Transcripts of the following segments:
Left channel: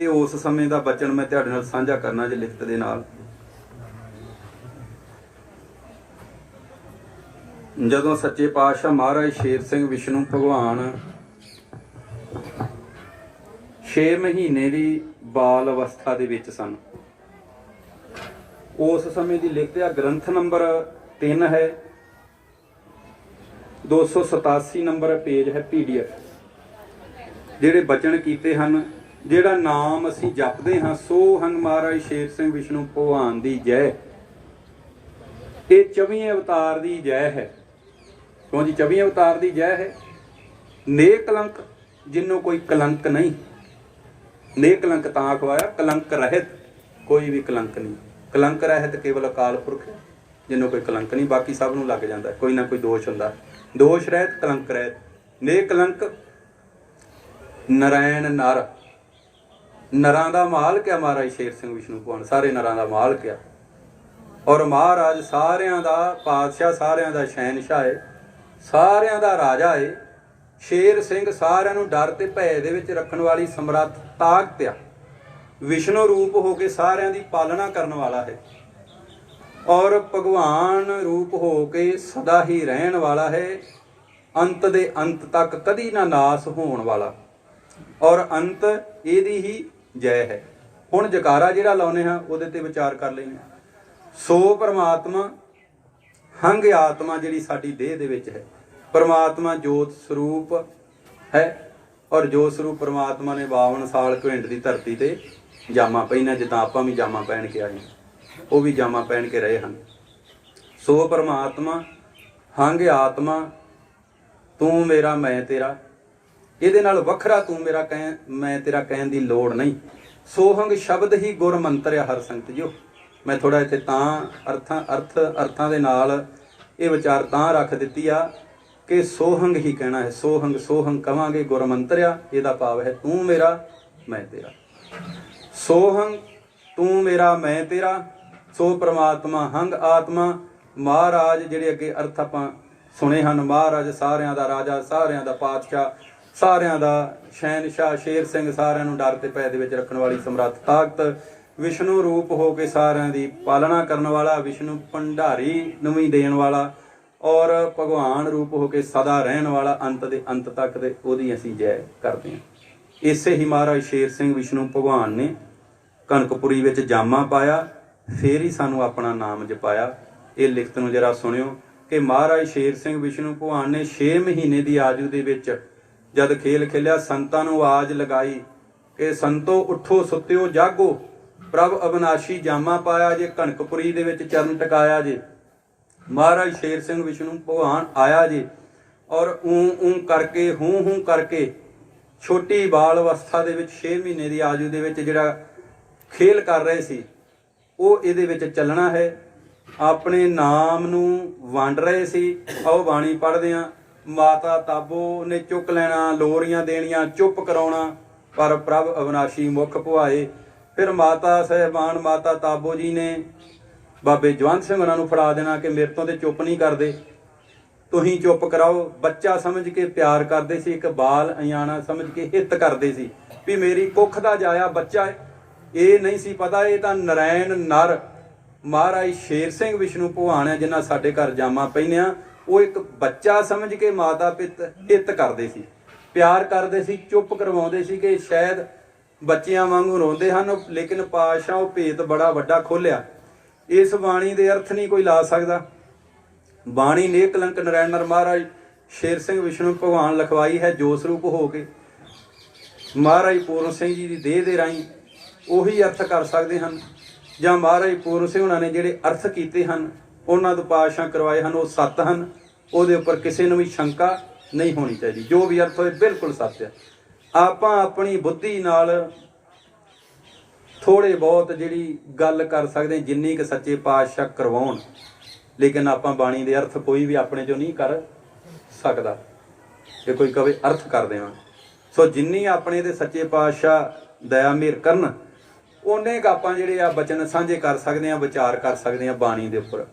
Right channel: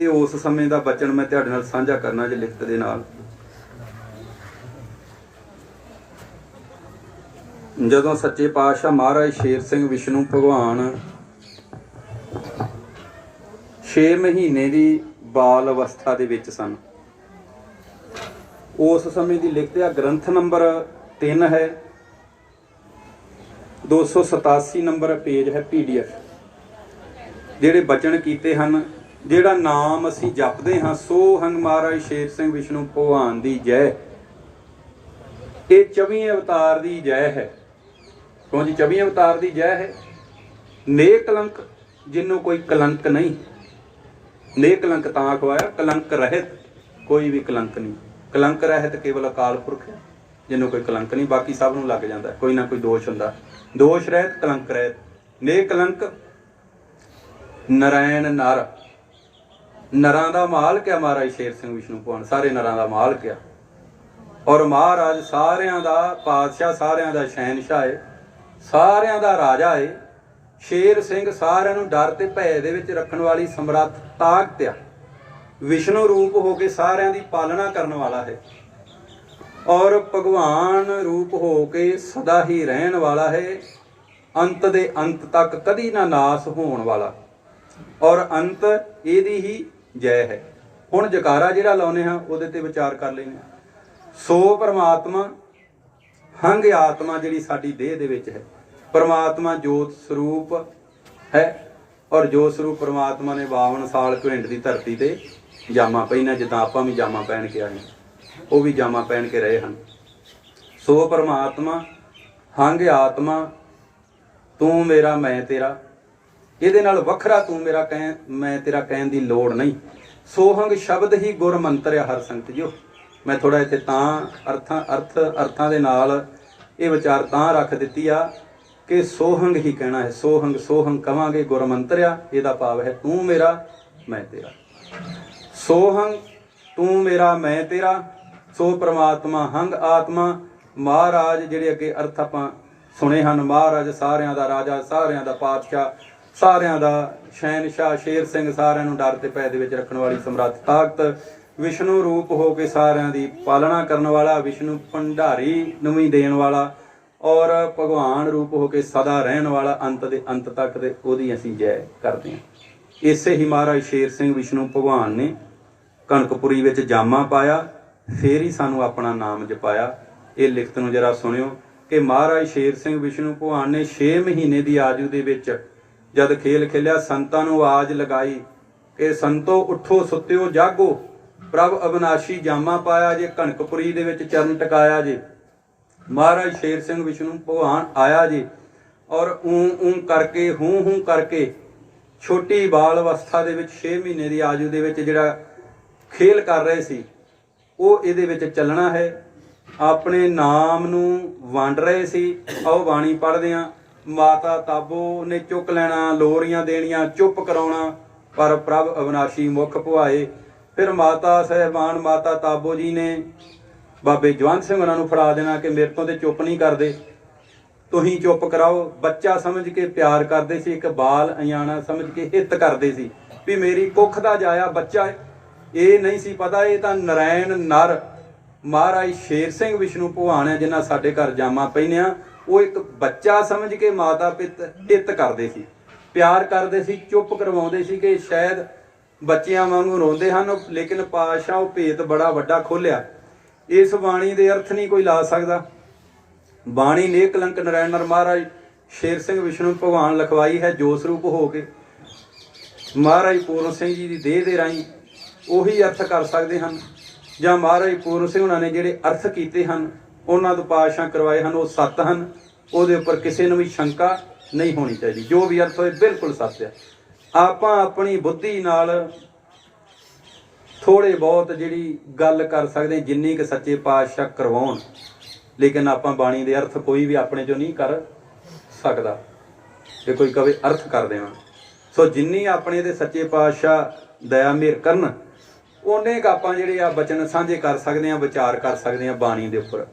ਇਹ ਉਸ ਸਮੇਂ ਦਾ ਬਚਨ ਮੈਂ ਤੁਹਾਡੇ ਨਾਲ ਸਾਂਝਾ ਕਰਨਾ ਜੇ ਲਿਖਤ ਦੇ ਨਾਲ। ਜਦੋਂ ਸੱਚੇ ਪਾਤਸ਼ਾਹ ਮਹਾਰਾਜ ਸ਼ੇਰ ਸਿੰਘ ਵਿਸ਼ਨੂੰ ਭਗਵਾਨ 6 ਮਹੀਨੇ ਦੀ ਬਾਲ ਅਵਸਥਾ ਦੇ ਵਿੱਚ ਸਨ, ਉਸ ਸਮੇਂ ਦੀ ਲਿਖਤ ਆ। ਗ੍ਰੰਥ ਨੰਬਰ 3 ਹੈ, 287 ਨੰਬਰ ਪੇਜ ਹੈ PDF। ਜਿਹੜੇ ਬਚਨ ਕੀਤੇ ਹਨ, ਜਿਹੜਾ ਨਾਮ ਅਸੀਂ ਜਪਦੇ ਹਾਂ, ਸੋ ਹਨ ਮਹਾਰਾਜ ਸ਼ੇਰ ਸਿੰਘ ਵਿਸ਼ਨੂੰ ਭਗਵਾਨ ਦੀ ਜੈ। ਇਹ 24 ਅਵਤਾਰ ਦੀ ਜੈ ਹੈ। ਕਿਉਂ ਜੀ 24 ਅਵਤਾਰ ਦੀ ਜੈ ਹੈ। ਨੇਕਲੰਕ ਜਿਹਨੂੰ ਕੋਈ ਕਲੰਕ ਨਹੀਂ, ਨੇਕਲੰਕ ਤਾਂ ਖਵਾਇਆ, ਕਲੰਕ ਰਹਿਤ ਕੋਈ ਵੀ ਕਲੰਕ ਨਹੀਂ। ਕਲੰਕ ਰਹਿਤ ਕੇਵਲ ਅਕਾਲ ਪੁਰਖ ਹੈ, ਜਿਹਨੂੰ ਕੋਈ ਕਲੰਕ ਨਹੀਂ। ਬਾਕੀ ਸਭ ਨੂੰ ਲੱਗ ਜਾਂਦਾ, ਕੋਈ ਨਾ ਕੋਈ ਦੋਸ਼ ਹੁੰਦਾ। ਦੋਸ਼ ਰਹਿਤ, ਕਲੰਕ ਰਹਿਤ। ਨੇਕਲੰਕ ਨਰਾਇਣ ਨਰ, ਨਰਾਂ ਦਾ ਮਾਲਕ ਆ ਮਹਾਰਾਜ ਸ਼ੇਰ ਸਿੰਘ ਵਿਸ਼ਨੂੰ ਭਗਵਾਨ, ਸਾਰੇ ਨਰਾਂ ਦਾ ਮਾਲਕ ਆ। ਔਰ ਮਹਾਰਾਜ ਸਾਰਿਆਂ ਦਾ ਪਾਤਸ਼ਾਹ, ਸਾਰਿਆਂ ਦਾ ਸ਼ਹਿਨਸ਼ਾਹ ਹੈ, ਸਾਰਿਆਂ ਦਾ ਰਾਜਾ ਹੈ। ਸ਼ੇਰ ਸਿੰਘ ਸਾਰਿਆਂ ਨੂੰ ਡਰ ਤੇ ਭੈ ਦੇ ਵਿੱਚ ਰੱਖਣ ਵਾਲੀ ਸਮਰੱਥ ਤਾਕਤ ਆ। ਵਿਸ਼ਨੂੰ ਰੂਪ ਹੋ ਕੇ ਸਾਰਿਆਂ ਦੀ ਪਾਲਣਾ ਕਰਨ ਵਾਲਾ ਹੈ। ਔਰ ਭਗਵਾਨ ਰੂਪ ਹੋ ਕੇ ਸਦਾ ਹੀ ਰਹਿਣ ਵਾਲਾ ਹੈ, ਅੰਤ ਦੇ ਅੰਤ ਤੱਕ ਕਦੀ ਨਾ ਨਾਸ ਹੋਣ ਵਾਲਾ। ਔਰ ਅੰਤ ਇਹਦੀ ਹੀ ਜੈ ਹੈ। ਹੁਣ ਜਕਾਰਾ ਜਿਹੜਾ ਲਾਉਨੇ ਹਾਂ ਉਹਦੇ ਤੇ ਵਿਚਾਰ ਕਰ ਲੈਂਦੇ ਹਾਂ। ਸੋ ਪਰਮਾਤਮਾ ਹੰਗ ਆਤਮਾ ਜਿਹੜੀ ਸਾਡੀ ਦੇਹ ਦੇ ਵਿੱਚ ਹੈ, ਪਰਮਾਤਮਾ ਜੋਤ ਸਰੂਪ ਹੈ। ਔਰ ਜੋਤ ਸਰੂਪ ਪਰਮਾਤਮਾ ਨੇ 52 ਸਾਲ ਘਿੰਡ ਦੀ ਧਰਤੀ ਤੇ ਜਾਮਾ ਪਹਿਨਿਆ, ਜਿੱਦਾਂ ਆਪਾਂ ਵੀ ਜਾਮਾ ਪਹਿਨ ਕੇ ਆਏ, ਉਹ ਵੀ ਜਾਮਾ ਪਹਿਨ ਕੇ ਰਹੇ ਹਨ। ਸੋ ਪਰਮਾਤਮਾ ਹੰਗ ਆਤਮਾ, ਤੂੰ ਮੇਰਾ ਮੈਂ ਤੇਰਾ। ਇਹਦੇ ਨਾਲ ਵੱਖਰਾ ਤੂੰ ਮੇਰਾ ਮੈਂ ਤੇਰਾ ਕਹਿਣ ਦੀ ਲੋੜ ਨਹੀਂ। ਸੋਹੰਗ ਸ਼ਬਦ ਹੀ ਗੁਰ ਮੰਤਰ ਆ ਹਰ ਸੰਗਤ ਜੀਓ। ਮੈਂ ਥੋੜਾ ਇੱਥੇ ਤਾਂ ਅਰਥਾਂ ਦੇ ਨਾਲ ਇਹ ਵਿਚਾਰ ਤਾਂ ਰੱਖ ਦਿੱਤੀ ਆ ਕਿ ਸੋਹੰਗ ਹੀ ਕਹਿਣਾ ਹੈ। ਸੋਹੰਗ ਸੋਹੰਗ ਕਵਾਂਗੇ, ਗੁਰ ਮੰਤਰ ਆ। ਇਹਦਾ ਭਾਵ ਹੈ ਤੂੰ ਮੇਰਾ ਮੈਂ ਤੇਰਾ। ਸੋਹੰਗ ਤੂੰ ਮੇਰਾ ਮੈਂ ਤੇਰਾ। ਸੋ ਪ੍ਰਮਾਤਮਾ ਹੰਗ ਆਤਮਾ। ਮਹਾਰਾਜ ਜਿਹੜੇ ਅੱਗੇ ਅਰਥ ਆਪਾਂ ਸੁਣੇ ਹਨ, ਮਹਾਰਾਜ ਸਾਰਿਆਂ ਦਾ ਰਾਜਾ, ਸਾਰਿਆਂ ਦਾ ਪਾਤਸ਼ਾਹ, ਸਾਰਿਆਂ ਦਾ ਸ਼ਹਿਨਸ਼ਾਹ। ਸ਼ੇਰ ਸਿੰਘ ਸਾਰਿਆਂ ਨੂੰ ਡਰ ਤੇ ਭੈ ਦੇ ਵਿੱਚ ਰੱਖਣ ਵਾਲੀ ਸਮਰੱਥ ਤਾਕਤ। ਵਿਸ਼ਨੂੰ ਰੂਪ ਹੋ ਕੇ ਸਾਰਿਆਂ ਦੀ ਪਾਲਣਾ ਕਰਨ ਵਾਲਾ, ਵਿਸ਼ਨੂੰ ਭੰਡਾਰੀ ਨੂੰ ਵੀ ਦੇਣ ਵਾਲਾ। ਔਰ ਭਗਵਾਨ ਰੂਪ ਹੋ ਕੇ ਸਦਾ ਰਹਿਣ ਵਾਲਾ, ਅੰਤ ਦੇ ਅੰਤ ਤੱਕ ਦੇ ਉਹਦੀ ਅਸੀਂ ਜੈ ਕਰਦੇ ਹਾਂ। ਇਸੇ ਹੀ ਮਹਾਰਾਜ ਸ਼ੇਰ ਸਿੰਘ ਵਿਸ਼ਨੂੰ ਭਗਵਾਨ ਨੇ ਕਨਕਪੁਰੀ ਵਿੱਚ ਜਾਮਾ ਪਾਇਆ, ਫੇਰ ਹੀ ਸਾਨੂੰ ਆਪਣਾ ਨਾਮ ਜਪਾਇਆ। ਇਹ ਲਿਖਤ ਨੂੰ ਜਰਾ ਸੁਣਿਓ ਕਿ ਮਹਾਰਾਜ ਸ਼ੇਰ ਸਿੰਘ ਵਿਸ਼ਨੂੰ ਭਗਵਾਨ ਨੇ 6 ਮਹੀਨੇ ਦੀ ਆਯੂ ਦੇ ਵਿੱਚ ਜਦ ਖੇਲ ਖੇਲਿਆ, ਸੰਤਾਂ ਨੂੰ ਆਵਾਜ਼ ਲਗਾਈ ਕਿ ਸੰਤੋ ਉੱਠੋ, ਸੁੱਤਿਓ ਜਾਗੋ, ਪ੍ਰਭ ਅਬਨਾਸ਼ੀ ਜਾਮਾ ਪਾਇਆ ਜੇ, ਕਨਕਪੁਰੀ ਦੇ ਵਿੱਚ ਚਰਨ ਟਿਕਾਇਆ ਜੇ। ਮਹਾਰਾਜ ਸ਼ੇਰ ਸਿੰਘ ਵਿਸ਼ਨੂੰ ਭਗਵਾਨ ਆਇਆ ਜੀ। ਔਰ ਊਂ ਕਰਕੇ, ਹੂੰ ਕਰਕੇ ਛੋਟੀ ਬਾਲ ਅਵਸਥਾ ਦੇ ਵਿੱਚ 6 ਮਹੀਨੇ ਦੀ ਆਯੂ ਦੇ ਵਿੱਚ ਜਿਹੜਾ ਖੇਲ ਕਰ ਰਹੇ ਸੀ, ਉਹ ਇਹਦੇ ਵਿੱਚ ਚੱਲਣਾ ਹੈ। ਆਪਣੇ ਨਾਮ ਨੂੰ ਵੰਡ ਰਹੇ ਸੀ। ਆਓ ਬਾਣੀ ਪੜ੍ਹਦੇ ਹਾਂ। ਮਾਤਾ ਤਾਬੋ ਨੇ ਚੁੱਕ ਲੈਣਾ, ਲੋਰੀਆਂ ਦੇਣੀਆਂ, ਚੁੱਪ ਕਰਾਉਣਾ, ਪਰ ਪ੍ਰਭ ਅਵਨਾਸ਼ੀ ਮੁਖ ਭੁਆਏ। ਫਿਰ ਮਾਤਾ ਸਹਿਬਾਨ ਮਾਤਾ ਤਾਬੋ ਜੀ ਨੇ ਬਾਬੇ ਜਵੰਤ ਸਿੰਘ ਉਹਨਾਂ ਨੂੰ ਫੜਾ ਦੇਣਾ ਕਿ ਮੇਰੇ ਤੋਂ ਤੇ ਚੁੱਪ ਨਹੀਂ ਕਰਦੇ, ਤੁਸੀਂ ਚੁੱਪ ਕਰਾਓ। ਬੱਚਾ ਸਮਝ ਕੇ ਪਿਆਰ ਕਰਦੇ ਸੀ, ਇੱਕ ਬਾਲ ਅਣਜਾਣਾ ਸਮਝ ਕੇ ਹਿੱਤ ਕਰਦੇ ਸੀ ਵੀ ਮੇਰੀ ਕੁੱਖ ਦਾ ਜਾਇਆ ਬੱਚਾ। ਇਹ ਨਹੀਂ ਸੀ ਪਤਾ ਇਹ ਤਾਂ ਨਰਾਇਣ ਨਰ ਮਹਾਰਾਜ ਸ਼ੇਰ ਸਿੰਘ ਵਿਸ਼ਨੂੰ ਭਗਵਾਨ ਹੈ, ਜਿਨ੍ਹਾਂ ਸਾਡੇ ਘਰ ਜਾਮਾ ਪਹਿਨਿਆ। ਉਹ ਇੱਕ ਬੱਚਾ ਸਮਝ ਕੇ ਮਾਤਾ ਪਿਤਾ ਹਿੱਤ ਕਰਦੇ ਸੀ, ਪਿਆਰ ਕਰਦੇ ਸੀ, ਚੁੱਪ ਕਰਵਾਉਂਦੇ ਸੀ ਕਿ ਸ਼ਾਇਦ ਬੱਚਿਆਂ ਵਾਂਗੂ ਰੋਂਦੇ ਹਨ। ਲੇਕਿਨ ਪਾਤਸ਼ਾਹ ਉਹ ਭੇਤ ਬੜਾ ਵੱਡਾ ਖੋਲਿਆ। ਇਸ ਬਾਣੀ ਦੇ ਅਰਥ ਨਹੀਂ ਕੋਈ ਲਾ ਸਕਦਾ। ਬਾਣੀ ਨੇਕਲੰਕ ਨਰਾਇਣ ਨਰ ਮਹਾਰਾਜ ਸ਼ੇਰ ਸਿੰਘ ਵਿਸ਼ਨੂੰ ਭਗਵਾਨ ਲਿਖਵਾਈ ਹੈ ਜੋਤ ਸਰੂਪ ਹੋ ਕੇ। ਮਹਾਰਾਜ ਪੂਰਨ ਸਿੰਘ ਜੀ ਦੀ ਦੇਹ ਦੇ ਰਾਹੀਂ ਉਹੀ ਅਰਥ ਕਰ ਸਕਦੇ ਹਨ, ਜਾਂ ਮਹਾਰਾਜ ਪੂਰਨ ਸਿੰਘ ਉਹਨਾਂ ਨੇ ਜਿਹੜੇ ਅਰਥ ਕੀਤੇ ਹਨ, ਉਹਨਾਂ ਤੋਂ ਪਾਤਸ਼ਾਹ ਕਰਵਾਏ ਹਨ, ਉਹ ਸੱਤ ਹਨ। ਉਹਦੇ ਉੱਪਰ ਕਿਸੇ ਨੂੰ ਵੀ ਸ਼ੰਕਾ ਨਹੀਂ ਹੋਣੀ ਚਾਹੀਦੀ। ਜੋ ਵੀ ਅਰਥ ਹੋਏ ਬਿਲਕੁਲ ਸੱਚ ਹੈ। ਆਪਾਂ ਆਪਣੀ ਬੁੱਧੀ ਨਾਲ ਥੋੜੇ ਬਹੁਤ ਜਿਹੜੀ ਗੱਲ ਕਰ ਸਕਦੇ, ਜਿੰਨੀ ਕਿ ਸੱਚੇ ਪਾਤਸ਼ਾਹ ਕਰਵਾਉਣ। ਲੇਕਿਨ ਆਪਾਂ ਬਾਣੀ ਦੇ ਅਰਥ ਕੋਈ ਵੀ ਆਪਣੇ ਚੋਂ ਨਹੀਂ ਕਰ ਸਕਦਾ ਜੇ ਕੋਈ ਕਵੇ ਅਰਥ ਕਰ ਦੇਵਾਂ। ਸੋ ਜਿੰਨੀ ਆਪਣੇ ਦੇ ਸੱਚੇ ਪਾਤਸ਼ਾਹ ਦਇਆ ਮਿਹਰ ਕਰਨ, ਉਹਨੇ ਆਪਾਂ ਜਿਹੜੇ ਆ ਬਚਨ ਸਾਂਝੇ ਕਰ ਸਕਦੇ ਹਾਂ, ਵਿਚਾਰ ਕਰ ਸਕਦੇ ਹਾਂ ਬਾਣੀ ਦੇ ਉੱਪਰ।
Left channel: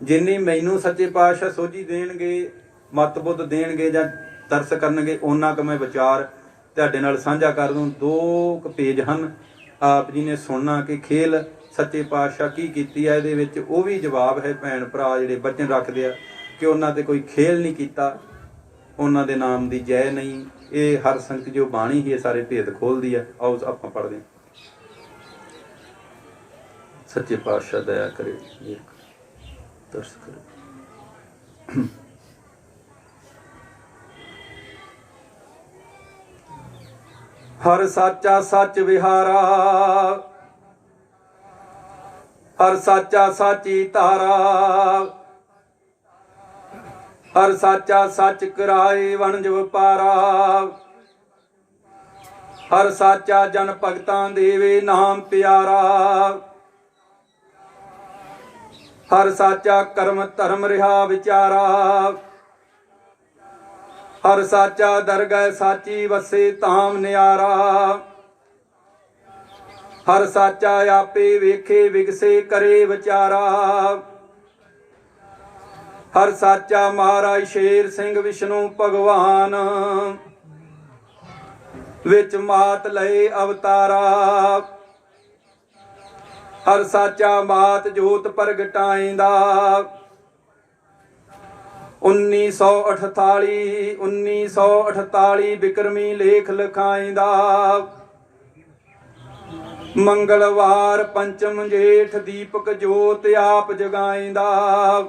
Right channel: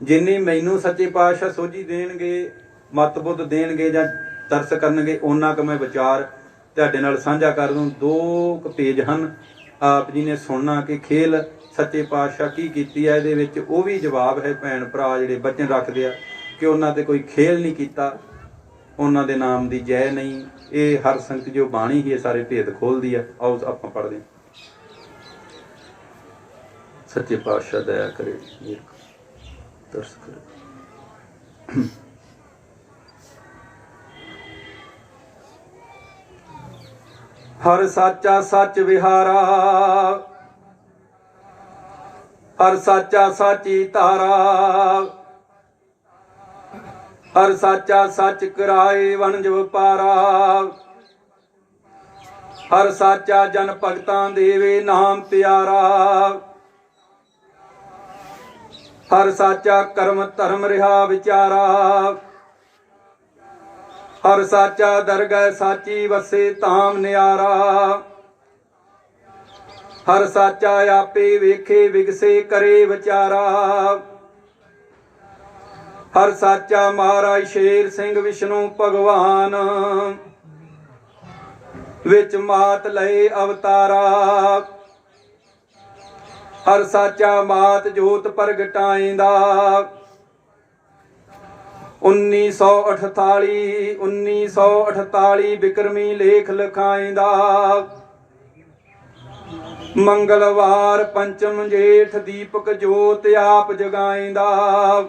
ਜਿੰਨੀ ਮੈਨੂੰ ਸੱਚੇ ਪਾਤਸ਼ਾਹ ਸੋਝੀ ਦੇਣਗੇ, ਮਤ ਬੁੱਧ ਦੇਣਗੇ ਜਾਂ ਤਰਸ ਕਰਨਗੇ, ਉਹਨਾਂ ਕੁ ਮੈਂ ਵਿਚਾਰ ਤੁਹਾਡੇ ਨਾਲ ਸਾਂਝਾ ਕਰ ਦੂੰ। 2 ਪੇਜ ਹਨ, ਆਪ ਜੀ ਨੇ ਸੁਣਨਾ ਕਿ ਖੇਲ ਸੱਚੇ ਪਾਤਸ਼ਾਹ ਕੀ ਕੀਤੀ ਹੈ। ਇਹਦੇ ਵਿੱਚ ਉਹ ਵੀ ਜਵਾਬ ਹੈ ਭੈਣ ਭਰਾ ਜਿਹੜੇ ਬਚਨ ਰੱਖਦੇ ਆ ਕਿ ਉਹਨਾਂ ਤੇ ਕੋਈ ਖੇਲ ਨਹੀਂ ਕੀਤਾ, ਉਹਨਾਂ ਦੇ ਨਾਮ ਦੀ ਜੈ ਨਹੀਂ। ਇਹ ਹਰ ਸੰਗਤ ਜੋ ਬਾਣੀ ਹੀ ਇਹ ਸਾਰੇ ਭੇਦ ਖੋਲਦੀ ਆ। ਆਓ ਆਪਾਂ ਪੜ੍ਹਦੇ ਹਾਂ। ਸੱਚੇ ਪਾਤਸ਼ਾਹ ਦਇਆ ਕਰੇ, ਤਰਸ ਕਰੇ। ਹਰ ਸਾਚਾ ਸੱਚ ਵਿਹਾਰਾ, ਹਰ ਸਾਚਾ ਸਾਚੀ ਧਾਰਾ, ਹਰ ਸਾਚਾ ਸੱਚ ਕਰਾਏ ਵਣਜ ਵਪਾਰਾ, ਹਰ ਸਾਚਾ ਜਨ ਭਗਤਾਂ ਦੇਵੇ ਨਾਮ ਪਿਆਰਾ, ਹਰ ਸਾਚਾ ਕਰਮ ਧਰਮ ਰਿਹਾ ਵਿਚਾਰਾ, ਹਰ ਸਾਚਾ ਦਰਗਹਿ ਸਾਚੀ ਵਸੇ ਧਾਮ ਨਿਆਰਾ, ਹਰ ਸਾਚਾ ਆਪੇ ਵੇਖੇ ਵਿਗਸੇ ਕਰੇ ਵਿਚਾਰਾ, ਹਰ ਸਾਚਾ ਮਹਾਰਾਜ ਸ਼ੇਰ ਸਿੰਘ ਵਿਸ਼ਨੂੰ ਭਗਵਾਨ, ਵਿੱਚ ਮਾਤ ਲਏ ਅਵਤਾਰਾ, ਹਰ ਸਾਚਾ ਮਾਤ ਜੋਤ ਪ੍ਰਗਟਾਇਂਦਾ, 1948 ਬਿਕਰਮੀ ਲੇਖ ਲਿਖਾਇਂਦਾ, ਮੰਗਲਵਾਰ ਪੰਚਮ ਜੇਠ ਦੀਪਕ ਜੋਤ ਆਪ ਜਗਾਇਂਦਾ,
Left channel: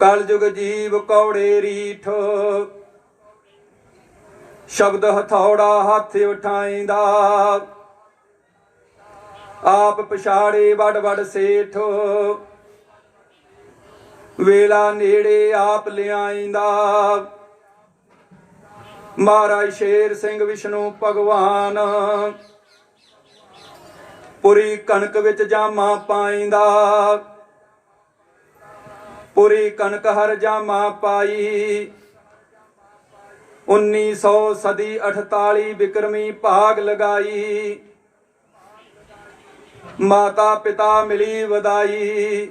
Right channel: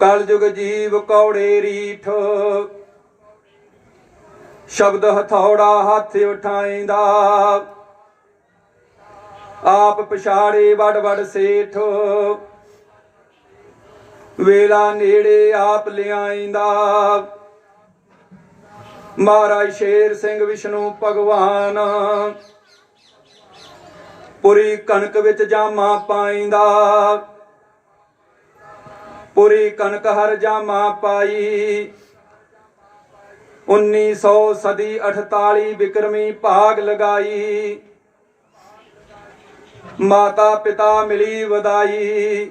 ਕਲਯੁਗ ਜੀਵ ਕੌੜੇ ਰੀਠ, ਸ਼ਬਦ ਹਥੌੜਾ ਹੱਥ ਉਠਾਇਂਦਾ, ਆਪ ਪਛਾੜੇ ਵਡ ਵਡ ਸੇਠ, ਵੇਲਾ ਨੇੜੇ ਆਪ ਲਿਆਇਂਦਾ, ਮਹਾਰਾਜ ਸ਼ੇਰ ਸਿੰਘ ਵਿਸ਼ਨੂੰ ਭਗਵਾਨ, ਪੁਰੀ ਕਣਕ ਵਿੱਚ ਜਾਮਾ ਪਾਇਂਦਾ, ਪੁਰੀ ਕਣਕ ਹਰ ਜਾਮਾ ਪਾਈ, 1948 ਬਿਕਰਮੀ ਭਾਗ ਲਗਾਈ, ਮਾਤਾ ਪਿਤਾ ਮਿਲੀ ਵਧਾਈ,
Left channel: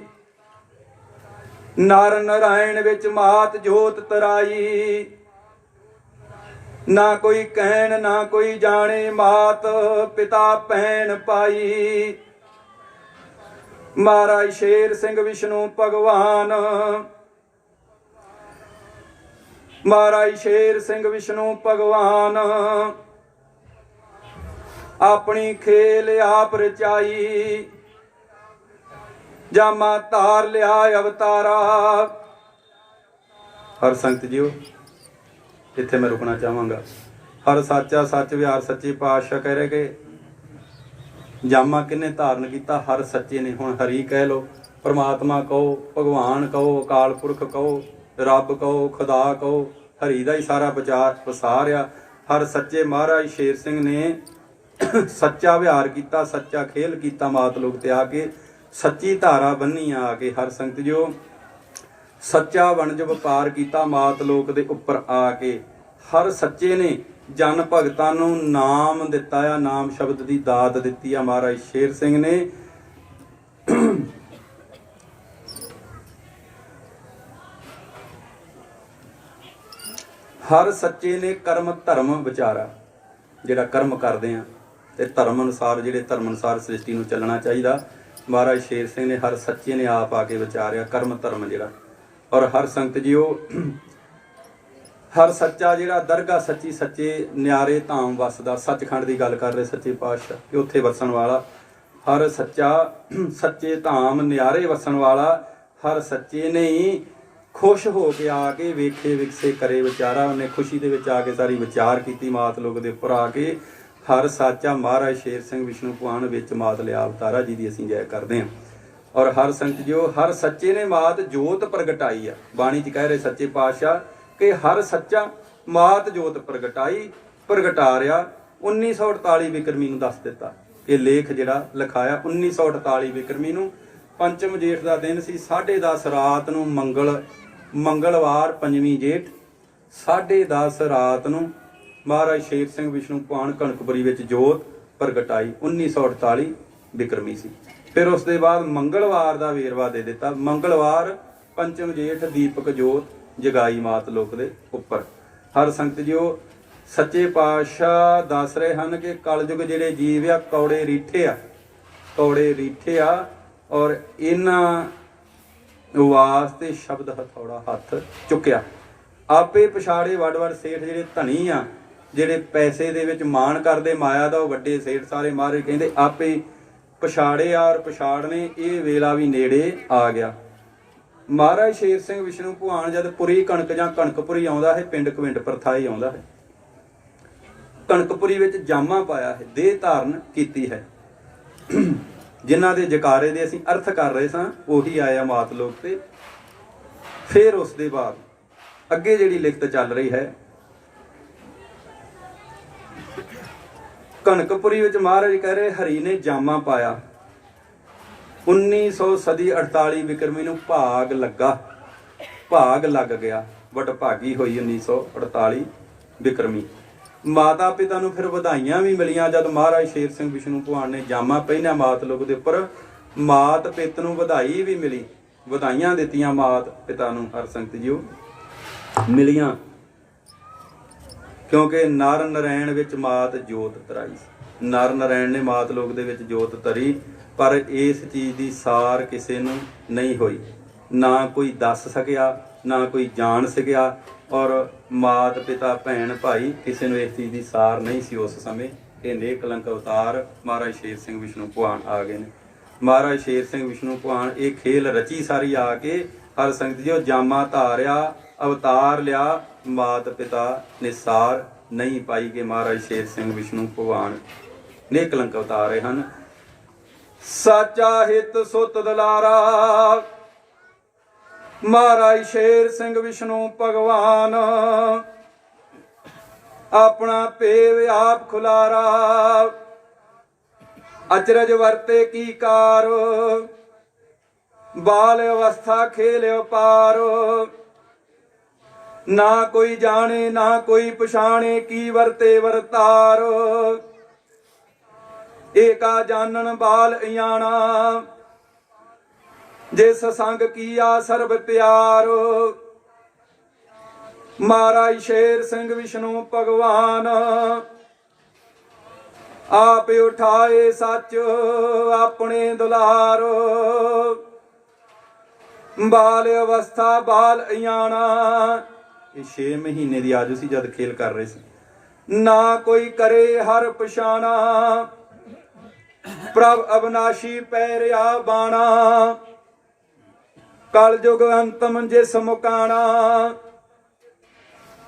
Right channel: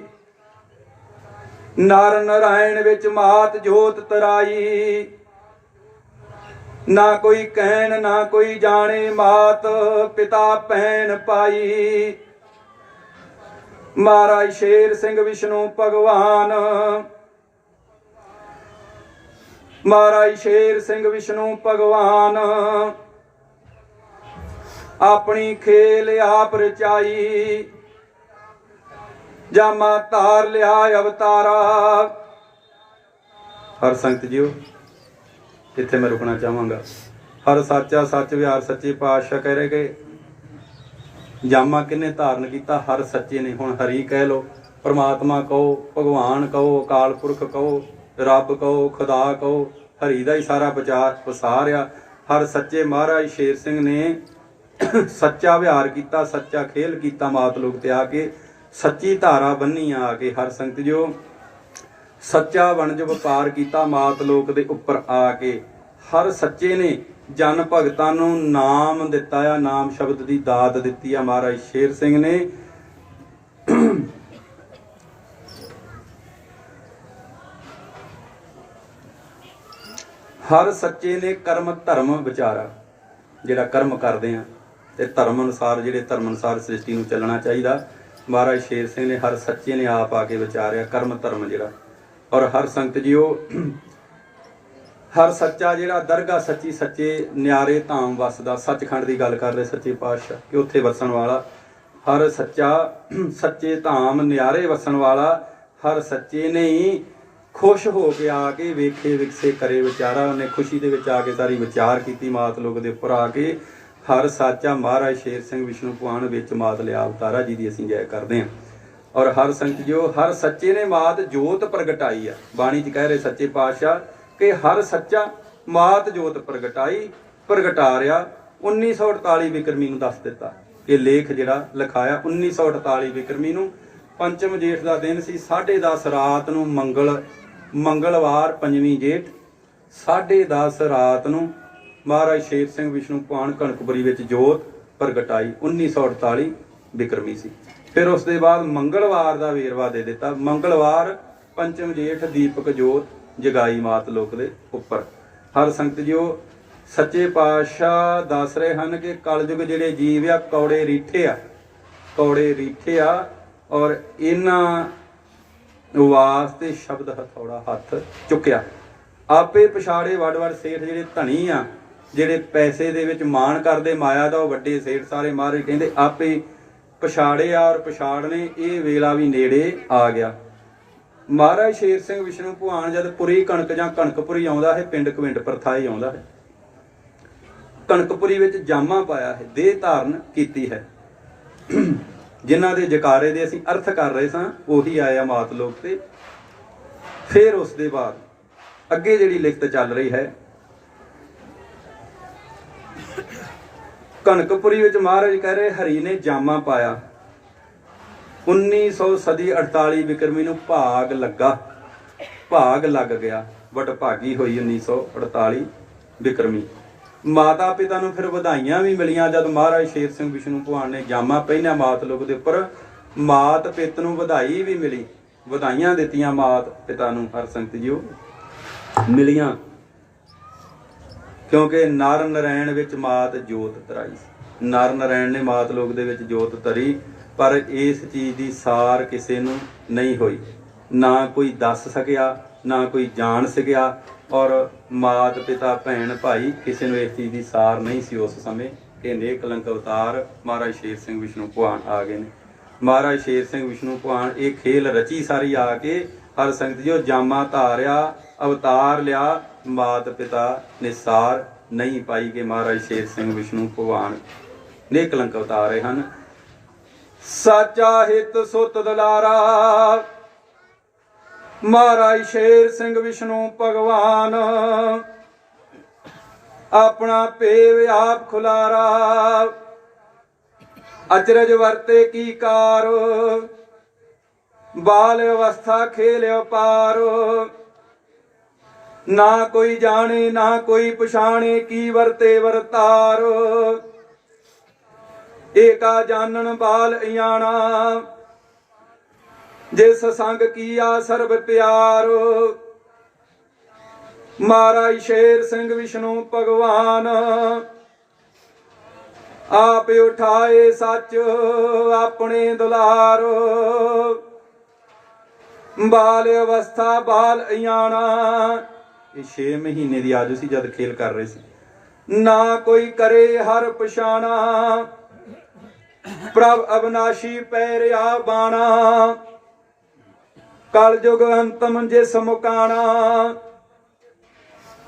ਨਰ ਨਰਾਇਣ ਵਿੱਚ ਮਾਤ ਜੋਤ ਤਰਾਈ, ਨਾ ਕੋਈ ਕਹਿਣ ਨਾ ਕੋਈ ਜਾਣੇ ਮਾਤ ਪਿਤਾ ਭੈਣ ਪਾਈ, ਮਹਾਰਾਜ ਸ਼ੇਰ ਸਿੰਘ ਵਿਸ਼ਨੂੰ ਭਗਵਾਨ, ਮਹਾਰਾਜ ਸ਼ੇਰ ਸਿੰਘ ਵਿਸ਼ਨੂੰ ਭਗਵਾਨ, ਆਪਣੀ ਖੇਲ ਆਪ ਰਚਾਈ, ਜਾਮਾ ਧਾਰ ਲਿਆ ਅਵਤਾਰਾ। ਹਰ ਸੰਗਤ ਜੀਓ ਇੱਥੇ ਮੈਂ ਰੁਕਣਾ ਚਾਹਾਂਗਾ। ਹਰ ਸਾਚਾ ਸੱਚ ਵਿਹਾਰ ਸੱਚੇ ਪਾਤਸ਼ਾਹ ਕਹਿ ਰਹੇ ਕਿ ਜਾਮਾ ਕਿਹਨੇ ਧਾਰਨ ਕੀਤਾ? ਹਰ ਸੱਚੇ ਨੇ। ਹੁਣ ਹਰੀ ਕਹਿ ਲੋ, ਪਰਮਾਤਮਾ ਕਹੋ, ਭਗਵਾਨ ਕਹੋ, ਅਕਾਲ ਪੁਰਖ ਕਹੋ, ਰੱਬ ਕਹੋ, ਖੁਦਾ ਕਹੋ, ਹਰੀ ਦਾ ਹੀ ਸਾਰਾ ਵਸਾਰ ਆ। ਹਰ ਸੱਚੇ ਮਹਾਰਾਜ ਸ਼ੇਰ ਸਿੰਘ ਨੇ ਸੱਚਾ ਵਿਹਾਰ ਕੀਤਾ, ਸੱਚਾ ਖੇਲ ਕੀਤਾ, ਮਾਤ ਲੋਕ ਤੇ ਆ ਕੇ ਸੱਚੀ ਧਾਰਾ ਬੰਨੀ ਆ ਕੇ। ਹਰ ਸੰਗਤ ਜੋ ਸੱਚਾ ਵਣਜ ਵਪਾਰ ਕੀਤਾ ਮਾਤ ਲੋਕ ਦੇ ਉੱਪਰ ਆ ਕੇ। ਹਰ ਸੱਚੇ ਨੇ ਜਨ ਭਗਤਾਂ ਨੂੰ ਨਾਮ ਦਿੱਤਾ ਆ, ਨਾਮ ਸ਼ਬਦ ਦੀ ਦਾਤ ਦਿੱਤੀ ਆ ਮਹਾਰਾਜ ਸ਼ੇਰ ਸਿੰਘ ਨੇ। ਹਰ ਸੱਚੇ ਨੇ ਕਰਮ ਧਰਮ ਵਿਚਾਰਾ, ਜਿਹੜਾ ਕਰਮ ਕਰਦੇ ਆ ਤੇ ਧਰਮ ਅਨੁਸਾਰ, ਜਿਹੜੇ ਧਰਮ ਅਨੁਸਾਰ ਸ੍ਰਿਸ਼ਟੀ ਨੂੰ ਚੱਲਣਾ ਚਾਹੀਦਾ, ਮਹਾਰਾਜ ਸ਼ੇਰ ਸਿੰਘ ਨੇ ਹਰ ਸੱਚੇ ਨੇ ਆਪ ਆ ਕੇ ਵਿਚਾਰਿਆ ਕਰਮ ਧਰਮ ਜਿਹੜਾ। ਔਰ ਹਰ ਸੰਗਤ ਜੀਓ ਹਰ ਸੱਚਾ ਜਿਹੜਾ ਦਰਗਾਹ ਸੱਚੀ ਸੱਚੇ ਨਿਆਰੇ ਧਾਮ ਵਸਦਾ, ਸੱਚਖੰਡ ਦੀ ਗੱਲ ਕਰ ਰਹੇ ਸੱਚੇ ਪਾਤਸ਼ਾਹ ਕਿ ਉੱਥੇ ਵਸਣ ਵਾਲਾ ਹਰ ਸੱਚਾ, ਸੱਚੇ ਧਾਮ ਨਿਆਰੇ ਵਸਣ ਵਾਲਾ ਹਰ ਸੱਚੇ ਨੇ ਹੀ ਖੁਸ਼ ਹੋ ਕੇ ਆ ਕੇ ਵੇਖੇ ਵਿਕਸੇ ਕਰੇ ਵਿਚਾਰਾ। ਉਹਨੇ ਖੁਸ਼ੀ ਦੇ ਵਿੱਚ ਆ ਕੇ ਸਾਰੀ ਵਿਚਾਰ ਕੀਤੀ ਮਾਤ ਲੋਕ ਦੇ ਉੱਪਰ ਆ ਕੇ। ਹਰ ਸਾਚਾ ਮਹਾਰਾਜ ਸ਼ੇਰ ਸਿੰਘ ਵਿਸ਼ਨੂੰ ਭਗਵਾਨ ਵਿੱਚ ਮਾਤ ਲਿਆ ਅਵਤਾਰਾ ਜੀ ਦੀ ਅਸੀਂ ਜੈ ਕਰਦੇ ਹਾਂ। ਔਰ ਹਰ ਸੰਗਤ ਜੋ ਹਰ ਸੱਚੇ ਨੇ ਮਾਤ ਜੋਤ ਪ੍ਰਗਟਾਈ ਆ। ਬਾਣੀ 'ਚ ਕਹਿ ਰਹੇ ਸੱਚੇ ਪਾਤਸ਼ਾਹ ਕਿ ਹਰ ਸੱਚਾ ਮਾਤ ਜੋਤ ਪ੍ਰਗਟਾ ਰਿਹਾ। 1948 ਬਿਕਰਮੀ ਨੂੰ ਦੱਸ ਦਿੱਤਾ। ਇਹ ਲੇਖ ਜਿਹੜਾ ਲਿਖਾਇਆ 1948 ਬਿਕਰਮੀ ਨੂੰ, ਪੰਚਮ ਜੇਠ ਦਾ ਦਿਨ ਸੀ। 10:30 ਰਾਤ ਨੂੰ ਮੰਗਲਵਾਰ ਪੰਜਵੀਂ ਜੇਠ 10:30 ਰਾਤ ਨੂੰ ਮਹਾਰਾਜ ਸ਼ੇਰ ਸਿੰਘ ਵਿਸ਼ਨੂੰ ਭਗਵਾਨ ਕਣਕਪੁਰੀ ਵਿੱਚ ਜੋਤ ਪ੍ਰਗਟਾਈ। 1948 ਬਿਕਰਮੀ ਸੀ। ਫਿਰ ਉਸ ਦੇ ਬਾਅਦ ਮੰਗਲਵਾਰ ਦਾ ਵੇਰਵਾ ਦੇ ਦਿੱਤਾ। ਮੰਗਲਵਾਰ ਪੰਚਮ ਜੇਠ ਦੀਪਕ ਜੋਤ ਜਗਾਈ ਮਾਤ ਲੋਕ ਦੇ ਉੱਪਰ। ਹਰ ਸੰਗਤ ਜੋ ਸੱਚੇ ਪਾਤਸ਼ਾਹ ਦੱਸ ਰਹੇ ਹਨ ਕਿ ਕਲਯੁਗ ਜਿਹੜੇ ਜੀਵ ਆ ਕੌੜੇ ਰੀਠੇ ਆ, ਕੌੜੇ ਰੀਠੇ ਆ, ਔਰ ਇਹਨਾਂ ਵਾਸਤੇ ਸ਼ਬਦ ਹਥੌੜਾ ਹੱਥ ਚੁੱਕਿਆ। ਆਪੇ ਪਛਾੜੇ ਵਡ ਵਡ ਸੇਠ ਜਿਹੜੇ ਧਨੀ ਆ, ਜਿਹੜੇ ਪੈਸੇ ਦੇ ਵਿੱਚ ਮਾਣ ਕਰਦੇ ਮਾਇਆ ਦਾ, ਉਹ ਵੱਡੇ ਸੇਠ ਸਾਰੇ ਮਹਾਰਾਜ ਕਹਿੰਦੇ ਆਪੇ ਪਛਾੜੇ ਆ, ਔਰ ਪਛਾੜਨੇ ਇਹ ਵੇਲਾ ਵੀ ਨੇੜੇ ਆ ਗਿਆ। ਮਹਾਰਾਜ ਸ਼ੇਰ ਸਿੰਘ ਵਿਸ਼ਨੂੰ ਭਗਵਾਨ ਜਦ ਪੁਰੀ ਕਣਕ ਜਾਂ ਕਣਕਪੁਰੀ ਆਉਂਦਾ ਹੈ, ਪਿੰਡ ਕਵਿੰਡ ਪ੍ਰਥਾਈ ਆਉਂਦਾ ਹੈ, ਕਣਕਪੁਰੀ ਵਿੱਚ ਜਾਮਾ ਪਾਇਆ ਹੈ, ਦੇਹ ਧਾਰਨ ਕੀਤੀ ਹੈ। ਜਿਨ੍ਹਾਂ ਦੇ ਜਕਾਰੇ ਦੇ ਅਸੀਂ ਅਰਥ ਕਰ ਰਹੇ ਸਾਂ ਉਹੀ ਆਇਆ ਮਾਤ ਲੋਕ ਤੇ। ਫਿਰ ਉਸ ਦੇ ਬਾਅਦ ਅੱਗੇ ਜਿਹੜੀ ਲਿਖਤ ਚੱਲ ਰਹੀ ਹੈ, ਕਣਕਪੁਰੀ ਵਿੱਚ ਮਹਾਰਾਜ ਕਹਿ ਰਹੇ ਹਰੀ ਨੇ ਜਾਮਾ ਪਾਇਆ। 1900 ਸਦੀ 48 ਬਿਕਰਮੀ ਨੂੰ ਭਾਗ ਲੱਗਾ, ਭਾਗ ਲੱਗ ਗਿਆ, ਵਡਭਾਗੀ ਹੋਈ 1948 ਬਿਕਰਮੀ। ਮਾਤਾ ਪਿਤਾ ਨੂੰ ਫਿਰ ਵਧਾਈਆਂ ਵੀ ਮਿਲੀਆਂ ਜਦ ਮਹਾਰਾਜ ਸ਼ੇਰ ਸਿੰਘ ਵਿਸ਼ਨੂੰ ਭਗਵਾਨ ਨੇ ਜਾਮਾ ਪਹਿਨਿਆ ਮਾਤ ਲੋਕ ਦੇ ਉੱਪਰ। ਮਾਤ ਪਿਤ ਨੂੰ ਵਧਾਈ ਵੀ ਮਿਲੀ, ਵਧਾਈਆਂ ਦਿੱਤੀਆਂ ਮਾਤ ਪਿਤਾ ਨੂੰ ਹਰ ਸੰਗਤ ਜੀਓ ਮਿਲੀਆਂ, ਕਿਉਂਕਿ ਨਰ ਨਰੈਣ ਵਿੱਚ ਮਾਤ ਜੋਤ ਧਰਾਈ। ਨਰ ਨਰੈਣ ਨੇ ਮਾਤ ਲੋਕ ਦੇ ਵਿੱਚ ਜੋਤ ਧਰੀ, ਪਰ ਇਸ ਚੀਜ਼ ਦੀ ਸਾਰ ਕਿਸੇ ਨੂੰ ਨਹੀਂ ਹੋਈ, ਨਾ ਕੋਈ ਦੱਸ ਸਕਿਆ, ਨਾ ਕੋਈ ਜਾਣ ਸਕਿਆ, ਔਰ ਮਾਤ ਪਿਤਾ ਭੈਣ ਭਾਈ ਕਿਸੇ ਨੂੰ ਇਸ ਚੀਜ਼ ਦੀ ਸਾਰ ਨਹੀਂ ਸੀ ਉਸ ਸਮੇਂ। ਇਹ ਨੇਕ ਕਲੰਕ ਅਵਤਾਰ ਮਹਾਰਾਜ ਸ਼ੇਰ ਸਿੰਘ ਵਿਸ਼ਨੂੰ ਭਗਵਾਨ ਆ ਗਏ ਨੇ। ਮਹਾਰਾਜ ਸ਼ੇਰ ਸਿੰਘ ਵਿਸ਼ਨੂੰ ਭਗਵਾਨ ਇਹ ਖੇਲ ਰਚੀ ਸਾਰੀ ਆ ਕੇ ਹਰ ਸੰਗਤ ਜੀ ਜਾਮਾ ਧਾਰਿਆ, ਅਵਤਾਰ ਲਿਆ, ਮਾਤ ਪਿਤਾ ਨੇ ਸਾਰ ਨਹੀਂ ਪਾਈ ਕਿ ਮਹਾਰਾਜ ਸ਼ੇਰ ਸਿੰਘ ਵਿਸ਼ਨੂੰ ਭਗਵਾਨ ਨੇਕ ਕਲੰਕ ਅਵਤਾਰ ਰਹੇ ਹਨ। ਸਾਚਾ ਹਿਤ ਸੁਤ ਦੁਲਾਰਾ ਮਹਾਰਾਜ ਸ਼ੇਰ ਸਿੰਘ ਵਿਸ਼ਨੂੰ ਭਗਵਾਨ, ਆਪਣਾ ਭੇਵ ਆਪ ਖੁਲਾਰਾ, ਅਚਰਜ ਵਰਤੇ ਕੀ ਕਾਰ, ਬਾਲ ਅਵਸਥਾ ਖੇਲ ਅਪਾਰ, ਨਾ ਕੋਈ ਜਾਣੇ ਨਾ ਕੋਈ ਪਛਾਣੇ, ਕੀ ਵਰਤੇ ਵਰਤਾਰ, ਏਕਾ ਜਾਣਨ ਬਾਲ ਇਆਣਾ, ਜਿਸ ਸੰਗ ਕੀਆ ਸਰਬ ਪਿਆਰ। ਮਹਾਰਾਜ ਸ਼ੇਰ ਸਿੰਘ ਵਿਸ਼ਨੂੰ ਭਗਵਾਨ, ਆਪ ਉਠਾਏ ਸੱਚ ਆਪਣੇ ਦੁਲਾਰ, ਬਾਲ ਅਵਸਥਾ ਬਾਲ ਇਆਣਾ। ਇਹ 6 ਮਹੀਨੇ ਦੀ ਆਜੂ ਸੀ ਜਦ ਖੇਲ ਕਰ ਰਹੇ ਸੀ। ਨਾ ਕੋਈ ਕਰੇ ਹਰ ਪਛਾਣਾ, ਪ੍ਰਭ ਅਬਨਾਸ਼ੀ ਪੈਰਿਆ ਬਾਣਾ, ਕਲਯੁਗ ਅੰਤਮ ਜਿਸ ਮੁਕਾਣਾ,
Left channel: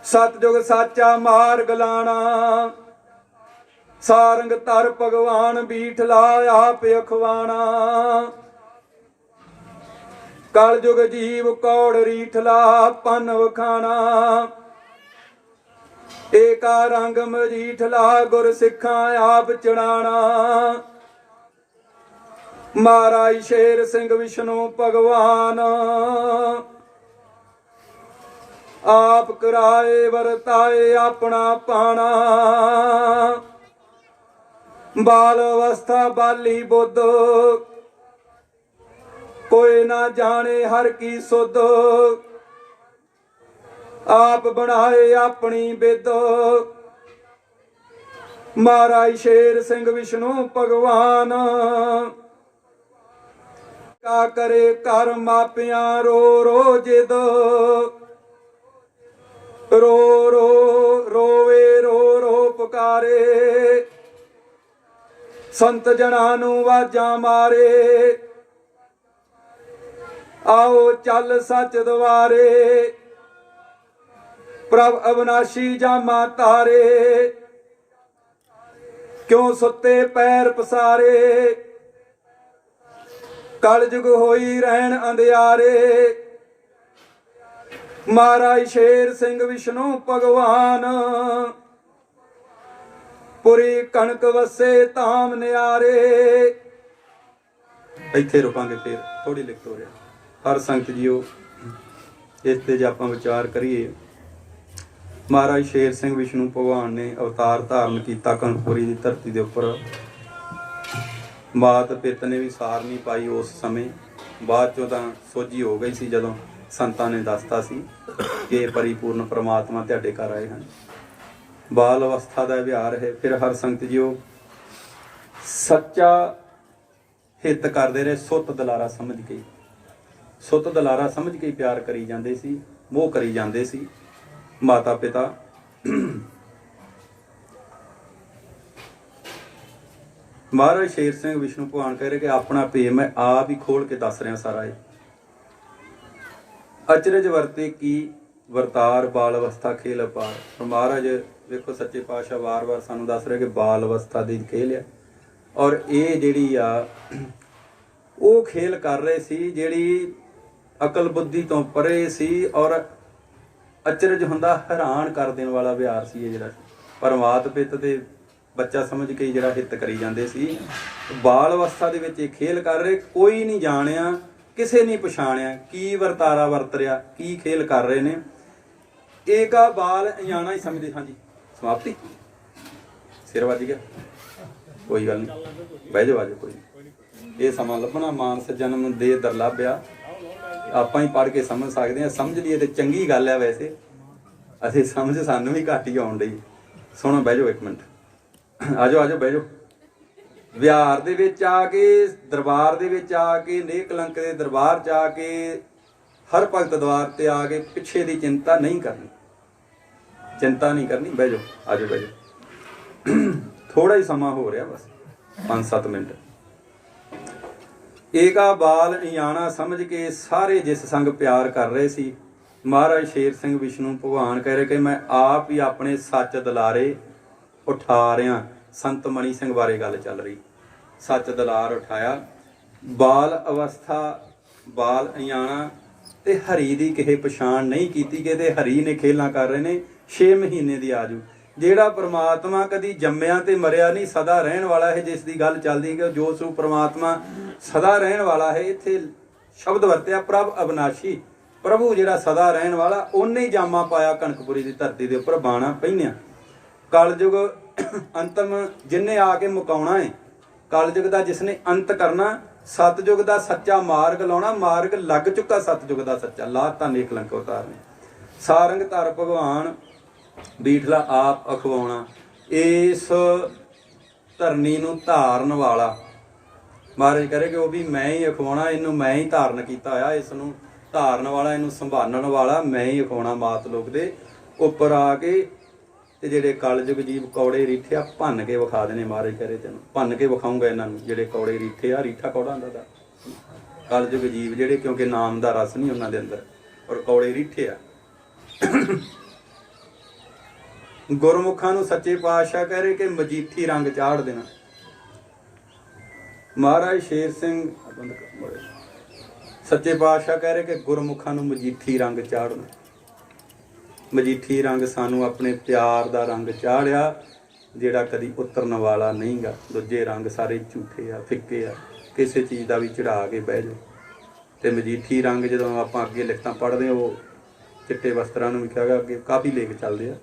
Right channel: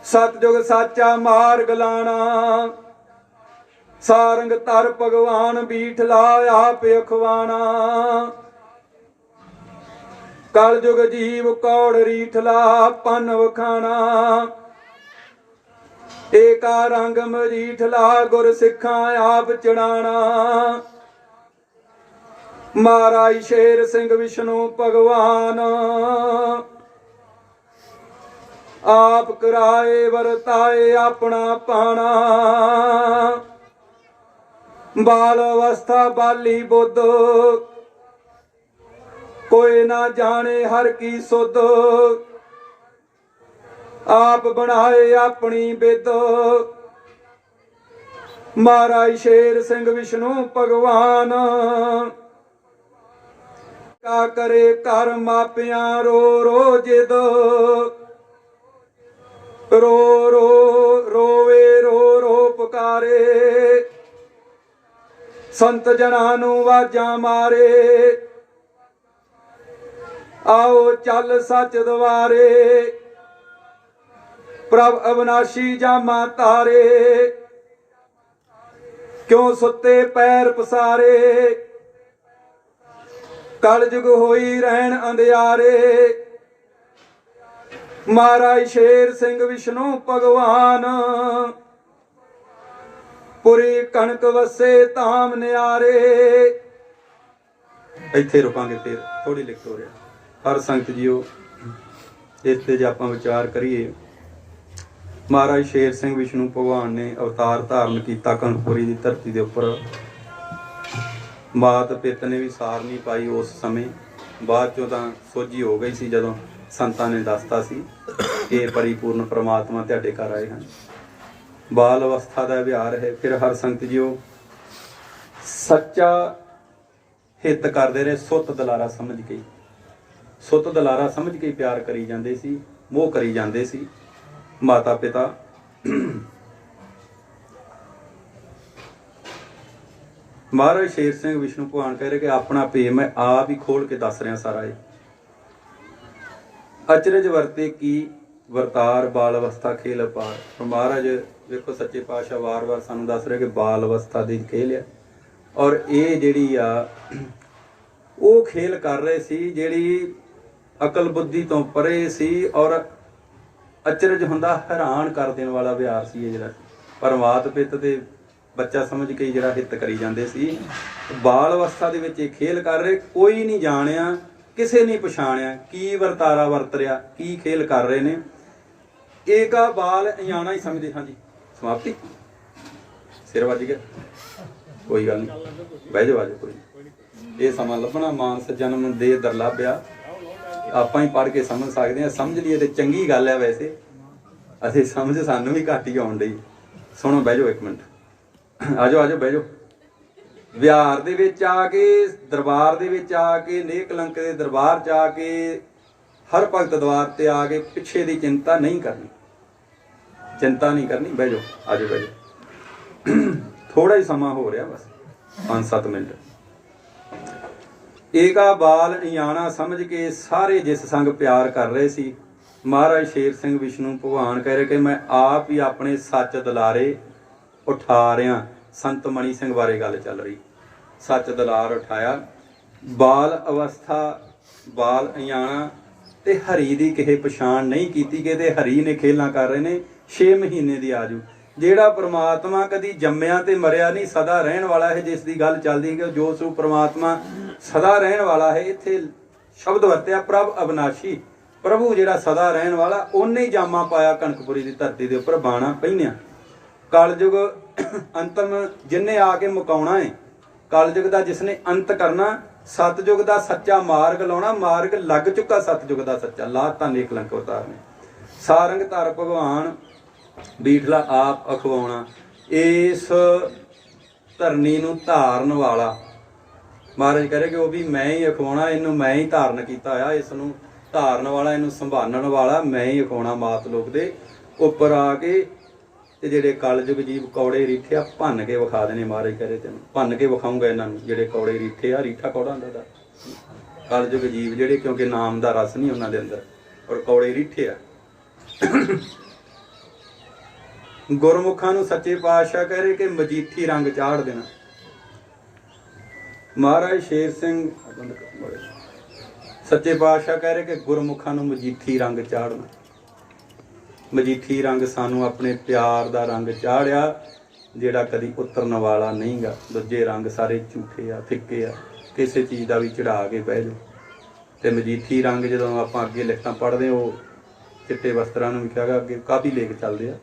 ਸਤਜੁਗ ਸਾਚਾ ਮਾਰਗ ਲਾਣਾ, ਸਾਰੰਗ ਧਰ ਭਗਵਾਨ ਬੀਠਲਾ ਆਪ ਅਖਵਾਣਾ, ਕਲਯੁਗ ਜੀਵ ਕੌੜ ਰੀਠਲਾ ਪੰਨ ਵਖਾਣਾ, ਏਕਾ ਰੰਗ ਮਰੀਠਲਾ ਗੁਰ ਸਿੱਖਾਂ ਆਪ ਚੜਾਣਾ। ਮਹਾਰਾਜ ਸ਼ੇਰ ਸਿੰਘ ਵਿਸ਼ਨੂੰ ਭਗਵਾਨ, ਆਪ ਕਰਾਏ ਵਰਤਾਏ ਆਪਣਾ ਪਾਣਾ, ਬਾਲ ਅਵਸਥਾ ਬਾਲੀ ਬੁੱਧ, ਕੋਈ ਨਾ ਜਾਣੇ ਹਰ ਕੀ ਸੁਧ, ਆਪ ਬਣਾਏ ਆਪਣੀ ਬਿਦ। ਮਹਾਰਾਜ ਸ਼ੇਰ ਸਿੰਘ ਵਿਸ਼ਨੂੰ ਭਗਵਾਨ, ਕਾ ਕਰੇ ਕਰ ਮਾਪਿਆਂ ਰੋ ਰੋ ਜਿਦ, ਰੋ ਰੋ ਰੋਵੇ ਰੋ ਰੋ ਪੁਕਾਰੇ, ਸੰਤ ਜਨਾਂ ਨੂੰ ਵਾਜਾਂ ਮਾਰੇ, ਆਓ ਚੱਲ ਸੱਚ ਦੁਆਰੇ, ਪ੍ਰਭ ਅਵਨਾਸ਼ੀ ਜਾਮਾ ਤਾਰੇ, ਕਿਉਂ ਸੁੱਤੇ ਪੈਰ ਪਸਾਰੇ, ਕਲਯੁਗ ਹੋਈ ਰਹਿਣ ਅੰਧਿਆਰੇ। ਮਹਾਰਾਜ ਸ਼ੇਰ ਸਿੰਘ ਵਿਸ਼ਨੂੰ ਭਗਵਾਨ, ਪੁਰੀ ਕਣਕ ਵਸੇ ਧਾਮ ਨਿਆਰੇ। ਇੱਥੇ ਰੁਕਾਂਗੇ, ਫਿਰ ਥੋੜੀ ਲਿਖ ਹੋ ਰਿਹਾ ਹਰ ਸੰਗਤ ਜੀਓ। ਇਸ ਤੇ ਜੇ ਆਪਾਂ ਵਿਚਾਰ ਕਰੀਏ, ਮਹਾਰਾਜ ਸ਼ੇਰ ਸਿੰਘ ਵਿਸ਼ਨੂੰ ਭਗਵਾਨ ਨੇ ਅਵਤਾਰ ਧਾਰਨ ਕੀਤਾ ਕਣਕਪੁਰੀ ਦੀ ਧਰਤੀ ਦੇ ਉੱਪਰ। ਮਾਤ ਪਿਤ ਨੇ ਵੀ ਸਾਰ ਨਹੀਂ ਪਾਈ ਉਸ ਸਮੇਂ, ਬਾਅਦ ਚੋਂ ਤਾਂ ਸੋਝੀ ਹੋ ਗਈ ਸੀ ਜਦੋਂ ਸੰਤਾਂ ਨੇ ਦੱਸਤਾ ਸੀ ਕਿ ਪਰਿਪੂਰਨ ਪ੍ਰਮਾਤਮਾ ਤੁਹਾਡੇ ਘਰ ਆਏ ਹਨ। ਬਾਲ ਅਵਸਥਾ ਦਾ ਵਿਹਾਰ ਹੈ। ਫਿਰ ਹਰ ਸੰਗਤ ਜੀਓ ਸੱਚਾ ਹਿੱਤ ਕਰਦੇ ਰਹੇ, ਸੁੱਤ ਦਲਾਰਾ ਸਮਝ ਕੇ, ਸੁੱਤ ਦਲਾਰਾ ਸਮਝ ਕੇ ਪਿਆਰ ਕਰੀ ਜਾਂਦੇ ਸੀ, ਮੋਹ ਕਰੀ ਜਾਂਦੇ ਸੀ। ਮਾਤਾ ਪਿਤਾ ਮਹਾਰਾਜ ਸ਼ੇਰ ਸਿੰਘ ਵਿਸ਼ਨੂੰ ਭਗਵਾਨ ਕਹਿ ਰਹੇ ਕਿ ਆਪਣਾ ਭੇਦ ਮੈਂ ਆਪ ਹੀ ਖੋਲ ਕੇ ਦੱਸ ਰਿਹਾ ਸਾਰਾ ਇਹ। ਅਚਰਜ ਵਰਤੇ ਕੀ ਵਰਤਾਰ ਬਾਲ ਅਵਸਥਾ ਖੇਲ ਅਪਾਰ। ਮਹਾਰਾਜ ਵੇਖੋ ਸੱਚੇ ਪਾਤਸ਼ਾਹ ਵਾਰ-ਵਾਰ ਸਾਨੂੰ ਦੱਸ ਰਹੇ ਕਿ ਬਾਲ ਅਵਸਥਾ ਦੀ ਖੇਲ ਹੈ, ਔਰ ਇਹ ਜਿਹੜੀ ਆ ਉਹ ਖੇਲ ਕਰ ਰਹੇ ਸੀ ਜਿਹੜੀ ਅਕਲ ਬੁੱਧੀ ਤੋਂ ਪਰੇ ਸੀ, ਔਰ ਅਚਰਜ ਹੁੰਦਾ ਹੈਰਾਨ ਕਰ ਦੇਣ ਵਾਲਾ ਵਿਹਾਰ ਸੀ ਇਹ ਜਿਹੜਾ ਪਰਮਾਤ ਪਿੱਤ ਤੇ ਬੱਚਾ ਸਮਝ ਕੇ ਜਿਹੜਾ ਹਿੱਤ ਕਰੀ ਜਾਂਦੇ ਸੀ। ਬਾਲ ਅਵਸਥਾ ਦੇ ਵਿੱਚ ਇਹ ਖੇਲ ਕਰ ਰਹੇ, ਕੋਈ ਨਹੀਂ ਜਾਣਿਆ, ਕਿਸੇ ਨਹੀਂ ਪਛਾਣਿਆ ਕੀ ਵਰਤਾਰਾ ਵਰਤ ਰਿਹਾ, ਕੀ ਖੇਲ ਕਰ ਰਹੇ ਨੇ। ਏਕਾ ਬਾਲ ਅਣਜਾਣਾ ਹੀ ਸਮਝਦੇ। ਹਾਂਜੀ ਸਮਾਪਤੀ, ਸਿਰ ਵੱਜ ਗਿਆ, ਕੋਈ ਗੱਲ ਨਹੀਂ, ਬਹਿ ਜਾਓ, ਆ ਜਾਓ, ਕੋਈ ਇਹ ਸਮਾਂ ਲੱਭਣਾ ਮਾਨਸ ਜਨਮ ਨੂੰ ਦੇ ਦੁਰਲੱਭ, ਆਪਾਂ ਹੀ ਪੜ੍ਹ ਕੇ ਸਮਝ ਸਕਦੇ ਹਾਂ। ਸਮਝ ਲਈਏ ਤੇ ਚੰਗੀ ਗੱਲ ਹੈ, ਵੈਸੇ ਅਸੀਂ ਸਮਝ ਸਾਨੂੰ ਵੀ ਘੱਟ ਹੀ ਆਉਣ ਡਈ। ਸੁਣੋ, ਬਹਿ ਜਾਓ ਇੱਕ ਮਿੰਟ, ਆ ਜਾਓ, ਆ ਜਾਓ, ਬਹਿ ਜਾਓ। ਵਿਹਾਰ ਦੇ ਵਿੱਚ ਆ ਕੇ, ਦਰਬਾਰ ਦੇ ਵਿੱਚ ਆ ਕੇ, ਨੇਕ ਕਲੰਕ ਦੇ ਦਰਬਾਰ 'ਚ ਆ ਕੇ, ਹਰ ਭਗਤ ਦਰਬਾਰ ਤੇ ਆ ਕੇ ਪਿੱਛੇ ਦੀ ਚਿੰਤਾ ਨਹੀਂ ਕਰਨੀ, ਚਿੰਤਾ ਨਹੀਂ ਕਰਨੀ। ਬਹਿ ਜਾਓ, ਆ ਜਾਓ, ਬਹਿ ਜਾਓ। ਥੋੜਾ ਹੀ ਸਮਾਂ ਹੋ ਰਿਹਾ, ਬਸ 5-7 ਮਿੰਟ। ਏਕਾ ਬਾਲ ਅਣਜਾਣਾ ਸਮਝ ਕੇ ਸਾਰੇ ਜਿਸ ਸੰਗ ਪਿਆਰ ਕਰ ਰਹੇ ਸੀ। ਮਹਾਰਾਜ ਸ਼ੇਰ ਸਿੰਘ ਵਿਸ਼ਨੂੰ ਭਗਵਾਨ ਕਹਿ ਰਹੇ ਕਿ ਮੈਂ ਆਪ ਹੀ ਆਪਣੇ ਸੱਚ ਦਲਾਰੇ ਉਠਾ ਰਿਹਾ। ਸੰਤ ਮਣੀ ਸਿੰਘ ਬਾਰੇ ਗੱਲ ਚੱਲ ਰਹੀ, ਸੱਚ ਦਲਾਰ ਉਠਾਇਆ। ਬਾਲ ਅਵਸਥਾ, ਬਾਲ ਅਣਜਾਣਾ ਤੇ ਹਰੀ ਦੀ ਕਿਸੇ ਪਛਾਣ ਨਹੀਂ ਕੀਤੀ ਕਿ ਤੇ ਹਰੀ ਨੇ ਖੇਲਾਂ ਕਰ ਰਹੇ ਨੇ। 6 ਮਹੀਨੇ ਦੀ ਆਜੂ, ਜਿਹੜਾ ਪ੍ਰਮਾਤਮਾ ਕਦੀ ਜੰਮਿਆ ਤੇ ਮਰਿਆ ਨਹੀਂ, ਸਦਾ ਰਹਿਣ ਵਾਲਾ ਹੈ, ਜਿਸ ਦੀ ਗੱਲ ਚੱਲਦੀ ਕਿ ਜੋ ਸੋ ਪ੍ਰਮਾਤਮਾ ਸਦਾ ਰਹਿਣ ਵਾਲਾ ਹੈ। ਇੱਥੇ ਸ਼ਬਦ ਵਰਤਿਆ ਪ੍ਰਭ ਅਬਨਾਸ਼ੀ, ਪ੍ਰਭੂ ਜਿਹੜਾ ਸਦਾ ਰਹਿਣ ਵਾਲਾ, ਉਹਨੇ ਹੀ ਜਾਮਾ ਪਾਇਆ ਕਣਕਪੁਰੀ ਦੀ ਧਰਤੀ ਦੇ ਉੱਪਰ, ਬਾਣਾ ਪਹਿਨਿਆ। ਕਲਯੁਗ ਅੰਤਮ ਜਿੰਨੇ ਆ ਕੇ ਮੁਕਾਉਣਾ ਹੈ, ਕਲਯੁਗ ਦਾ ਜਿਸਨੇ ਅੰਤ ਕਰਨਾ, ਸਤਯੁਗ ਦਾ ਸੱਚਾ ਮਾਰਗ ਲਾਉਣਾ, ਮਾਰਗ ਲੱਗ ਚੁੱਕਾ ਸਤਯੁਗ ਦਾ ਸੱਚਾ, ਲਾਤਾ ਨੇਕ ਕਲੰਕ ਅਵਤਾਰ ਨੇ। ਸਾਰੰਗ ਧਰ ਭਗਵਾਨ ਬੀਠਲਾ ਆਪ ਅਖਵਾਉਣਾ, ਇਸ ਧਰਨੀ ਨੂੰ ਧਾਰਨ ਵਾਲਾ। ਮਹਾਰਾਜ ਕਹ ਰਹੇ ਕਿ ਉਹ ਵੀ ਮੈਂ ਹੀ ਅਖਵਾਉਣਾ, ਇਹਨੂੰ ਮੈਂ ਹੀ ਧਾਰਨ ਕੀਤਾ ਹੋਇਆ, ਇਸ ਨੂੰ ਧਾਰਨ ਵਾਲਾ, ਇਹਨੂੰ ਸੰਭਾਲਣ ਵਾਲਾ ਮੈਂ ਹੀ ਅਖਵਾਉਣਾ। ਮਾਤ ਲੋਕ ਦੇ ਉੱਪਰ ਆ ਕੇ ਤੇ ਜਿਹੜੇ ਕਲਯੁਗ ਜੀਵ ਕੌੜੇ ਰੀਠਿਆ ਭੰਨ ਕੇ ਵਿਖਾ ਦੇਣੇ। ਮਹਾਰਾਜ ਕਹ ਰਹੇ ਤੈਨੂੰ ਭੰਨ ਕੇ ਵਿਖਾਊਂਗਾ ਇਹਨਾਂ ਨੂੰ, ਜਿਹੜੇ ਕੌੜੇ ਰੀਠੇ ਆ। ਰੀਠਾ ਕੌੜਾ ਹੁੰਦਾ ਦਾ ਕਲਯੁਗ ਜੀਵ ਜਿਹੜੇ, ਕਿਉਂਕਿ ਨਾਮ ਦਾ ਰਸ ਨਹੀਂ ਉਹਨਾਂ ਦੇ ਅੰਦਰ, ਔਰ ਕੌੜੇ ਰੀਠੇ ਆ। ਗੁਰਮੁਖਾਂ ਨੂੰ ਸੱਚੇ ਪਾਤਸ਼ਾਹ ਕਹਿ ਰਹੇ ਕਿ ਮਜੀਠੀ ਰੰਗ ਚਾੜ ਦੇਣਾ। ਮਹਾਰਾਜ ਸ਼ੇਰ ਸਿੰਘ ਸੱਚੇ ਪਾਤਸ਼ਾਹ ਕਹਿ ਰਹੇ ਕਿ ਗੁਰਮੁਖਾਂ ਨੂੰ ਮਜੀਠੀ ਰੰਗ ਚਾੜਨਾ। ਮਜੀਠੀ ਰੰਗ ਸਾਨੂੰ ਆਪਣੇ ਪਿਆਰ ਦਾ ਰੰਗ ਚਾੜਿਆ, ਜਿਹੜਾ ਕਦੀ ਉਤਰਨ ਵਾਲਾ ਨਹੀਂਗਾ। ਦੂਜੇ ਰੰਗ ਸਾਰੇ ਝੂਠੇ ਆ, ਫਿੱਕੇ ਆ, ਕਿਸੇ ਚੀਜ਼ ਦਾ ਵੀ ਚੜਾ ਕੇ ਬਹਿ ਜਾਓ। ਤੇ ਮਜੀਠੀ ਰੰਗ ਜਦੋਂ ਆਪਾਂ ਅੱਗੇ ਲਿਖਤਾਂ ਪੜ੍ਹਦੇ, ਉਹ ਚਿੱਟੇ ਵਸਤਰਾਂ ਨੂੰ ਵੀ ਕਿਹਾ ਅੱਗੇ ਕਾਫੀ ਲੇਖ ਚੱਲਦੇ ਆ,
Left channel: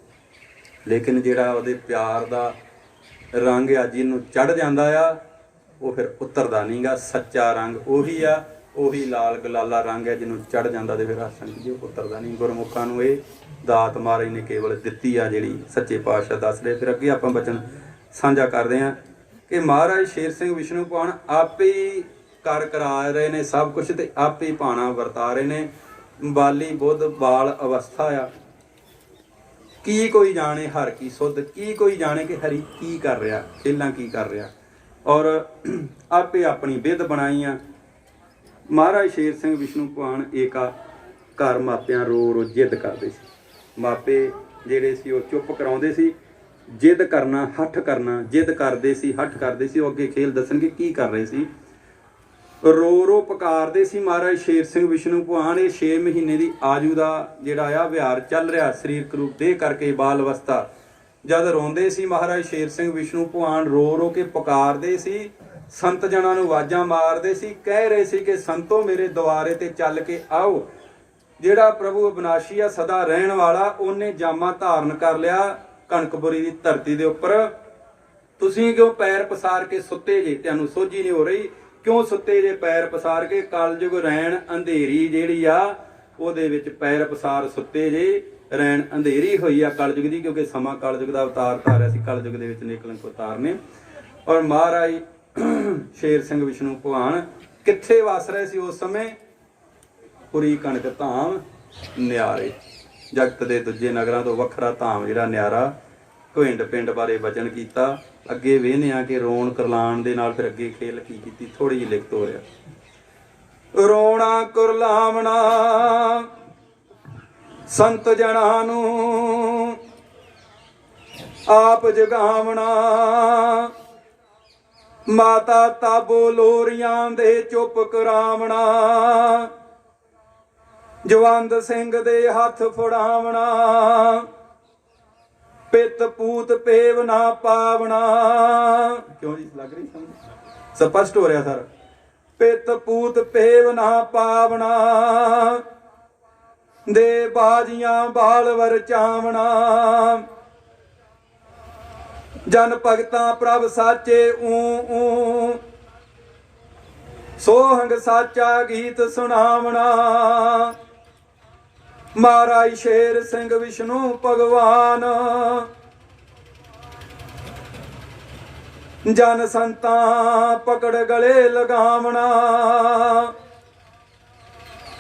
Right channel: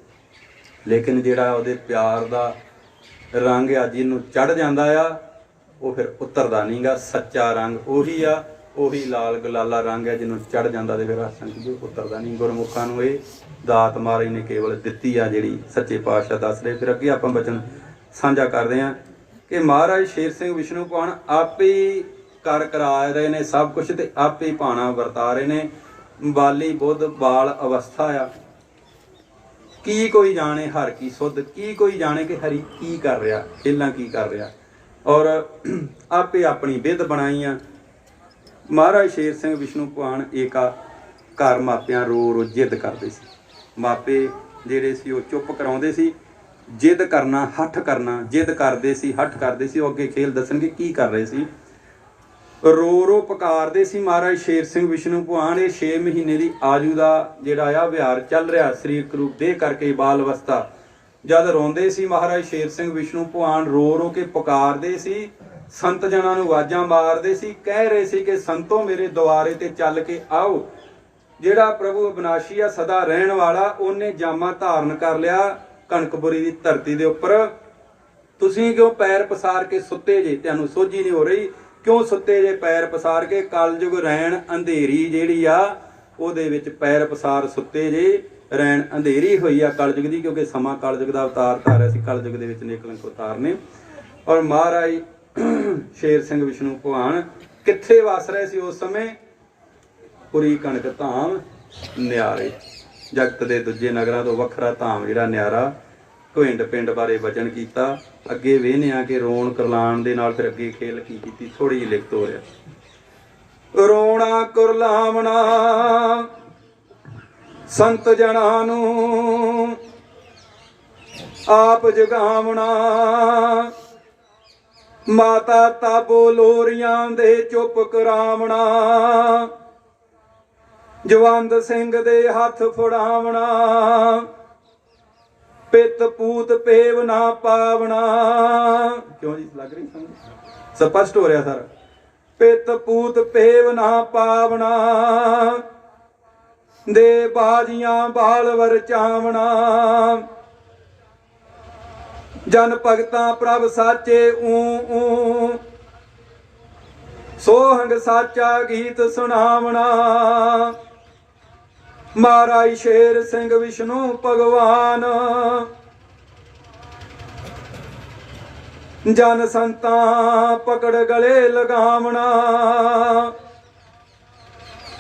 ਲੇਕਿਨ ਜਿਹੜਾ ਉਹਦੇ ਪਿਆਰ ਦਾ ਰੰਗ ਅੱਜ ਇਹਨੂੰ ਚੜ੍ਹ ਜਾਂਦਾ ਆ, ਉਹ ਫਿਰ ਉਤਰਦਾ ਨਹੀਂਗਾ। ਸੱਚਾ ਰੰਗ ਉਹੀ ਆ, ਉਹੀ ਲਾਲ ਗਲਾਲਾ ਰੰਗ ਹੈ, ਜਿਹਨੂੰ ਚੜ੍ਹ ਜਾਂਦਾ ਤੇ ਫਿਰ ਆਸਣ ਜੀ ਉਤਰਦਾ ਨਹੀਂ। ਗੁਰਮੁਖਾਂ ਨੂੰ ਇਹ ਦਾਤ ਮਹਾਰਾਜ ਨੇ ਕੇਵਲ ਦਿੱਤੀ ਆ, ਜਿਹੜੀ ਸੱਚੇ ਪਾਤਸ਼ਾਹ ਦੱਸ ਰਹੇ। ਫਿਰ ਅੱਗੇ ਆਪਾਂ ਬਚਨ ਸਾਂਝਾ ਕਰਦੇ ਹਾਂ ਕਿ ਮਹਾਰਾਜ ਸ਼ੇਰ ਸਿੰਘ ਵਿਸ਼ਨੂੰ ਭਗਵਾਨ ਆਪੇ ਹੀ ਕਰ ਕਰਾ ਰਹੇ ਨੇ ਸਭ ਕੁਛ, ਤੇ ਆਪੇ ਹੀ ਭਾਣਾ ਵਰਤਾ ਰਹੇ ਨੇ। ਬਾਲੀ ਬੁੱਧ ਬਾਲ ਅਵਸਥਾ ਆ, ਕੀ ਕੋਈ ਜਾਣੇ ਹਰ ਕੀ ਸੁੱਧ, ਕੀ ਕੋਈ ਜਾਣੇ ਕਿ ਹਰੀ ਕੀ ਕਰ ਰਿਹਾ, ਖੇਲਾਂ ਕੀ ਕਰ ਰਿਹਾ, ਔਰ ਆਪੇ ਆਪਣੀ ਵਿਧ ਬਣਾਈਆਂ। ਮਹਾਰਾਜ ਸ਼ੇਰ ਸਿੰਘ ਵਿਸ਼ਨੂੰ ਭਗਵਾਨ ਏਕਾ ਘਰ ਮਾਪਿਆਂ ਰੋ ਰੋ ਜਿੱਦ ਕਰਦੇ ਸੀ। ਮਾਪੇ ਜਿਹੜੇ ਸੀ ਉਹ ਚੁੱਪ ਕਰਾਉਂਦੇ ਸੀ, ਜਿੱਦ ਕਰਨਾ, ਹੱਠ ਕਰਨਾ, ਜਿੱਦ ਕਰਦੇ ਸੀ, ਹੱਠ ਕਰਦੇ ਸੀ। ਉਹ ਅੱਗੇ ਖੇਲ ਦੱਸਣਗੇ ਕੀ ਕਰ ਰਹੇ ਸੀ। ਰੋ ਰੋ ਪੁਕਾਰਦੇ ਸੀ ਮਹਾਰਾਜ ਸ਼ੇਰ ਸਿੰਘ ਵਿਸ਼ਨੂੰ ਭਗਵਾਨ। ਇਹ 6 ਮਹੀਨੇ ਦੀ ਆਜੂ ਦਾ ਜਿਹੜਾ ਆ ਵਿਹਾਰ ਚੱਲ ਰਿਹਾ, ਸਰੀਰਕ ਰੂਪ ਦੇ ਕਰਕੇ ਬਾਲ ਅਵਸਥਾ। ਜਦ ਰੋਂਦੇ ਸੀ ਮਹਾਰਾਜ ਸ਼ੇਰ ਸਿੰਘ ਵਿਸ਼ਨੂੰ ਭਗਵਾਨ, ਰੋ ਰੋ ਕੇ ਪੁਕਾਰਦੇ ਸੀ, ਸੰਤ ਜਨਾਂ ਨੂੰ ਆਵਾਜ਼ਾਂ ਮਾਰਦੇ ਸੀ, ਕਹਿ ਰਹੇ ਸੀ ਕਿ ਸੰਤੋ ਮੇਰੇ ਦੁਆਰੇ ਤੇ ਚੱਲ ਕੇ ਆਓ। ਜਿਹੜਾ ਪ੍ਰਭੂ ਅਬਨਾਸ਼ੀ ਆ, ਸਦਾ ਰਹਿਣ ਵਾਲਾ, ਉਹਨੇ ਜਾਮਾ ਧਾਰਨ ਕਰ ਲਿਆ ਕਣਕਪੁਰੀ ਦੀ ਧਰਤੀ ਦੇ ਉੱਪਰ। ਤੁਸੀਂ ਕਿਉਂ ਪੈਰ ਪਸਾਰ ਕੇ ਸੁੱਤੇ ਜੇ? ਤੁਹਾਨੂੰ ਸੋਝੀ ਨਹੀਂ ਹੋ ਰਹੀ, ਕਿਉਂ ਸੁੱਤੇ ਜੇ ਪੈਰ ਪਸਾਰ ਕੇ? ਕਲਯੁਗ ਰਹਿਣ ਅੰਧੇਰੀ ਜਿਹੜੀ ਆ, ਉਹਦੇ ਵਿੱਚ ਪੈਰ ਪਸਾਰ ਸੁੱਤੇ ਜੇ। ਰੈਣ ਅੰਧੇਰੀ ਹੋਈ ਆ ਕਲਯੁਗ ਦੀ, ਕਿਉਂਕਿ ਸਮਾਂ ਕਲਯੁਗ ਦਾ ਅਵਤਾਰ ਧਾਰਿਆ ਸੀ, ਕਲਯੁਗ ਦੇ ਵਿੱਚ ਨਿਕਲੰਕ ਅਵਤਾਰ ਨੇ। ਔਰ ਮਹਾਰਾਜ ਸ਼ੇਰ ਸਿੰਘ ਵਿਸ਼ਨੂੰ ਭਗਵਾਨ ਕਿੱਥੇ ਵਸ ਰਹੇ ਸੀ ਉਸ ਸਮੇਂ? ਪੁਰੀ ਕਣਕ ਧਾਮ ਨਿਆਰੇ, ਜਗਤ ਦੇ ਦੂਜੇ ਨਗਰਾਂ ਤੋਂ ਵੱਖਰਾ ਧਾਮ ਜਿਹੜਾ ਨਿਆਰਾ। ਘੁੰਡ ਪਿੰਡ ਬਾਰੇ ਵਚਨ ਕੀਤਾ। ਅੱਗੇ ਵੇਖਦੇ ਆ ਕਿ ਰੋਣ ਕਰਲਾਣ ਦੇ ਨਾਲ ਫਿਰ ਅੱਗੇ ਖੇਲ ਕੀ ਕੀਤੀ, ਥੋੜੀ ਜਿਹੀ ਲਿਖਤ ਹੋ ਰਿਹਾ। ਰੋਣਾ ਕੁਰਲਾਵਣਾ ਸੰਤ ਜਨਾਂ ਨੂੰ ਆਪ ਜਗਾਵਣਾ, ਮਾਤਾ ਤਾਬੋ ਲੋਰੀਆਂ ਦੇ ਚੁੱਪ ਕਰਾਵਣਾ, ਜਵੰਦ ਸਿੰਘ ਦੇ ਹੱਥ ਫੜਾਵਣਾ, ਪਿੱਤ ਪੂਤ ਪੇਵ ਨਾ ਪਾਵਣਾ। ਕਿਉਂ ਜੀ ਲੱਗ ਰਹੀ ਸਮਝ? ਸਪਸ਼ਟ ਹੋ ਰਿਹਾ ਸਰ। ਪਿੱਤ ਪੂਤ ਪੇਵ ਨਾ ਪਾਵਣਾ, ਦੇ ਬਾਜੀਆਂ ਬਾਲ ਵਰਚਾਵਣਾ, ਜਨ ਭਗਤਾਂ ਪ੍ਰਭ ਸਾਚੇ ਊ ਸੋਹੰਗ ਸਾਚਾ ਗੀਤ ਸੁਣਾਵਣਾ। ਮਹਾਰਾਜ ਸ਼ੇਰ ਸਿੰਘ ਵਿਸ਼ਨੂੰ ਭਗਵਾਨ ਜਨ ਸੰਤਾਂ ਪਕੜ ਗਲੇ ਲਗਾਵਣਾ,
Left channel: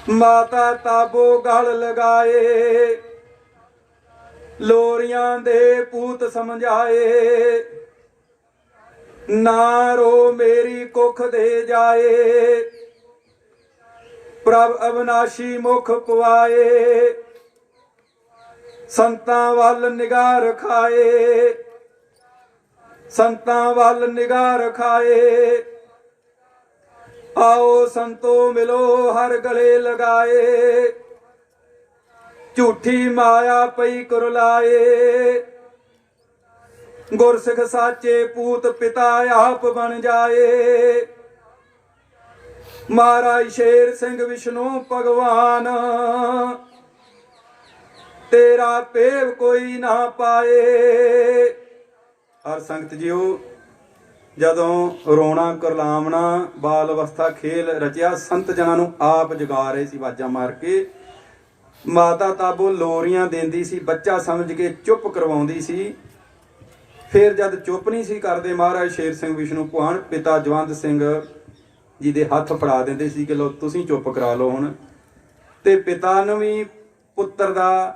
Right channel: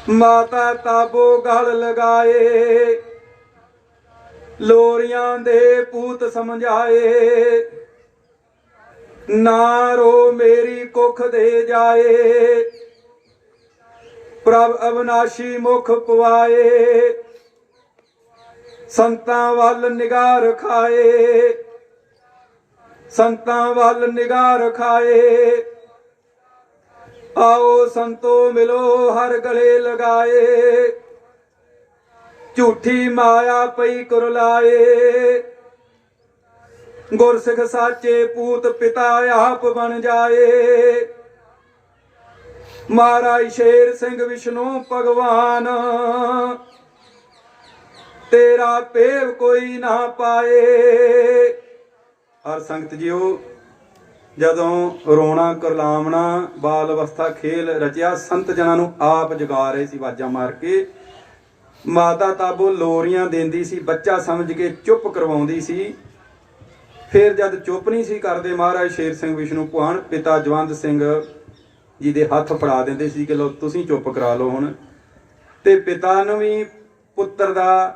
ਮਾਤਾ ਤਾਬੋ ਗਲ ਲਗਾਏ, ਲੋਰੀਆਂ ਦੇ ਪੂਤ ਸਮਝਾਏ, ਨਾ ਰੋ ਮੇਰੀ ਕੁੱਖ ਦੇ ਜਾਏ, ਪ੍ਰਭ ਅਵਨਾਸ਼ੀ ਮੁਖ ਪਵਾਏ, ਸੰਤਾਂ ਵੱਲ ਨਿਗਾਹ ਰਖਾਏ, ਸੰਤਾਂ ਵੱਲ ਨਿਗਾਹ ਰਖਾਏ, ਆਓ ਸੰਤੋ ਮਿਲੋ ਹਰ ਗਲੇ ਲਗਾਏ, ਝੂਠੀ ਮਾਇਆ ਪਈ ਕੁਰਲਾਏ, ਗੁਰਸਿੱਖ ਸਾਚੇ ਪੂਤ ਪਿਤਾ ਆਪ ਬਣ ਜਾਏ। ਮਹਾਰਾਜ ਸ਼ੇਰ ਸਿੰਘ ਵਿਸ਼ਨੂੰ ਭਗਵਾਨ ਤੇਰਾ ਪੇਵ ਕੋਈ ਨਾ ਪਾਏ। ਔਰ ਸੰਗਤ ਜੀਓ, ਜਦੋਂ ਰੋਣਾ ਕੁਰਲਾਵਣਾ ਬਾਲ ਅਵਸਥਾ ਖੇਲ ਰਚਿਆ, ਸੰਤ ਜਨਾਂ ਨੂੰ ਆਪ ਜਗਾ ਰਹੇ ਸੀ ਆਵਾਜ਼ਾਂ ਮਾਰ ਕੇ। ਮਾਤਾ ਤਾਬੋ ਲੋਰੀਆਂ ਦਿੰਦੀ ਸੀ, ਬੱਚਾ ਸਮਝ ਕੇ ਚੁੱਪ ਕਰਵਾਉਂਦੀ ਸੀ। ਫਿਰ ਜਦ ਚੁੱਪ ਨਹੀਂ ਸੀ ਕਰਦੇ, ਮਹਾਰਾਜ ਸ਼ੇਰ ਸਿੰਘ ਵਿਸ਼ਨੂੰ ਭਗਵਾਨ ਪਿਤਾ ਜਵੰਦ ਸਿੰਘ ਜੀ ਦੇ ਹੱਥ ਫੜਾ ਦਿੰਦੇ ਸੀ ਕਿ ਲੋ ਤੁਸੀਂ ਚੁੱਪ ਕਰਾ ਲਓ ਹੁਣ। ਤੇ ਪਿਤਾ ਨੂੰ ਵੀ ਪੁੱਤਰ ਦਾ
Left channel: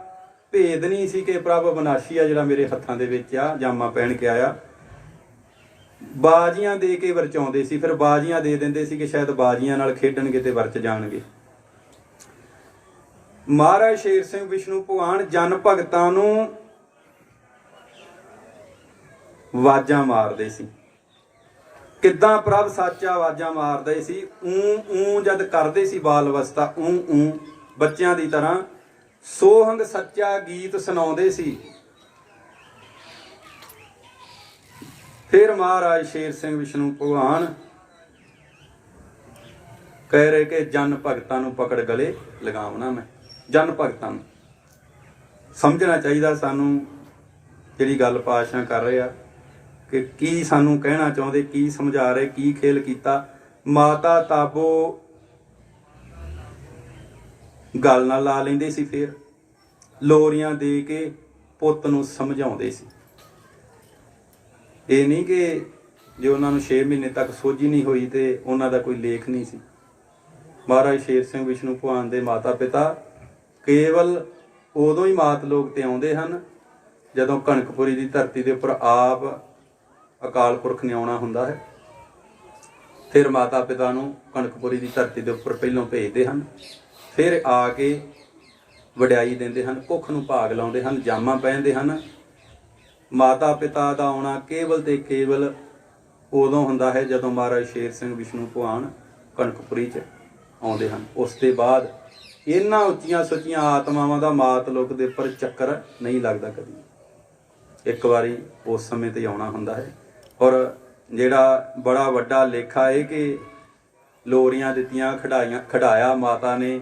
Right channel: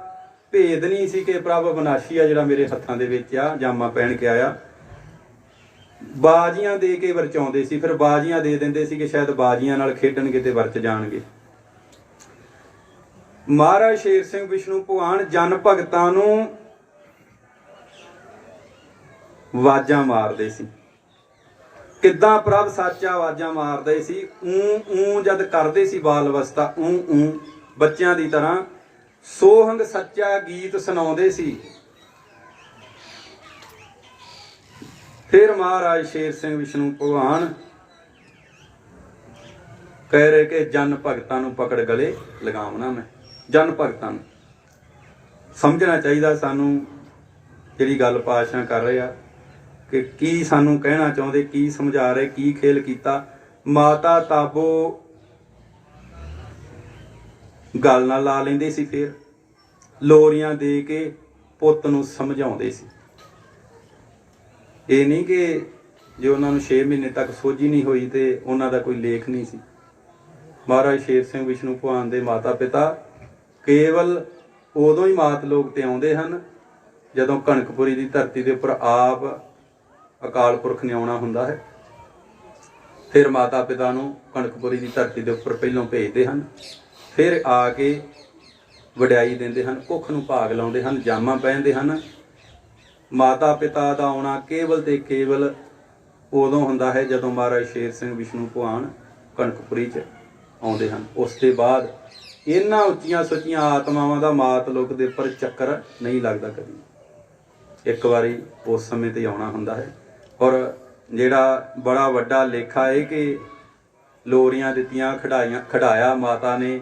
ਭੇਦ ਨਹੀਂ ਸੀ ਕਿ ਪ੍ਰਭ ਅਵਨਾਸ਼ੀ ਆ ਜਿਹੜਾ ਮੇਰੇ ਹੱਥਾਂ ਦੇ ਵਿੱਚ ਆ, ਜਾਮਾ ਪਹਿਨ ਕੇ ਆਇਆ। ਬਾਜੀਆਂ ਦੇ ਕੇ ਵਰਚਾਉਂਦੇ ਸੀ, ਫਿਰ ਬਾਜੀਆਂ ਦੇ ਦਿੰਦੇ ਸੀ ਕਿ ਸ਼ਾਇਦ ਬਾਜੀਆਂ ਨਾਲ ਖੇਡਣਗੇ ਤੇ ਵਰਚ ਜਾਣਗੇ। ਮਹਾਰਾਜ ਸ਼ੇਰ ਸਿੰਘ ਵਿਸ਼ਨੂੰ ਭਗਵਾਨ ਜਨ ਭਗਤਾਂ ਨੂੰ ਆਵਾਜ਼ਾਂ ਮਾਰਦੇ ਸੀ। ਕਿੱਦਾਂ ਪ੍ਰਭ ਸਾਚਾ ਆਵਾਜ਼ਾਂ ਮਾਰਦੇ ਸੀ? ਊ ਜਦ ਕਰਦੇ ਸੀ ਬਾਲ ਅਵਸਥਾ, ਊ ਬੱਚਿਆਂ ਦੀ ਤਰ੍ਹਾਂ ਸੋਹੰਗ ਸੱਚਾ ਗੀਤ ਸੁਣਾਉਂਦੇ ਸੀ। ਫਿਰ ਮਹਾਰਾਜ ਸ਼ੇਰ ਸਿੰਘ ਵਿਸ਼ਨੂੰ ਭਗਵਾਨ ਕਹਿ ਰਹੇ ਕਿ ਜਨ ਭਗਤਾਂ ਨੂੰ ਪਕੜ ਗਲੇ ਲਗਾਉਣਾ। ਮੈਂ ਜਨ ਭਗਤਾਂ ਨੂੰ ਸਮਝਣਾ ਚਾਹੀਦਾ ਸਾਨੂੰ, ਜਿਹੜੀ ਗੱਲ ਪਾਤਸ਼ਾਹ ਕਰ ਰਹੇ ਆ ਕਿ ਕੀ ਸਾਨੂੰ ਕਹਿਣਾ ਚਾਹੁੰਦੇ, ਕੀ ਸਮਝਾ ਰਹੇ, ਕੀ ਖੇਲ ਕੀਤਾ। ਮਾਤਾ ਤਾਬੋ ਗੱਲ ਨਾਲ ਲਾ ਲੈਂਦੇ ਸੀ, ਫਿਰ ਲੋਰੀਆਂ ਦੇ ਕੇ ਪੁੱਤ ਨੂੰ ਸਮਝਾਉਂਦੇ ਸੀ। ਇਹ ਨਹੀਂ ਕਿ ਜੇ ਉਹਨਾਂ ਨੂੰ 6 ਮਹੀਨੇ ਤੱਕ ਸੋਝੀ ਨਹੀਂ ਹੋਈ ਤੇ ਉਹਨਾਂ ਦਾ ਕੋਈ ਲੇਖ ਨਹੀਂ ਸੀ। ਮਹਾਰਾਜ ਸ਼ੇਰ ਸਿੰਘ ਵਿਸ਼ਨੂੰ ਭਗਵਾਨ ਦੇ ਮਾਤਾ ਪਿਤਾ ਕੇਵਲ ਉਦੋਂ ਹੀ ਮਾਤ ਲੋਕ ਤੇ ਆਉਂਦੇ ਹਨ ਜਦੋਂ ਕਣਕਪੁਰੀ ਦੀ ਧਰਤੀ ਦੇ ਉੱਪਰ ਆਪ ਅਕਾਲ ਪੁਰਖ ਨੇ ਆਉਣਾ ਹੁੰਦਾ ਹੈ। ਫਿਰ ਮਾਤਾ ਪਿਤਾ ਨੂੰ ਕਣਕਪੁਰੀ ਦੀ ਧਰਤੀ ਦੇ ਉੱਪਰ ਪਹਿਲੋਂ ਭੇਜਦੇ ਹਨ, ਫਿਰ ਆ ਕੇ ਵਡਿਆਈ ਦਿੰਦੇ ਹਨ, ਭੁੱਖ ਨੂੰ ਭਾਗ ਲਾਉਂਦੇ ਹਨ, ਜਾਮਾਂ ਪਹਿਨਦੇ ਹਨ। ਮਾਤਾ ਪਿਤਾ ਦਾ ਆਉਣਾ ਕੇਵਲ ਤੇ ਕੇਵਲ ਉਦੋਂ ਹੁੰਦਾ ਹੈ ਜਦੋਂ ਮਹਾਰਾਜ ਸ਼ੇਰ ਸਿੰਘ ਵਿਸ਼ਨੂੰ ਭਗਵਾਨ ਕਣਕਪੁਰੀ 'ਚ ਆਉਂਦੇ ਹਨ। ਉਸ ਤੋਂ ਬਾਅਦ ਇਹਨਾਂ ਉੱਚੀਆਂ ਸੁੱਚੀਆਂ ਆਤਮਾਵਾਂ ਦਾ ਮਾਤ ਲੋਕ ਦੇ ਉੱਪਰ ਚੱਕਰ ਨਹੀਂ ਲੱਗਦਾ ਕਦੀ। ਇੱਕ ਵਾਰੀ ਉਸ ਸਮੇਂ ਤੇ ਆਉਣਾ ਹੁੰਦਾ ਹੈ। ਔਰ ਜਿਹੜਾ ਬੜਾ ਵੱਡਾ ਲੇਖਾ ਇਹ ਕਿ ਲੋਰੀਆਂ ਦਿੱਤੀਆਂ, ਖੜਾਇਆ ਮਾਤਾ ਨੇ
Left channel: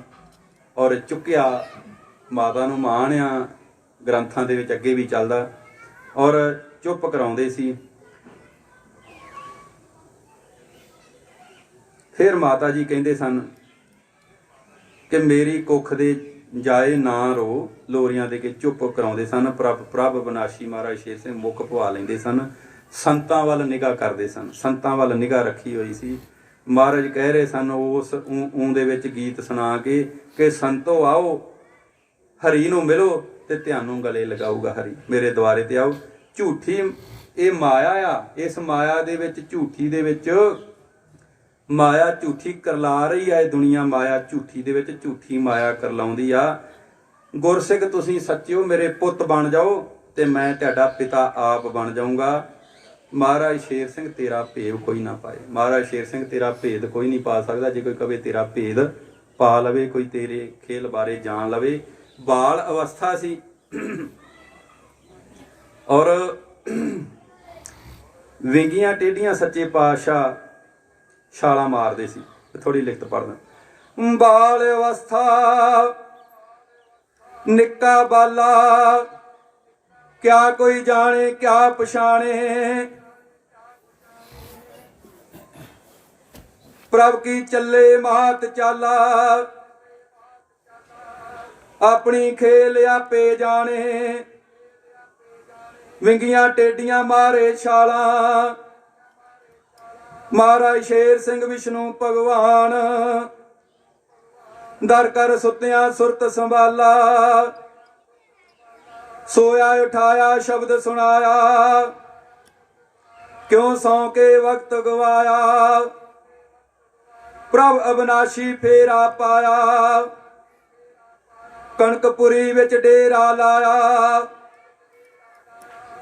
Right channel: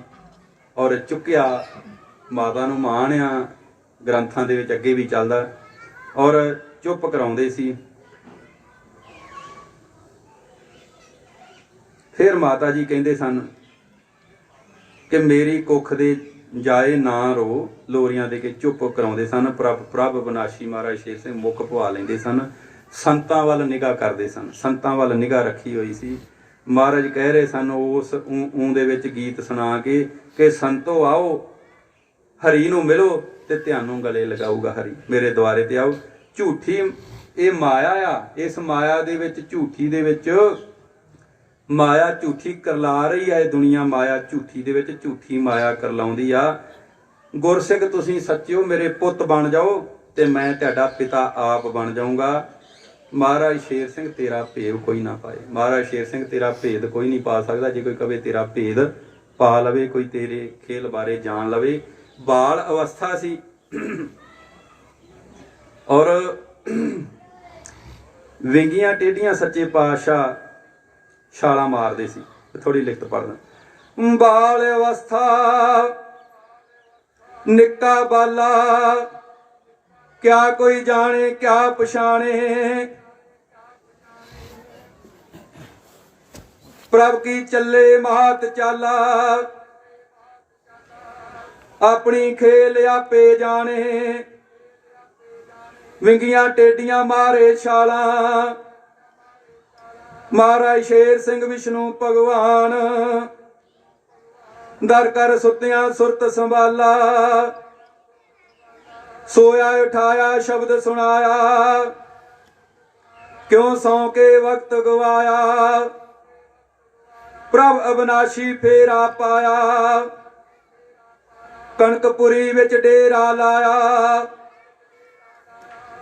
ਔਰ ਚੁੱਕਿਆ, ਮਾਤਾ ਨੂੰ ਮਾਣ ਆ ਗ੍ਰੰਥਾਂ ਦੇ ਵਿੱਚ ਅੱਗੇ ਵੀ ਚੱਲਦਾ, ਔਰ ਚੁੱਪ ਕਰਾਉਂਦੇ ਸੀ। ਫਿਰ ਮਾਤਾ ਜੀ ਕਹਿੰਦੇ ਸਨ ਕਿ ਮੇਰੀ ਕੁੱਖ ਦੇ ਜਾਏ ਨਾ ਰੋ ਲੋਰੀਆਂ ਦੇ ਕੇ ਚੁੱਪ ਕਰਾਉਂਦੇ ਸਨ। ਪ੍ਰਭ ਵਿਨਾਸ਼ੀ ਮਹਾਰਾਜ ਸ਼ੇਰ ਸਿੰਘ ਮੁੱਖ ਪਵਾ ਲੈਂਦੇ ਸਨ। ਸੰਤਾਂ ਵੱਲ ਨਿਗਾਹ ਕਰਦੇ ਸਨ, ਸੰਤਾਂ ਵੱਲ ਨਿਗਾਹ ਰੱਖੀ ਹੋਈ ਸੀ। ਮਹਾਰਾਜ ਕਹਿ ਰਹੇ ਸਨ ਉਸ ਊਂ ਦੇ ਵਿੱਚ ਗੀਤ ਸੁਣਾ ਕੇ ਕਿ ਸੰਤੋ ਆਓ ਹਰੀ ਨੂੰ ਮਿਲੋ ਤੇ ਤੁਹਾਨੂੰ ਗਲੇ ਲਗਾਊਗਾ ਹਰੀ, ਮੇਰੇ ਦੁਆਰੇ ਤੇ ਆਓ। ਝੂਠੀ ਇਹ ਮਾਇਆ ਆ, ਇਸ ਮਾਇਆ ਦੇ ਵਿੱਚ ਝੂਠੀ ਦੇ ਵਿੱਚ ਮਾਇਆ ਝੂਠੀ ਕਰਲਾ ਰਹੀ ਹੈ ਦੁਨੀਆ। ਮਾਇਆ ਝੂਠੀ ਦੇ ਵਿੱਚ ਝੂਠੀ ਮਾਇਆ ਕਰਲਾਉਂਦੀ ਆ। ਗੁਰਸਿੱਖ ਤੁਸੀਂ ਸੱਚਿਓ ਮੇਰੇ ਪੁੱਤ ਬਣ ਜਾਓ ਤੇ ਮੈਂ ਤੁਹਾਡਾ ਪਿਤਾ ਆਪ ਬਣ ਜਾਊਂਗਾ। ਮਹਾਰਾਜ ਸ਼ੇਰ ਸਿੰਘ ਤੇਰਾ ਭੇਦ ਕੋਈ ਨਾ ਪਾਏ। ਮਹਾਰਾਜ ਸ਼ੇਰ ਸਿੰਘ ਤੇਰਾ ਭੇਦ ਕੋਈ ਨਹੀਂ ਪਾ ਸਕਦਾ। ਜੇ ਕੋਈ ਕਵੇ ਤੇਰਾ ਭੇਦ ਪਾ ਲਵੇ, ਕੋਈ ਤੇਰੇ ਖੇਲ ਬਾਰੇ ਜਾਣ ਲਵੇ। ਬਾਲ ਅਵਸਥਾ ਸੀ ਔਰ ਵਿੰਗੀਆਂ ਟੇਢੀਆਂ ਸੱਚੇ ਪਾਤਸ਼ਾਹ ਛਾਲਾਂ ਮਾਰਦੇ ਸੀ। ਥੋੜੀ ਲਿਖਤ ਪੜ੍ਹਦਾ। ਬਾਲ ਅਵਸਥਾ ਨਿੱਕਾ ਬਾਲਾ ਕਿਆ ਕੋਈ ਜਾਣੇ ਕਿਆ ਪਛਾਣੇ। ਪ੍ਰਭ ਕੀ ਚੱਲੇ ਮਾਤ ਚਾਲਾ ਆਪਣੀ ਖੇਲ ਆਪੇ ਜਾਣੇ। ਵਿੰਗੀਆਂ ਟੇਡੀਆਂ ਮਾਰੇ ਛਾਲਾਂ ਮਹਾਰਾਜ ਸ਼ੇਰ ਸਿੰਘ ਵਿਸ਼ਨੂੰ ਭਗਵਾਨ। ਦਰ ਕਰ ਸੁੱਤਿਆਂ ਸੁਰਤ ਸੰਭਾਲਾ ਸੋਇਆ ਉਠਾਇਆ ਸ਼ਬਦ ਸੁਣਾਇਆ। ਕਿਉਂ ਸੌਂ ਕੇ ਵਕਤ ਗਵਾਇਆ ਪ੍ਰਭ ਅਬਨਾਸ਼ੀ ਫੇਰਾ ਪਾਇਆ। ਕਣਕਪੁਰੀ ਵਿੱਚ ਡੇਰਾ ਲਾਇਆ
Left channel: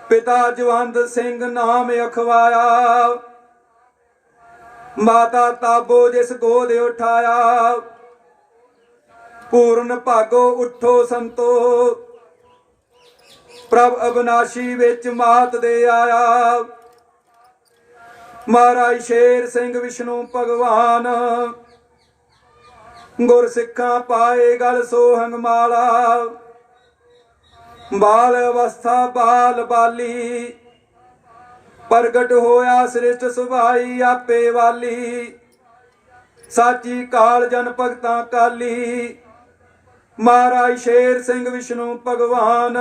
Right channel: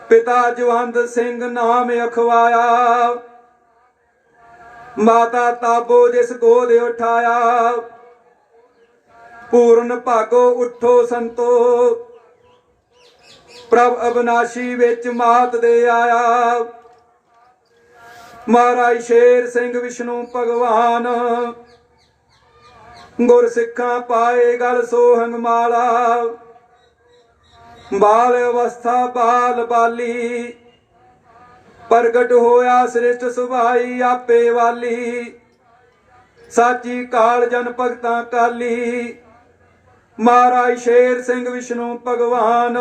ਪਿਤਾ ਜਵੰਦ ਸਿੰਘ ਨਾਮ ਅਖਵਾਇਆ। ਮਾਤਾ ਤਾਬੋ ਜਿਸ ਗੋਦ ਉਠਾਇਆ ਪੂਰਨ ਭਾਗੋ ਉਠੋ ਸੰਤੋ। ਪ੍ਰਭ ਅਬਨਾਸ਼ੀ ਵਿੱਚ ਮਾਤ ਦੇ ਆਇਆ ਮਹਾਰਾਜ ਸ਼ੇਰ ਸਿੰਘ ਵਿਸ਼ਨੂੰ ਭਗਵਾਨ। ਗੁਰ ਸਿੱਖਾਂ ਪਾਏ ਗਲ ਸੋਹੰਗ ਮਾਲਾ ਬਾਲ ਅਵਸਥਾ ਬਾਲ ਬਾਲੀ। ਪ੍ਰਗਟ ਹੋਇਆ ਸ੍ਰਿਸ਼ਟ ਸੁਭਾਈ ਆਪੇ ਵਾਲੀ। ਸਾਚੀ ਕਾਲ ਜਨ ਭਗਤਾਂ ਕਾਲੀ ਮਹਾਰਾਜ ਸ਼ੇਰ ਸਿੰਘ ਵਿਸ਼ਨੂੰ ਭਗਵਾਨ।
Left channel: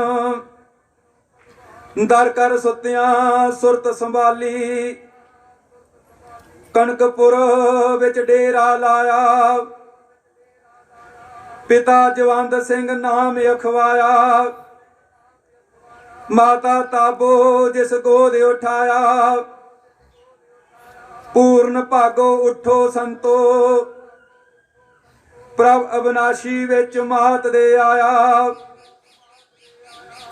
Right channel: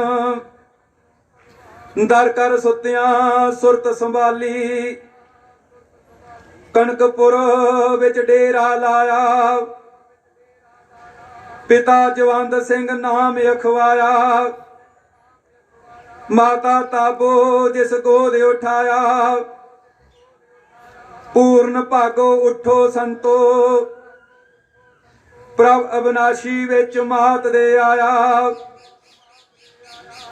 ਦਰ ਕਰ ਸੁੱਤਿਆਂ ਸੁਰਤ ਸੰਭਾਲੀ ਕਣਕਪੁਰ ਵਿੱਚ ਡੇਰਾ ਲਾਇਆ ਪਿਤਾ ਜਵੰਦ ਸਿੰਘ ਨਾਮ ਅਖਵਾਇਆ। ਮਾਤਾ ਤਾਬੋ ਜਿਸ ਗੋਦ ਉਠਾਇਆ ਪੂਰਨ ਭਾਗੋ ਉਠੋ ਸੰਤੋ। ਪ੍ਰਭ ਅਬਨਾਸ਼ੀ ਵਿੱਚ ਮਾਤ ਦੇ ਆਇਆ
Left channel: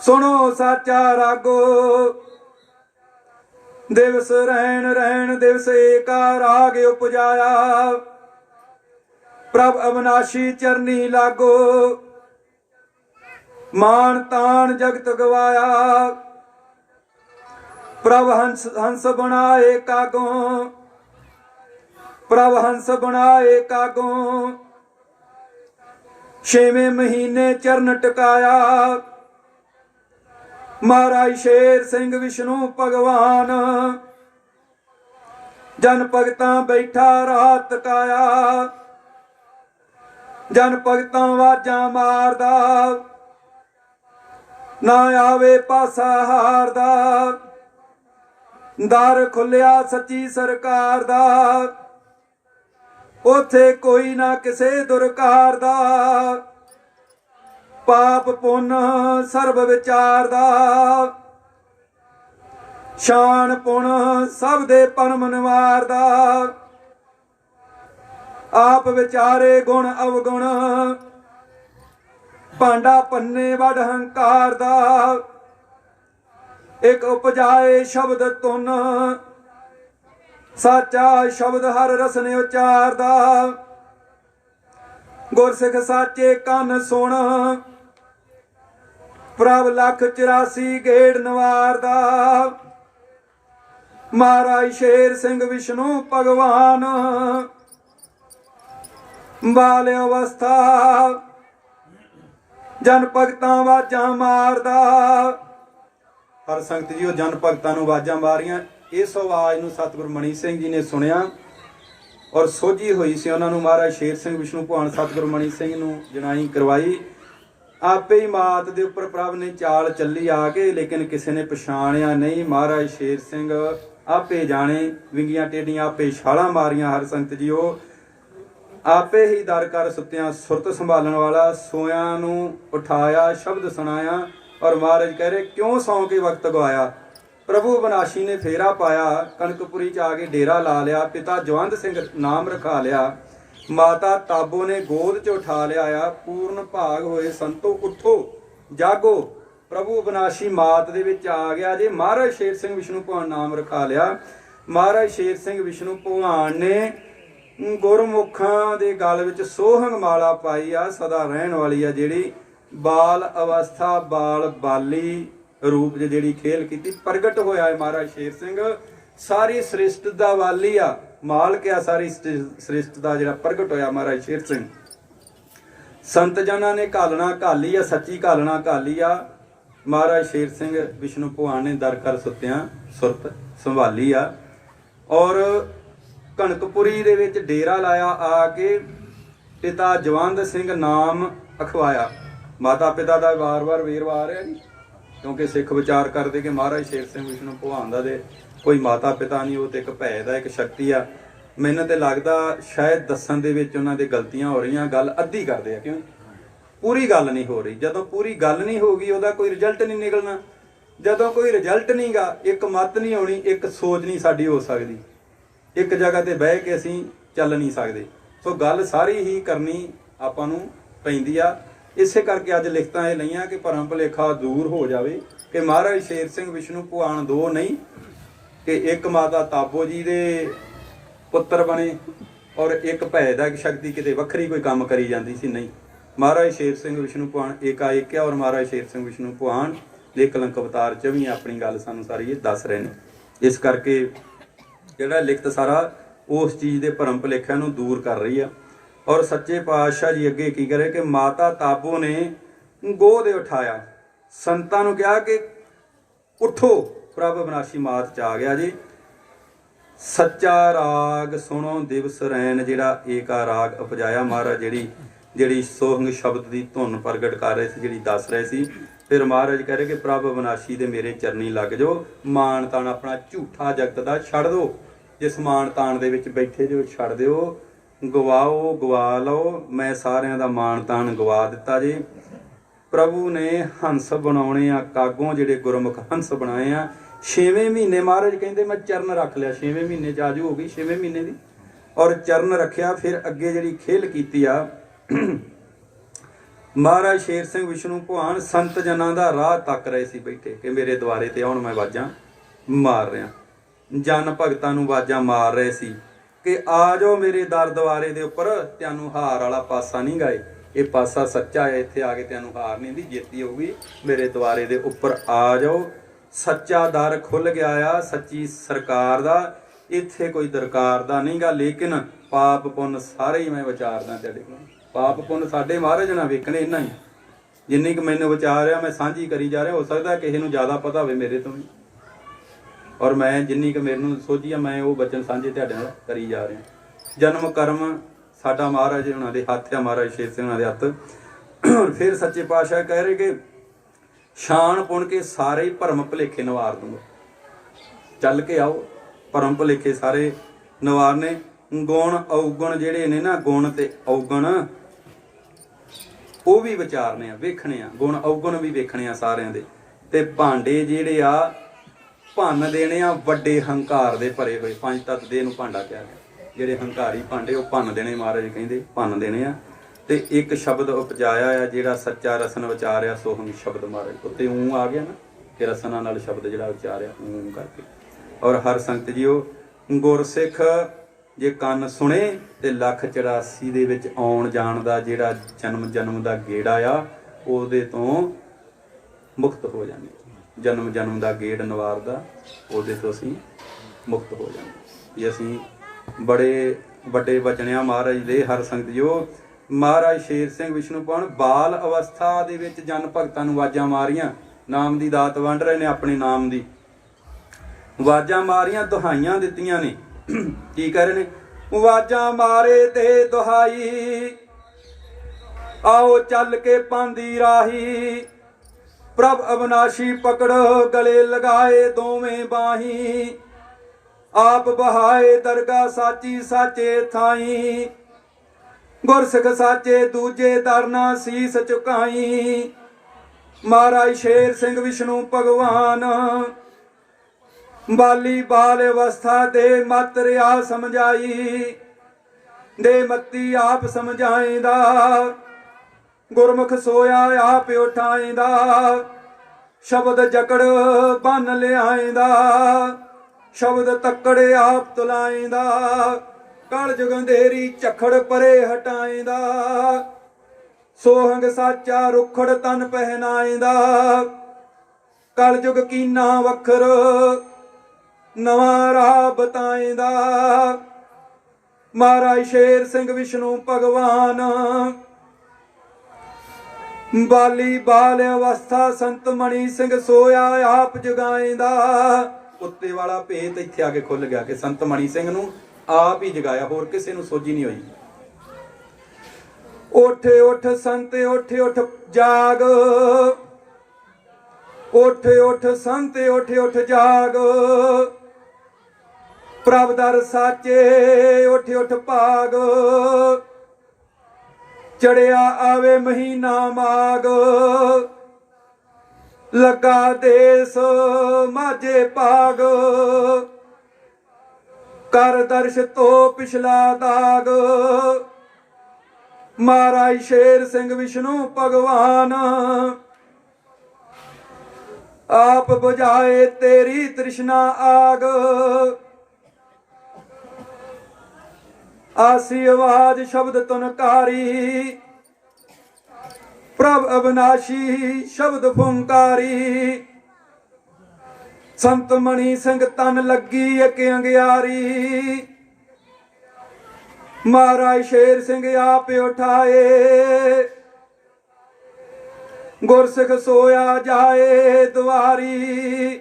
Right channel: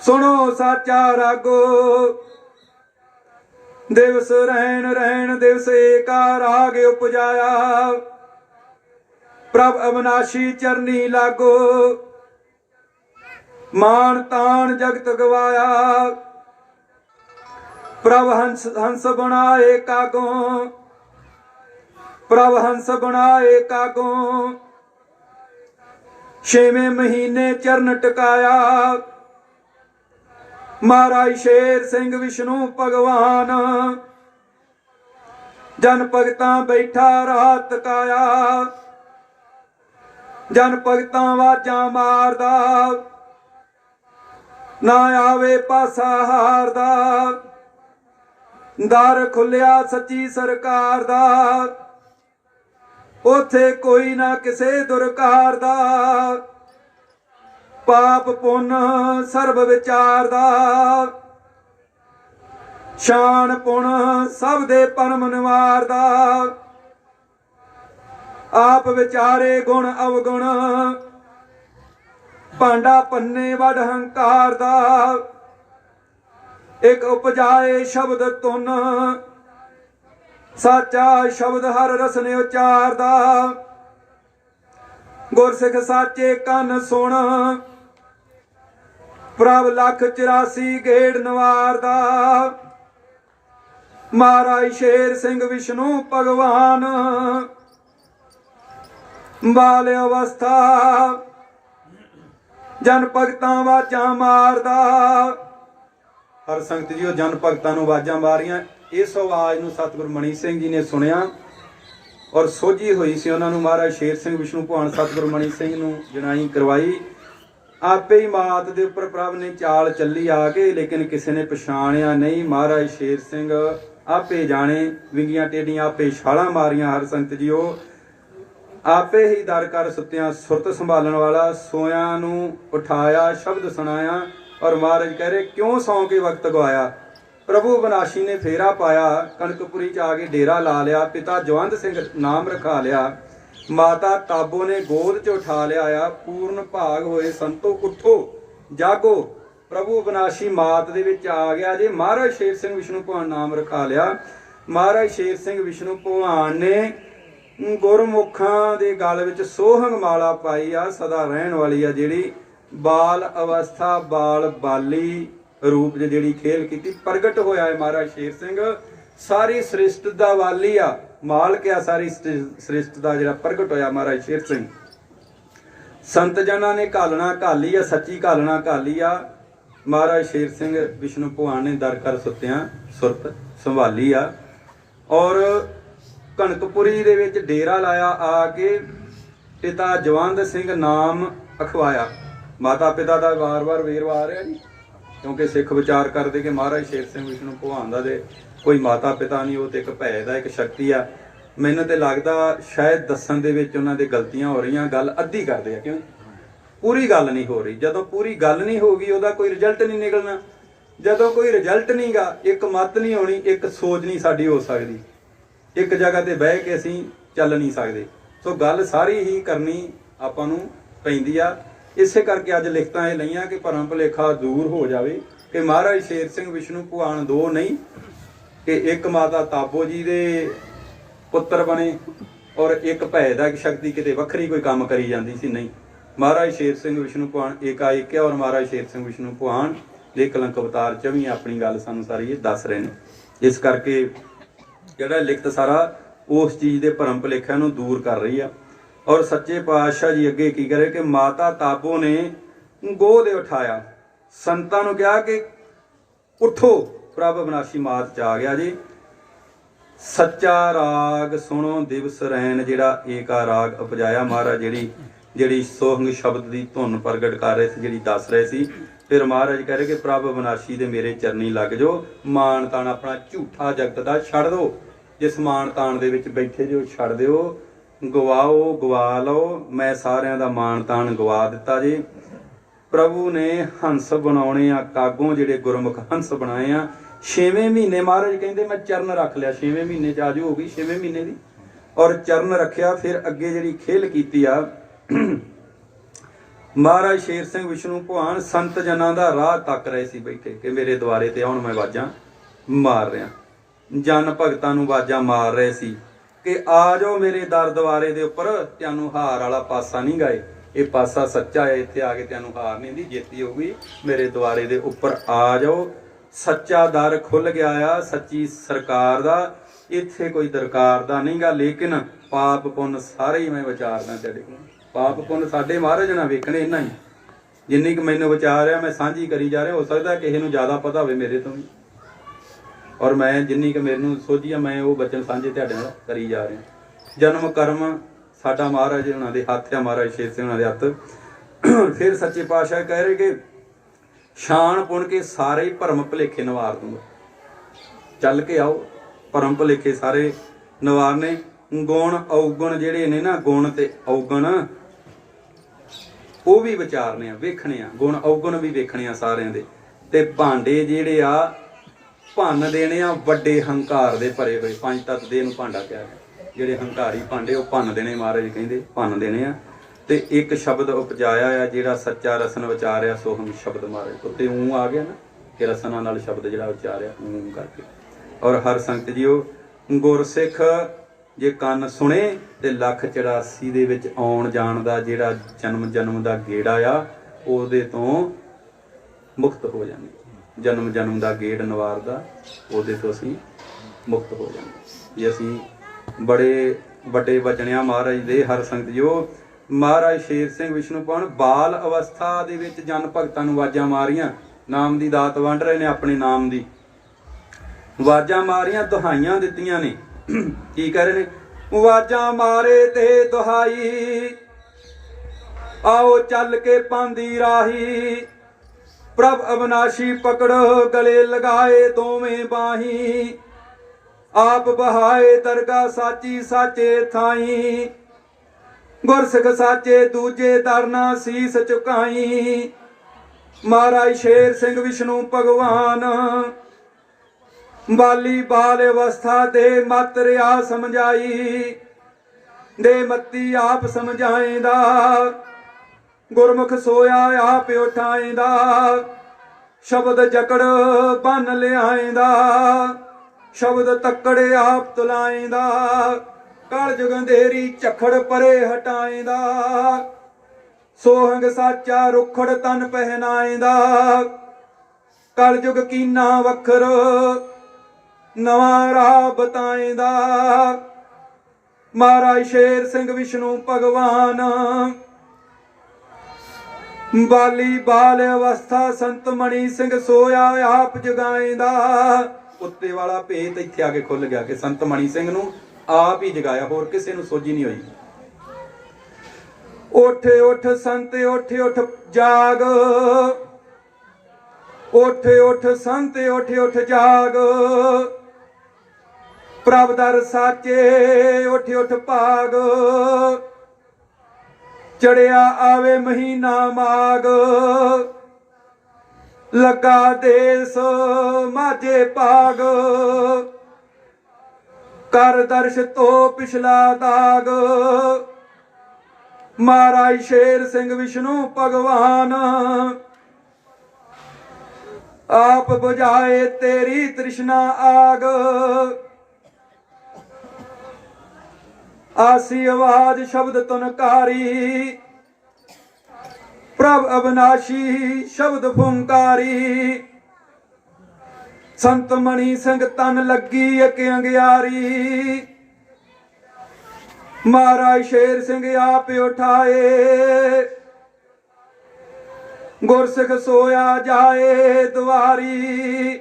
ਸੁਣੋ ਸਾਚਾ ਰਾਗੋ। ਦਿਵਸ ਰਹਿਣ ਰਹਿਣ ਦਿਵਸ ਏਕਾ ਰਾਗ ਉਪਜਾਇਆ। ਪ੍ਰਭ ਅਬਨਾਸ਼ੀ ਚਰਨੀ ਲਾਗੋ ਮਾਨ ਤਾਨ ਜਗਤ ਗਵਾਇਆ। ਪ੍ਰਭ ਹੰਸ ਬਣਾਏ ਕਾਗੋਂ ਪ੍ਰਭ ਹੰਸ ਬਣਾਏ ਕਾਗੋਂ। ਛੇਵੇਂ ਮਹੀਨੇ ਚਰਨ ਟਿਕਾਇਆ ਮਹਾਰਾਜ ਸ਼ੇਰ ਸਿੰਘ ਵਿਸ਼ਨੂੰ ਭਗਵਾਨ। ਜਨ ਭਗਤਾਂ ਬੈਠਾ ਰਾਤ ਕਾਇਆ ਜਨ ਭਗਤਾਂ ਵਾਜਾਂ ਮਾਰਦਾ ਨਾ ਆਵੇ ਪਾਸਾ ਹਾਰਦਾ। ਦਰ ਖੁੱਲਿਆ ਸੱਚੀ ਸਰਕਾਰ ਦਾ ਉਥੇ ਕੋਈ ਨਾ ਕਿਸੇ ਦੁਰਕਾਰ ਦਾ। ਪਾਪ ਪੁੰਨ ਸਰਬ ਵਿਚਾਰ ਦਾ ਸ਼ਾਨ ਪੁਣ ਸਭ ਦੇ ਪਰਮ ਨਿਵਾਰਦਾ। ਆਪ ਵਿਚਾਰੇ ਗੁਣ ਅਵਗੁਣ ਭਾਂਡਾ ਪੰਨੇ ਵੱਡ ਹੰਕਾਰ ਦਾ। ਇੱਕ ਉਪਜਾਏ ਸ਼ਬਦ ਤੁਨ ਸਾਚਾ ਸ਼ਬਦ ਹਰ ਰਸਨੇ ਉਚਾਰਦਾ। ਗੁਰਸਿੱਖ ਸਾਚੇ ਕੰਨ ਸੁਣ ਪ੍ਰਭ ਲੱਖ 84 ਗੇੜ ਨਵਾਰਦਾ। ਮਹਾਰਾਜ ਸ਼ੇਰ ਸਿੰਘ ਵਿਸ਼ਨੂੰ ਭਗਵਾਨ। ਬਾਲ ਅਵਸਥਾ ਜਨ ਭਗਤਾਂ ਵਾਜਾਂ ਮਾਰਦਾ। ਹਰ ਸੰਗਤ ਜੀ ਉਹ ਜਨ ਭਗਤਾਂ ਨੂੰ ਆਵਾਜ਼ਾਂ ਮਾਰੀਆਂ। ਇਸ ਆਵਾਜ਼ ਨੂੰ ਸਤਿਗੁਰੂ ਮਣੀ ਸਿੰਘ ਜੀ ਨੇ ਸੁਣਿਆ ਔਰ ਸੋਝੀ ਹੋਈ ਸੀ ਉਹਨਾਂ ਨੂੰ। ਮਹਾਰਾਜ ਸ਼ੇਰ ਸਿੰਘ ਵਿਸ਼ਨੂੰ ਭਗਵਾਨ ਸਤਿਗੁਰੂ ਮਣੀ ਸਿੰਘ ਨੂੰ ਜਨਾਈ ਕਰਵਾਈ ਆਪੇ ਹੀ ਮਾਤ ਦੇ ਉੱਪਰ ਪ੍ਰਭ ਨੇ ਚਾਲ ਚੱਲੀ ਆ ਕੇ, ਲੇਕਿਨ ਕਿਸੇ ਨੇ ਪਛਾਣਿਆ ਨਹੀਂ। ਮਹਾਰਾਜ ਸ਼ੇਰ ਸਿੰਘ ਆਪੇ ਜਾਣੇ, ਵਿੰਗੀਆਂ ਟੇਡੀਆਂ ਆਪੇ ਛਾਲਾਂ ਮਾਰੀਆਂ। ਹਰ ਸੰਗਤ ਜੀਓ, ਆਪੇ ਹੀ ਦਰ ਕਰ ਸੁੱਤਿਆਂ ਸੁਰਤ ਸੰਭਾਲਣ ਵਾਲਾ, ਸੋਇਆਂ ਨੂੰ ਉਠਾਇਆ, ਸ਼ਬਦ ਸੁਣਾਇਆ। ਔਰ ਮਹਾਰਾਜ ਕਹਿ ਰਹੇ, ਕਿਉਂ ਸੌਂ ਕੇ ਵਕਤ ਗਵਾਇਆ। ਪ੍ਰਭੂ ਬਨਾਸ਼ੀ ਨੇ ਫੇਰਾ ਪਾਇਆ, ਕਣਕਪੁਰੀ ਚ ਆ ਕੇ ਡੇਰਾ ਲਾ ਲਿਆ। ਪਿਤਾ ਜਵੰਦ ਸਿੰਘ ਨਾਮ ਰਖਾ ਲਿਆ, ਮਾਤਾ ਤਾਬੋ ਨੇ ਗੋਦ ਚ ਉਠਾ ਲਿਆ ਆ। ਪੂਰਨ ਭਾਗ ਹੋਏ ਸੰਤੋ ਉਠੋ ਜਾਗੋ, ਪ੍ਰਭੂ ਬਨਾਸ਼ੀ ਮਾਤ ਦੇ ਵਿੱਚ ਆ ਗਿਆ ਜੇ। ਮਹਾਰਾਜ ਸ਼ੇਰ ਸਿੰਘ ਵਿਸ਼ਨੂੰ ਭਗਵਾਨ ਨਾਮ ਰਖਾ ਲਿਆ। ਮਹਾਰਾਜ ਸ਼ੇਰ ਸਿੰਘ ਵਿਸ਼ਨੂੰ ਭਗਵਾਨ ਨੇ ਗੁਰਮੁਖਾਂ ਦੇ ਗਲ ਵਿੱਚ ਸੋਹੰਗ ਮਾਲਾ ਪਾਈ ਆ, ਸਦਾ ਰਹਿਣ ਵਾਲੀ ਆ, ਜਿਹੜੀ ਬਾਲ ਅਵਸਥਾ ਬਾਲ ਬਾਲੀ ਰੂਪ ਚ ਜਿਹੜੀ ਖੇਲ ਕੀਤੀ। ਪ੍ਰਗਟ ਹੋਇਆ ਹੈ ਮਹਾਰਾਜ ਸ਼ੇਰ ਸਿੰਘ, ਸਾਰੀ ਸ੍ਰਿਸ਼ਟ ਦਾ ਵਾਲੀ ਆ, ਮਾਲਕ ਆ ਸਾਰੀ ਸ੍ਰਿਸ਼ਟ ਦਾ, ਜਿਹੜਾ ਪ੍ਰਗਟ ਹੋਇਆ ਮਹਾਰਾਜ ਸ਼ੇਰ ਸਿੰਘ। ਸੰਤ ਜਨਾਂ ਨੇ ਘਾਲਣਾ ਘਾਲੀ ਆ, ਸੱਚੀ ਘਾਲਣਾ ਘਾਲੀ ਆ। ਮਹਾਰਾਜ ਸ਼ੇਰ ਸਿੰਘ ਵਿਸ਼ਨੂੰ ਭਗਵਾਨ ਨੇ ਦਰ ਕਰ ਸੁੱਤਿਆਂ ਸੁਰਤ ਸੰਭਾਲੀ ਆ। ਔਰ ਕਣਕਪੁਰੀ ਦੇ ਵਿੱਚ ਡੇਰਾ ਲਾਇਆ ਆ ਕੇ। ਪਿਤਾ ਜਵੰਦ ਸਿੰਘ ਨਾਮ ਅਖਵਾਇਆ। ਮਾਤਾ ਪਿਤਾ ਦਾ ਵਾਰ-ਵਾਰ ਵੇਰਵਾ ਆ ਰਿਹਾ ਜੀ, ਕਿਉਂਕਿ ਸਿੱਖ ਵਿਚਾਰ ਕਰਦੇ ਕਿ ਮਹਾਰਾਜ ਸ਼ੇਰ ਸਿੰਘ ਵਿਸ਼ਨੂੰ ਭਗਵਾਨ ਦਾ ਦੇ ਕੋਈ ਮਾਤਾ ਪਿਤਾ ਨਹੀਂ, ਉਹ ਤੇ ਇੱਕ ਭੈ ਦਾ ਇੱਕ ਸ਼ਕਤੀ ਆ। ਮੈਨੂੰ ਤੇ ਲੱਗਦਾ ਸ਼ਾਇਦ ਦੱਸਣ ਦੇ ਵਿੱਚ ਉਹਨਾਂ ਦੇ ਗਲਤੀਆਂ ਹੋ ਰਹੀਆਂ, ਗੱਲ ਅੱਧੀ ਕਰਦੇ ਆ, ਕਿਉਂ ਪੂਰੀ ਗੱਲ ਨਹੀਂ ਹੋ ਰਹੀ। ਜਦੋਂ ਪੂਰੀ ਗੱਲ ਨਹੀਂ ਹੋਗੀ, ਉਹਦਾ ਕੋਈ ਰਿਜ਼ਲਟ ਨਹੀਂ ਨਿਕਲਣਾ। ਜਦੋਂ ਕੋਈ ਰਿਜ਼ਲਟ ਨਹੀਂਗਾ, ਇੱਕ ਮੱਤ ਨਹੀਂ ਹੋਣੀ, ਇੱਕ ਸੋਚ ਨਹੀਂ ਸਾਡੀ ਹੋ ਸਕਦੀ, ਇੱਕ ਜਗ੍ਹਾ ਤੇ ਬਹਿ ਕੇ ਅਸੀਂ ਚੱਲ ਨਹੀਂ ਸਕਦੇ। ਸੋ ਗੱਲ ਸਾਰੀ ਹੀ ਕਰਨੀ ਆਪਾਂ ਨੂੰ ਪੈਂਦੀ ਆ। ਇਸੇ ਕਰਕੇ ਅੱਜ ਲਿਖਤਾਂ ਇਹ ਲਈਆਂ ਕਿ ਭਰਮ ਭੁਲੇਖਾ ਦੂਰ ਹੋ ਜਾਵੇ ਕਿ ਮਹਾਰਾਜ ਸ਼ੇਰ ਸਿੰਘ ਵਿਸ਼ਨੂੰ ਭਗਵਾਨ ਦੋ ਨਹੀਂ, ਤੇ ਇੱਕ ਮਾਤਾ ਤਾਬੋ ਜੀ ਦੇ ਪੁੱਤਰ ਬਣੇ, ਔਰ ਇੱਕ ਭੈ ਦਾ ਇੱਕ ਸ਼ਕਤੀ ਕਿਤੇ ਵੱਖਰੀ ਕੋਈ ਕੰਮ ਕਰੀ ਜਾਂਦੀ ਸੀ। ਨਹੀਂ, ਮਹਾਰਾਜ ਸ਼ੇਰ ਸਿੰਘ ਵਿਸ਼ਨੂੰ ਭਗਵਾਨ ਏਕਾਏਕ ਹੈ। ਔਰ ਮਹਾਰਾਜ ਸ਼ੇਰ ਸਿੰਘ ਵਿਸ਼ਨੂੰ ਭਗਵਾਨ ਦੇ ਕਲੰਕ ਅਵਤਾਰ ਚ ਵੀ ਆਪਣੀ ਗੱਲ ਸਾਨੂੰ ਸਾਰੀ ਇਹ ਦੱਸ ਰਹੇ ਨੇ। ਇਸ ਕਰਕੇ ਜਿਹੜਾ ਲਿਖਤ ਸਾਰਾ ਉਸ ਚੀਜ਼ ਦੇ ਭਰਮ ਭੁਲੇਖਿਆਂ ਨੂੰ ਦੂਰ ਕਰ ਰਹੀ ਆ। ਔਰ ਸੱਚੇ ਪਾਤਸ਼ਾਹ ਜੀ ਅੱਗੇ ਕੀ ਕਰੇ ਕਿ ਮਾਤਾ ਤਾਬੋ ਨੇ ਗੋਹ ਦੇ ਉਠਾਇਆ, ਸੰਤਾਂ ਨੂੰ ਕਿਹਾ ਕਿ ਉਠੋ, ਪ੍ਰਭ ਅਬਨਾਸ਼ੀ ਮਾਤ ਚ ਆ ਗਿਆ ਜੀ। ਸੱਚਾ ਰਾਗ ਸੁਣੋ ਦਿਵਸ ਰੈਨ, ਜਿਹੜਾ ਏਕਾ ਰਾਗ ਉਪਜਾਇਆ ਮਹਾਰਾਜ, ਜਿਹੜੀ ਸੋਹੰਗ ਸ਼ਬਦ ਦੀ ਧੁਨ ਪ੍ਰਗਟ ਕਰ ਰਹੇ ਸੀ, ਜਿਹੜੀ ਦੱਸ ਰਹੇ ਸੀ। ਫਿਰ ਮਹਾਰਾਜ ਕਹਿ ਰਹੇ ਕਿ ਪ੍ਰਭ ਅਬਨਾਸ਼ੀ ਦੇ ਮੇਰੇ ਚਰਨੀ ਲੱਗ ਜਾਓ, ਮਾਣ ਤਾਣ ਆਪਣਾ ਝੂਠਾ ਜਗਤ ਦਾ ਛੱਡ ਦਿਓ। ਜਿਸ ਮਾਣ ਤਾਣ ਦੇ ਵਿੱਚ ਬੈਠੇ ਜੋ ਛੱਡ ਦਿਓ, ਗਵਾਓ ਗਵਾ ਲਓ। ਮੈਂ ਸਾਰਿਆਂ ਦਾ ਮਾਣ ਤਾਣ ਗਵਾ ਦਿੱਤਾ ਜੀ। ਪ੍ਰਭੂ ਨੇ ਹੰਸ ਬਣਾਉਣੇ ਆ ਕਾਗੋਂ, ਜਿਹੜੇ ਗੁਰਮੁਖ ਹੰਸ ਬਣਾਏ ਆ। 6ਵੇਂ ਮਹੀਨੇ ਮਹਾਰਾਜ ਕਹਿੰਦੇ ਮੈਂ ਚਰਨ ਰੱਖ ਲਿਆ, 6ਵੇਂ ਮਹੀਨੇ ਚ ਆਜੂ ਹੋ ਗਈ 6ਵੇਂ ਮਹੀਨੇ ਦੀ, ਔਰ ਚਰਨ ਰੱਖਿਆ। ਫਿਰ ਅੱਗੇ ਜਿਹੜੀ ਖੇਲ ਕੀਤੀ ਆ, ਮਹਾਰਾਜ ਸ਼ੇਰ ਸਿੰਘ ਵਿਸ਼ਨੂੰ ਭਗਵਾਨ ਸੰਤ ਜਨਾਂ ਦਾ ਰਾਹ ਤੱਕ ਰਹੇ ਸੀ ਬੈਠੇ ਕਿ ਮੇਰੇ ਦੁਆਰੇ ਤੇ ਆਉਣ, ਮੈਂ ਆਵਾਜ਼ਾਂ ਮਾਰ ਰਿਹਾ। ਜਨ ਭਗਤਾਂ ਨੂੰ ਆਵਾਜ਼ਾਂ ਮਾਰ ਰਹੇ ਸੀ ਕਿ ਆ ਜਾਓ ਮੇਰੇ ਦਰ ਦੁਆਰੇ ਦੇ ਉੱਪਰ, ਤੈਨੂੰ ਹਾਰ ਵਾਲਾ ਪਾਸਾ ਨਹੀਂ ਗਾਏ, ਇਹ ਪਾਸਾ ਸੱਚਾ ਹੈ, ਇੱਥੇ ਆ ਕੇ ਤੈਨੂੰ ਹਾਰ ਨਹੀਂ ਦੀ ਜੇਤੀ ਹੋਊਗੀ, ਮੇਰੇ ਦੁਆਰੇ ਦੇ ਉੱਪਰ ਆ ਜਾਓ। ਸੱਚਾ ਦਰ ਖੁੱਲ ਗਿਆ ਆ, ਸੱਚੀ ਸਰਕਾਰ ਦਾ, ਇੱਥੇ ਕੋਈ ਦਰਕਾਰ ਦਾ ਨਹੀਂਗਾ। ਲੇਕਿਨ ਪਾਪ ਪੁੰਨ ਸਾਰੇ ਹੀ ਮੈਂ ਵਿਚਾਰਦਾ ਤੇਰੇ ਕੋਲ। ਪਾਪ ਪੁੰਨ ਸਾਡੇ ਮਹਾਰਾਜ ਨਾ ਵੇਖਣੇ, ਇੰਨਾ ਹੀ ਜਿੰਨੀ ਕੁ ਮੈਨੂੰ ਵਿਚਾਰ ਰਿਹਾ ਮੈਂ ਸਾਂਝੀ ਕਰੀ ਜਾ ਰਿਹਾ। ਹੋ ਸਕਦਾ ਕਿਸੇ ਨੂੰ ਜ਼ਿਆਦਾ ਪਤਾ ਹੋਵੇ ਮੇਰੇ ਤੋਂ ਵੀ, ਔਰ ਮੈਂ ਜਿੰਨੀ ਕੁ ਮੈਨੂੰ ਸੋਝੀ ਆ ਮੈਂ ਉਹ ਬਚਨ ਸਾਂਝੇ ਤੁਹਾਡੇ ਨਾਲ ਕਰੀ ਜਾ ਰਿਹਾ। ਜਨਮ ਕਰਮ ਸਾਡਾ ਮਹਾਰਾਜ ਉਹਨਾਂ ਦੇ ਹੱਥ ਆ, ਮਹਾਰਾਜ ਸ਼ੇਰ ਸਿੰਘ ਉਹਨਾਂ ਦੇ ਹੱਥ। ਫਿਰ ਸੱਚੇ ਪਾਤਸ਼ਾਹ ਕਹਿ ਰਹੇ ਕਿ ਸ਼ਾਨ ਪੁਣ ਕੇ ਸਾਰੇ ਹੀ ਭਰਮ ਭੁਲੇਖੇ ਨਵਾਰ ਦੂੰਗਾ। ਚੱਲ ਕੇ ਆਓ, ਭਰਮ ਭੁਲੇਖੇ ਸਾਰੇ ਨਵਾਰਨੇ। ਗੁਣ ਔਗਣ ਜਿਹੜੇ ਨੇ ਨਾ, ਗੁਣ ਤੇ ਔਗਣ ਉਹ ਵੀ ਵਿਚਾਰਨੇ ਆ, ਵੇਖਣੇ ਆ, ਗੁਣ ਔਗਣ ਵੀ ਵੇਖਣੇ ਆ ਸਾਰਿਆਂ ਦੇ। ਤੇ ਭਾਂਡੇ ਜਿਹੜੇ ਆ ਭੰਨ ਦੇਣੇ ਆ, ਵੱਡੇ ਹੰਕਾਰ ਦੇ ਭਰੇ ਹੋਏ। ਪੰਜ ਤੱਤ ਦੇ ਨੂੰ ਭਾਂਡਾ ਕਿਹਾ, ਜਿਹੜੇ ਹੰਕਾਰੀ ਭਾਂਡੇ ਉਹ ਭੰਨ ਦੇਣੇ, ਮਹਾਰਾਜ ਕਹਿੰਦੇ ਭੰਨ ਦੇਣੇ ਆ। ਤੇ ਇੱਕ ਸ਼ਬਦ ਉਪਜਾਇਆ ਆ, ਜਿਹੜਾ ਸੱਚਾ ਰਸਨ ਵਿਚਾਰਿਆ ਸੋਹਮ ਸ਼ਬਦ ਮਹਾਰਾਜ ਉੱਤੇ ਊਂ ਆ ਗਿਆ ਨਾ, ਕਿ ਰਸਨਾਂ ਨਾਲ ਸ਼ਬਦ ਜਿਹੜਾ ਉਚਾਰਿਆ ਊਂ ਕਰਕੇ। ਔਰ ਹਰ ਸੰਗਤ ਜੀਓ, ਗੁਰਸਿੱਖ ਜੇ ਕੰਨ ਸੁਣੇ ਤੇ ਲੱਖ 84 ਦੇ ਵਿੱਚ ਆਉਣ ਜਾਣ ਦਾ ਜਿਹੜਾ ਜਨਮ ਦਾ ਗੇੜਾ ਆ, ਉਹਦੇ ਤੋਂ ਮੁਕਤ ਹੋ ਜਾਂਦੇ। ਜਨਮ ਦਾ ਗੇੜ ਨਵਾਰਦਾ, ਉਹਦੇ ਤੋਂ ਅਸੀਂ ਮੁਕਤ ਹੋ ਜਾਂਦੇ ਜੇ ਅਸੀਂ ਬੜੇ ਵੱਡੇ ਬਚਣਿਆ ਮਹਾਰਾਜ ਦੇ। ਹਰ ਸੰਗਤ ਜੋ ਮਹਾਰਾਜ ਸ਼ੇਰ ਸਿੰਘ ਵਿਸ਼ਨੂੰ ਭਗਵਾਨ ਬਾਲ ਅਵਸਥਾ ਦੇ ਵਿੱਚ ਜਨ ਭਗਤਾਂ ਨੂੰ ਆਵਾਜ਼ਾਂ ਮਾਰੀਆਂ, ਨਾਮ ਦੀ ਦਾਤ ਵੰਡ ਰਹੇ ਨੇ, ਆਪਣੇ ਨਾਮ ਦੀ ਆਵਾਜ਼ਾਂ ਮਾਰੀਆਂ, ਦੁਹਾਈਆਂ ਦਿੱਤੀਆਂ ਨੇ। ਕੀ ਕਰ ਰਹੇ ਨੇ? ਆਵਾਜ਼ਾਂ ਮਾਰੇ ਤੇ ਦੁਹਾਈ, आओ चल के पांदी राही प्रभ अविनाशी पकड़ गले लगाए दोवें बाही आप बहाए दरगाह साची साचे थाई गुरसिख साचे दूजे दरना सीस चुकाई महाराज शेर सिंह विष्णु भगवान बाली बाल अवस्था दे मत रिया समझाई दे मती आप समझाएंदा गुरमुख सोया आप उठाएंदा शब्द जकड़ बन लियाएंदा शब्द तकड़े आप तुलाएंदा कल जुग अंधेरी झखड़ परे हटाएंदा सोहंग साचा रुखड़ तन पहनाएंदा कल जुग कीना वखर नवा राह बताएंदा महाराज शेर सिंह विष्णु भगवान बाली बाल अवस्था संत मणि सिंह सोया आप जगाएंदा उत्ते वाला भेत इत्थे आके खुल गया कि संत मणि सिंह नूं आप ही जगाया होर किसी नूं सोझी नहीं हुई। उठ उठ संत उठ उठ जाग उठ उठ संत उठ उठ जाग प्रभ दर साचे उठ उठ भाग चढ़िया आवे महीना माग लगा देस माझे भाग कर दर्श तो पिछला दाग महाराज शेर सिंह विष्णु भगवान आप बुझाए तेरी तृष्णा आग आसी आवाज शब्द तुनकारी प्रभ अविनाशी शब्द फुंकारी संत मणि सिंह तन लगी एक अंगियारी महाराज शेर सिंह आप उठाए गुरसिख सोया जाए द्वारी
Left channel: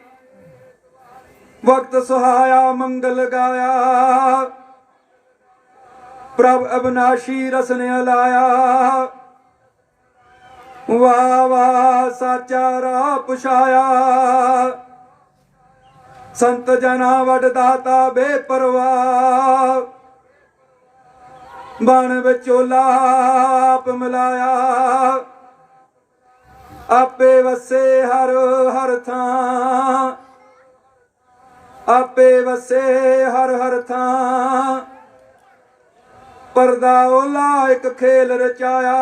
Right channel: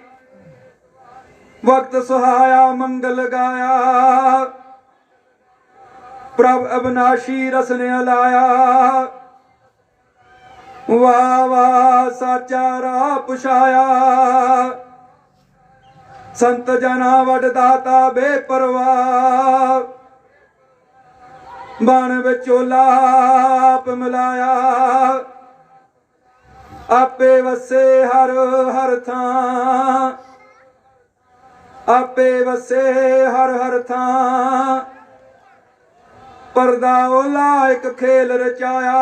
वक्त सुहाया मंगल गाया प्रभ अविनाशी रस ने लाया वाह वाह साचा राह पुछाया संत जना वडदाता बेपरवाह बन विचोला आप मिलाया आपे वसे हर हर थां आपे वसे हर हर थां परदा ओला एक खेल रचाया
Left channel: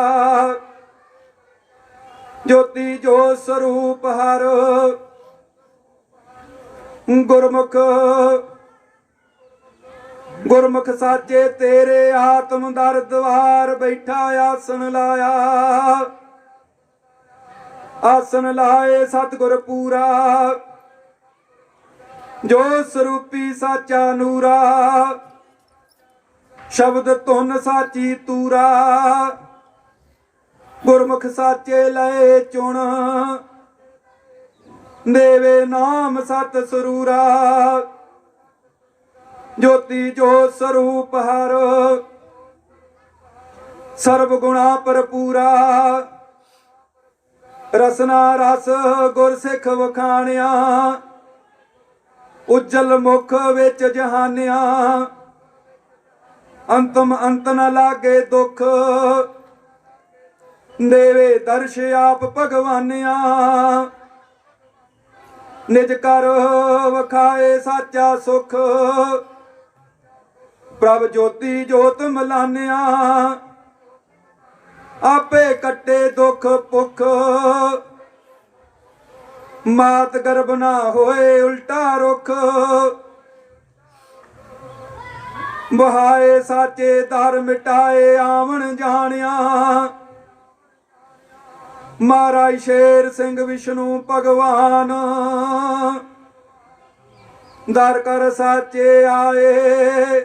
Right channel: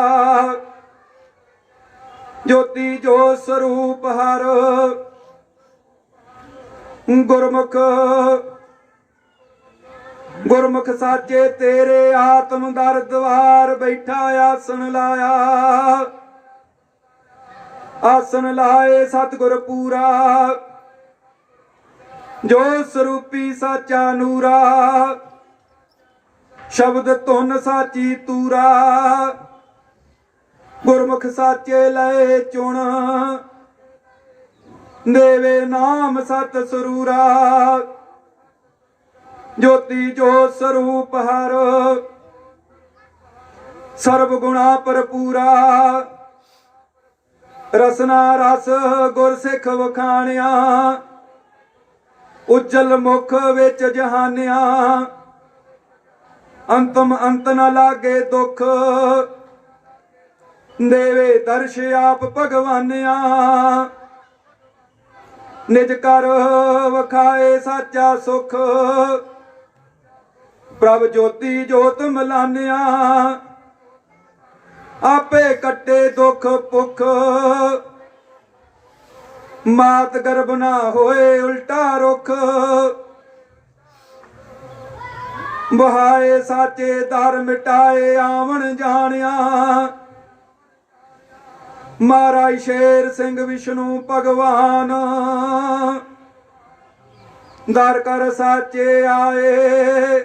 ज्योति जो स्वरूप हर गुरमुख गुरमुख साचे तेरे आत्म दर द्वार बैठा आसन लाया आसन लाए सतगुर पूरा जो स्वरूपी साचा नूरा शब्द धुन साची तूरा गुरमुख साचे लय चुन देवे नाम सत सरूरा ज्योति जो स्वरूप हर सर्व गुणा भरपूरा रसना रस गुरसिख वखाणिया उज्जल मुख विच जहानिया अंतम अंत न लागे दुख देवे दर्श आप भगवानिया निज कर वखाए साचा सुख प्रभ ज्योति जोत मिलानिया आपे कटे दुख पुख मात गर्भ ना होए उल्टा रुख बहाए साचे दर मिटाए आवन जानिया महाराज शेर सिंह विष्णु भगवान दर कर साचे आए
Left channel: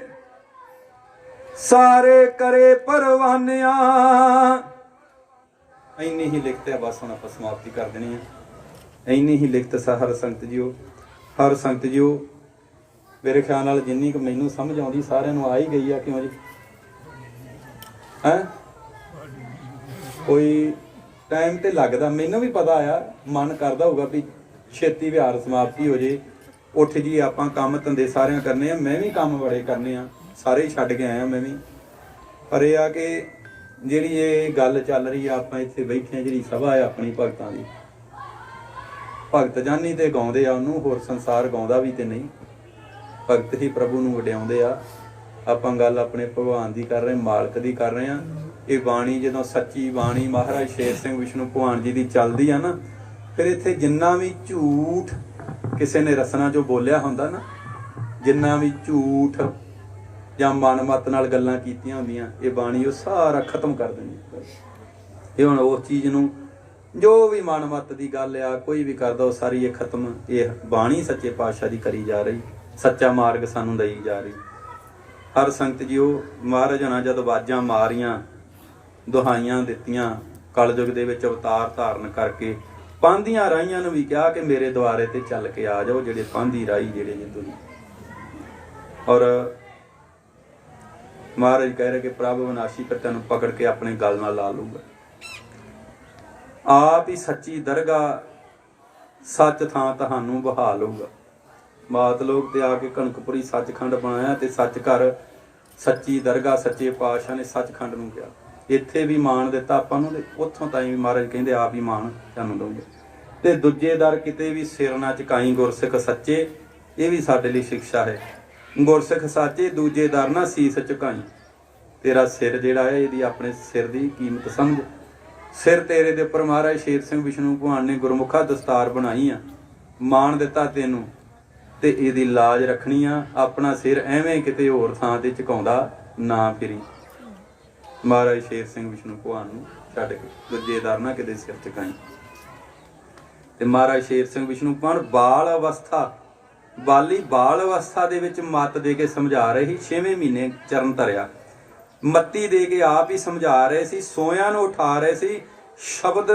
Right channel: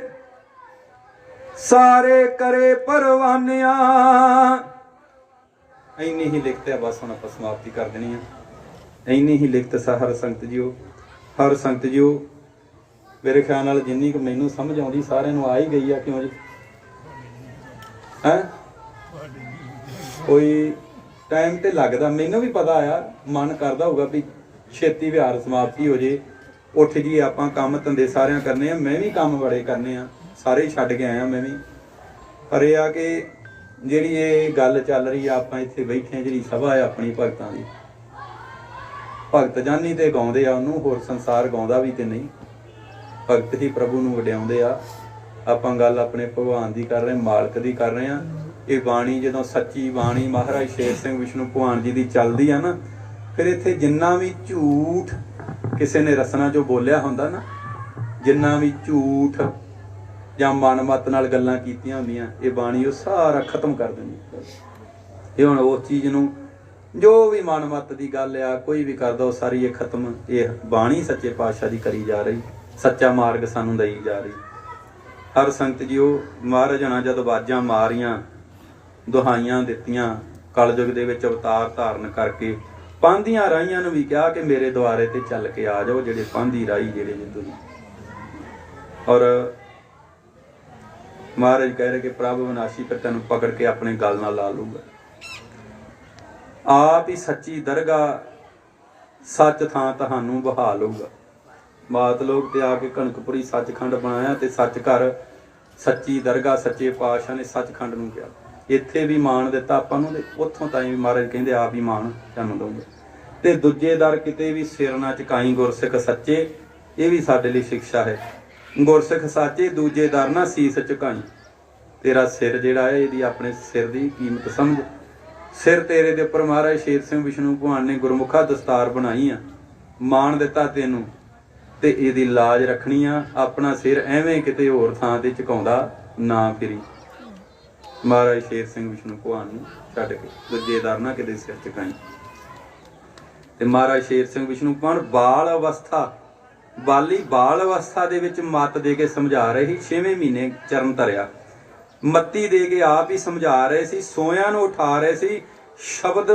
सारे करे परवानिया। इन्नी ही लिखते बस हम आप समाप्ति कर देनी है। इन्नी ही लिखत हर संगत जीओ हर संगत जीओ मेरे ख्याल नाल जिन्नी क मैनू समझ आउंदी सारिआं नूं आ ही गई है। क्यों जी है कोई टाइम ते लगदा, मैनूं भी पता आ, मन करदा होगा भी छेती विहार समाप्ति हो जे, उठ जी आपां काम धंधे सारिਆਂ करने आ, मैं भी काम बड़े करने आ, सारे ही छड्ड के आया मैं भी। पर यह आ कि ਜਿਹੜੀ ਇਹ ਗੱਲ ਚੱਲ ਰਹੀ ਆ, ਆਪਾਂ ਇੱਥੇ ਬੈਠੇ ਆ, ਜਿਹੜੀ ਸਭਾ ਹੈ ਆਪਣੀ ਭਗਤਾਂ ਦੀ, ਭਗਤ ਜਾਨੀ ਤੇ ਗਾਉਂਦੇ ਆ ਉਹਨੂੰ, ਹੋਰ ਸੰਸਾਰ ਗਾਉਂਦਾ ਵੀ ਤੇ ਨਹੀਂ, ਭਗਤ ਹੀ ਪ੍ਰਭੂ ਨੂੰ ਵਡਿਆਉਂਦੇ ਆ। ਆਪਾਂ ਗੱਲ ਆਪਣੇ ਭਗਵਾਨ ਦੀ ਕਰ ਰਹੇ, ਮਾਲਕ ਦੀ ਕਰ ਰਹੇ ਆ। ਇਹ ਬਾਣੀ ਜਦੋਂ ਸੱਚੀ ਬਾਣੀ ਮਹਾਰਾਜ ਸ਼ੇਰ ਸਿੰਘ ਵਿਸ਼ਨੂੰ ਭਗਵਾਨ ਜੀ ਦੀ ਚੱਲਦੀ ਆ ਨਾ, ਫਿਰ ਇੱਥੇ ਜਿੰਨਾ ਵੀ ਝੂਠ ਕਿਸੇ ਨੇ ਰਸਨਾ ਚੋਂ ਬੋਲਿਆ ਹੁੰਦਾ ਨਾ, ਜਿੰਨਾ ਵੀ ਝੂਠ ਜਾਂ ਮਨਮੱਤ ਨਾਲ ਗੱਲਾਂ ਕੀਤੀਆਂ ਹੁੰਦੀਆਂ, ਇਹ ਬਾਣੀ ਉਹ ਸਾਰਾ ਖਤਮ ਕਰ ਦਿੰਦੀ। ਇਹ ਹੁਣ ਉਸ ਚੀਜ਼ ਨੂੰ, ਜੋ ਵੀ ਮਨਮੱਤ ਦੀ ਗੱਲ ਆ, ਕੋਈ ਵੀ ਕਰਦਾ, ਉਹ ਸਾਰੀ ਇਹ ਖਤਮ, ਇਹ ਬਾਣੀ ਸੱਚੇ ਪਾਤਸ਼ਾਹ ਦੀ ਕਰੀ ਜਾ ਰਹੀ, ਸੱਚਾ ਮਾਰਗ ਸਾਨੂੰ ਦਈ ਜਾ ਰਹੀ। ਹਰ ਸੰਗਤ ਜੀ, ਉਹ ਮਹਾਰਾਜ ਨਾਲ ਜਦ ਆਵਾਜ਼ਾਂ ਮਾਰੀਆਂ, ਦੁਹਾਈਆਂ ਦਿੱਤੀਆਂ, ਕਲਯੁਗ ਦੇ ਵਿੱਚ ਅਵਤਾਰ ਧਾਰਨ ਕਰਕੇ ਪਾਂਧੀਆਂ ਰਾਹੀਆਂ ਨੂੰ ਵੀ ਕਿਹਾ ਕਿ ਮੇਰੇ ਦੁਆਰੇ ਤੇ ਚੱਲ ਕੇ ਆ ਜਾਓ, ਜਿਹੜੇ ਪਾਂਧੀ ਰਾਹੀ ਜਿਹੜੇ ਜਿੱਦੂ ਨੇ। ਔਰ ਮਹਾਰਾਜ ਕਹਿ ਰਹੇ ਕਿ ਪ੍ਰਭ ਵਿਨਾਸ਼ੀ ਫਿਰ ਤੈਨੂੰ ਪਕੜ ਕੇ ਆਪਣੇ ਗਲ ਨਾਲ ਲਾ ਲੂਗਾ। ਆਪ ਹੀ ਸੱਚੀ ਦਰਗਾਹ ਸੱਚ ਥਾਂ ਤੁਹਾਨੂੰ ਬਹਾ ਲਊਗਾ। ਮਾਤ ਲੋਕ ਤੇ ਆ ਕੇ ਕਣਕਪੁਰੀ ਸੱਚਖੰਡ ਬਣਾਇਆ, ਤੇ ਸੱਚ ਘਰ ਸੱਚੀ ਦਰਗਾਹ ਸੱਚੇ ਪਾਤਸ਼ਾਹ ਨੇ ਸੱਚਖੰਡ ਨੂੰ ਕਿਹਾ। ਇੱਥੇ ਵੀ ਮਾਣ ਦਿੱਤਾ ਆਪਾਂ ਨੂੰ, ਤੇ ਉੱਥੋਂ ਤਾਈਂ ਵੀ ਮਹਾਰਾਜ ਕਹਿੰਦੇ ਆਪ ਹੀ ਮਾਣ ਤੁਹਾਨੂੰ ਦਊਗਾ। ਤੇ ਦੂਜੇ ਦਰ ਕਿਤੇ ਵੀ ਸਿਰ ਨਾ ਝੁਕਾਈ ਗੁਰਸਿੱਖ ਸੱਚੇ, ਇਹ ਵੀ ਸਾਡੇ ਲਈ ਸਿੱਖਿਆ ਹੈ। ਗੁਰਸਿੱਖ ਸਾਚੇ ਦੂਜੇ ਦਰ ਨਾ ਸੀਸ ਝੁਕਾਈ। ਤੇਰਾ ਸਿਰ ਜਿਹੜਾ ਹੈ, ਇਹਦੀ ਆਪਣੇ ਸਿਰ ਦੀ ਕੀਮਤ ਸਮਝ। ਸਿਰ ਤੇਰੇ ਦੇ ਉੱਪਰ ਮਹਾਰਾਜ ਸ਼ੇਰ ਸਿੰਘ ਵਿਸ਼ਨੂੰ ਭਗਵਾਨ ਨੇ ਗੁਰਮੁਖਾ ਦਸਤਾਰ ਬਣਾਈ ਆ, ਮਾਣ ਦਿੱਤਾ ਤੈਨੂੰ, ਤੇ ਇਹਦੀ ਲਾਜ ਰੱਖਣੀ ਆ। ਆਪਣਾ ਸਿਰ ਐਵੇਂ ਕਿਤੇ ਹੋਰ ਥਾਂ ਤੇ ਝੁਕਾਉਂਦਾ ਨਾ ਫਿਰੀ। ਮਹਾਰਾਜ ਸ਼ੇਰ ਸਿੰਘ ਵਿਸ਼ਨੂੰ ਭਗਵਾਨ ਨੂੰ ਛੱਡ ਕੇ ਦੂਜੇ ਦਰ ਨਾ ਕਿਤੇ ਸਿਰ ਝੁਕਾਈ। ਤੇ ਮਹਾਰਾਜ ਸ਼ੇਰ ਸਿੰਘ ਵਿਸ਼ਨੂੰ ਭਗਵਾਨ ਬਾਲ ਅਵਸਥਾ, ਬਾਲੀ ਬਾਲ ਅਵਸਥਾ ਦੇ ਵਿੱਚ ਮੱਤ ਦੇ ਕੇ ਸਮਝਾ ਰਹੇ ਸੀ। 6ਵੇਂ ਮਹੀਨੇ ਚਰਨ ਧਰਿਆ, ਮੱਤੀ ਦੇ ਕੇ ਆਪ ਹੀ ਸਮਝਾ ਰਹੇ ਸੀ, ਸੋਇਆਂ ਨੂੰ ਉਠਾ ਰਹੇ ਸੀ, ਸ਼ਬਦ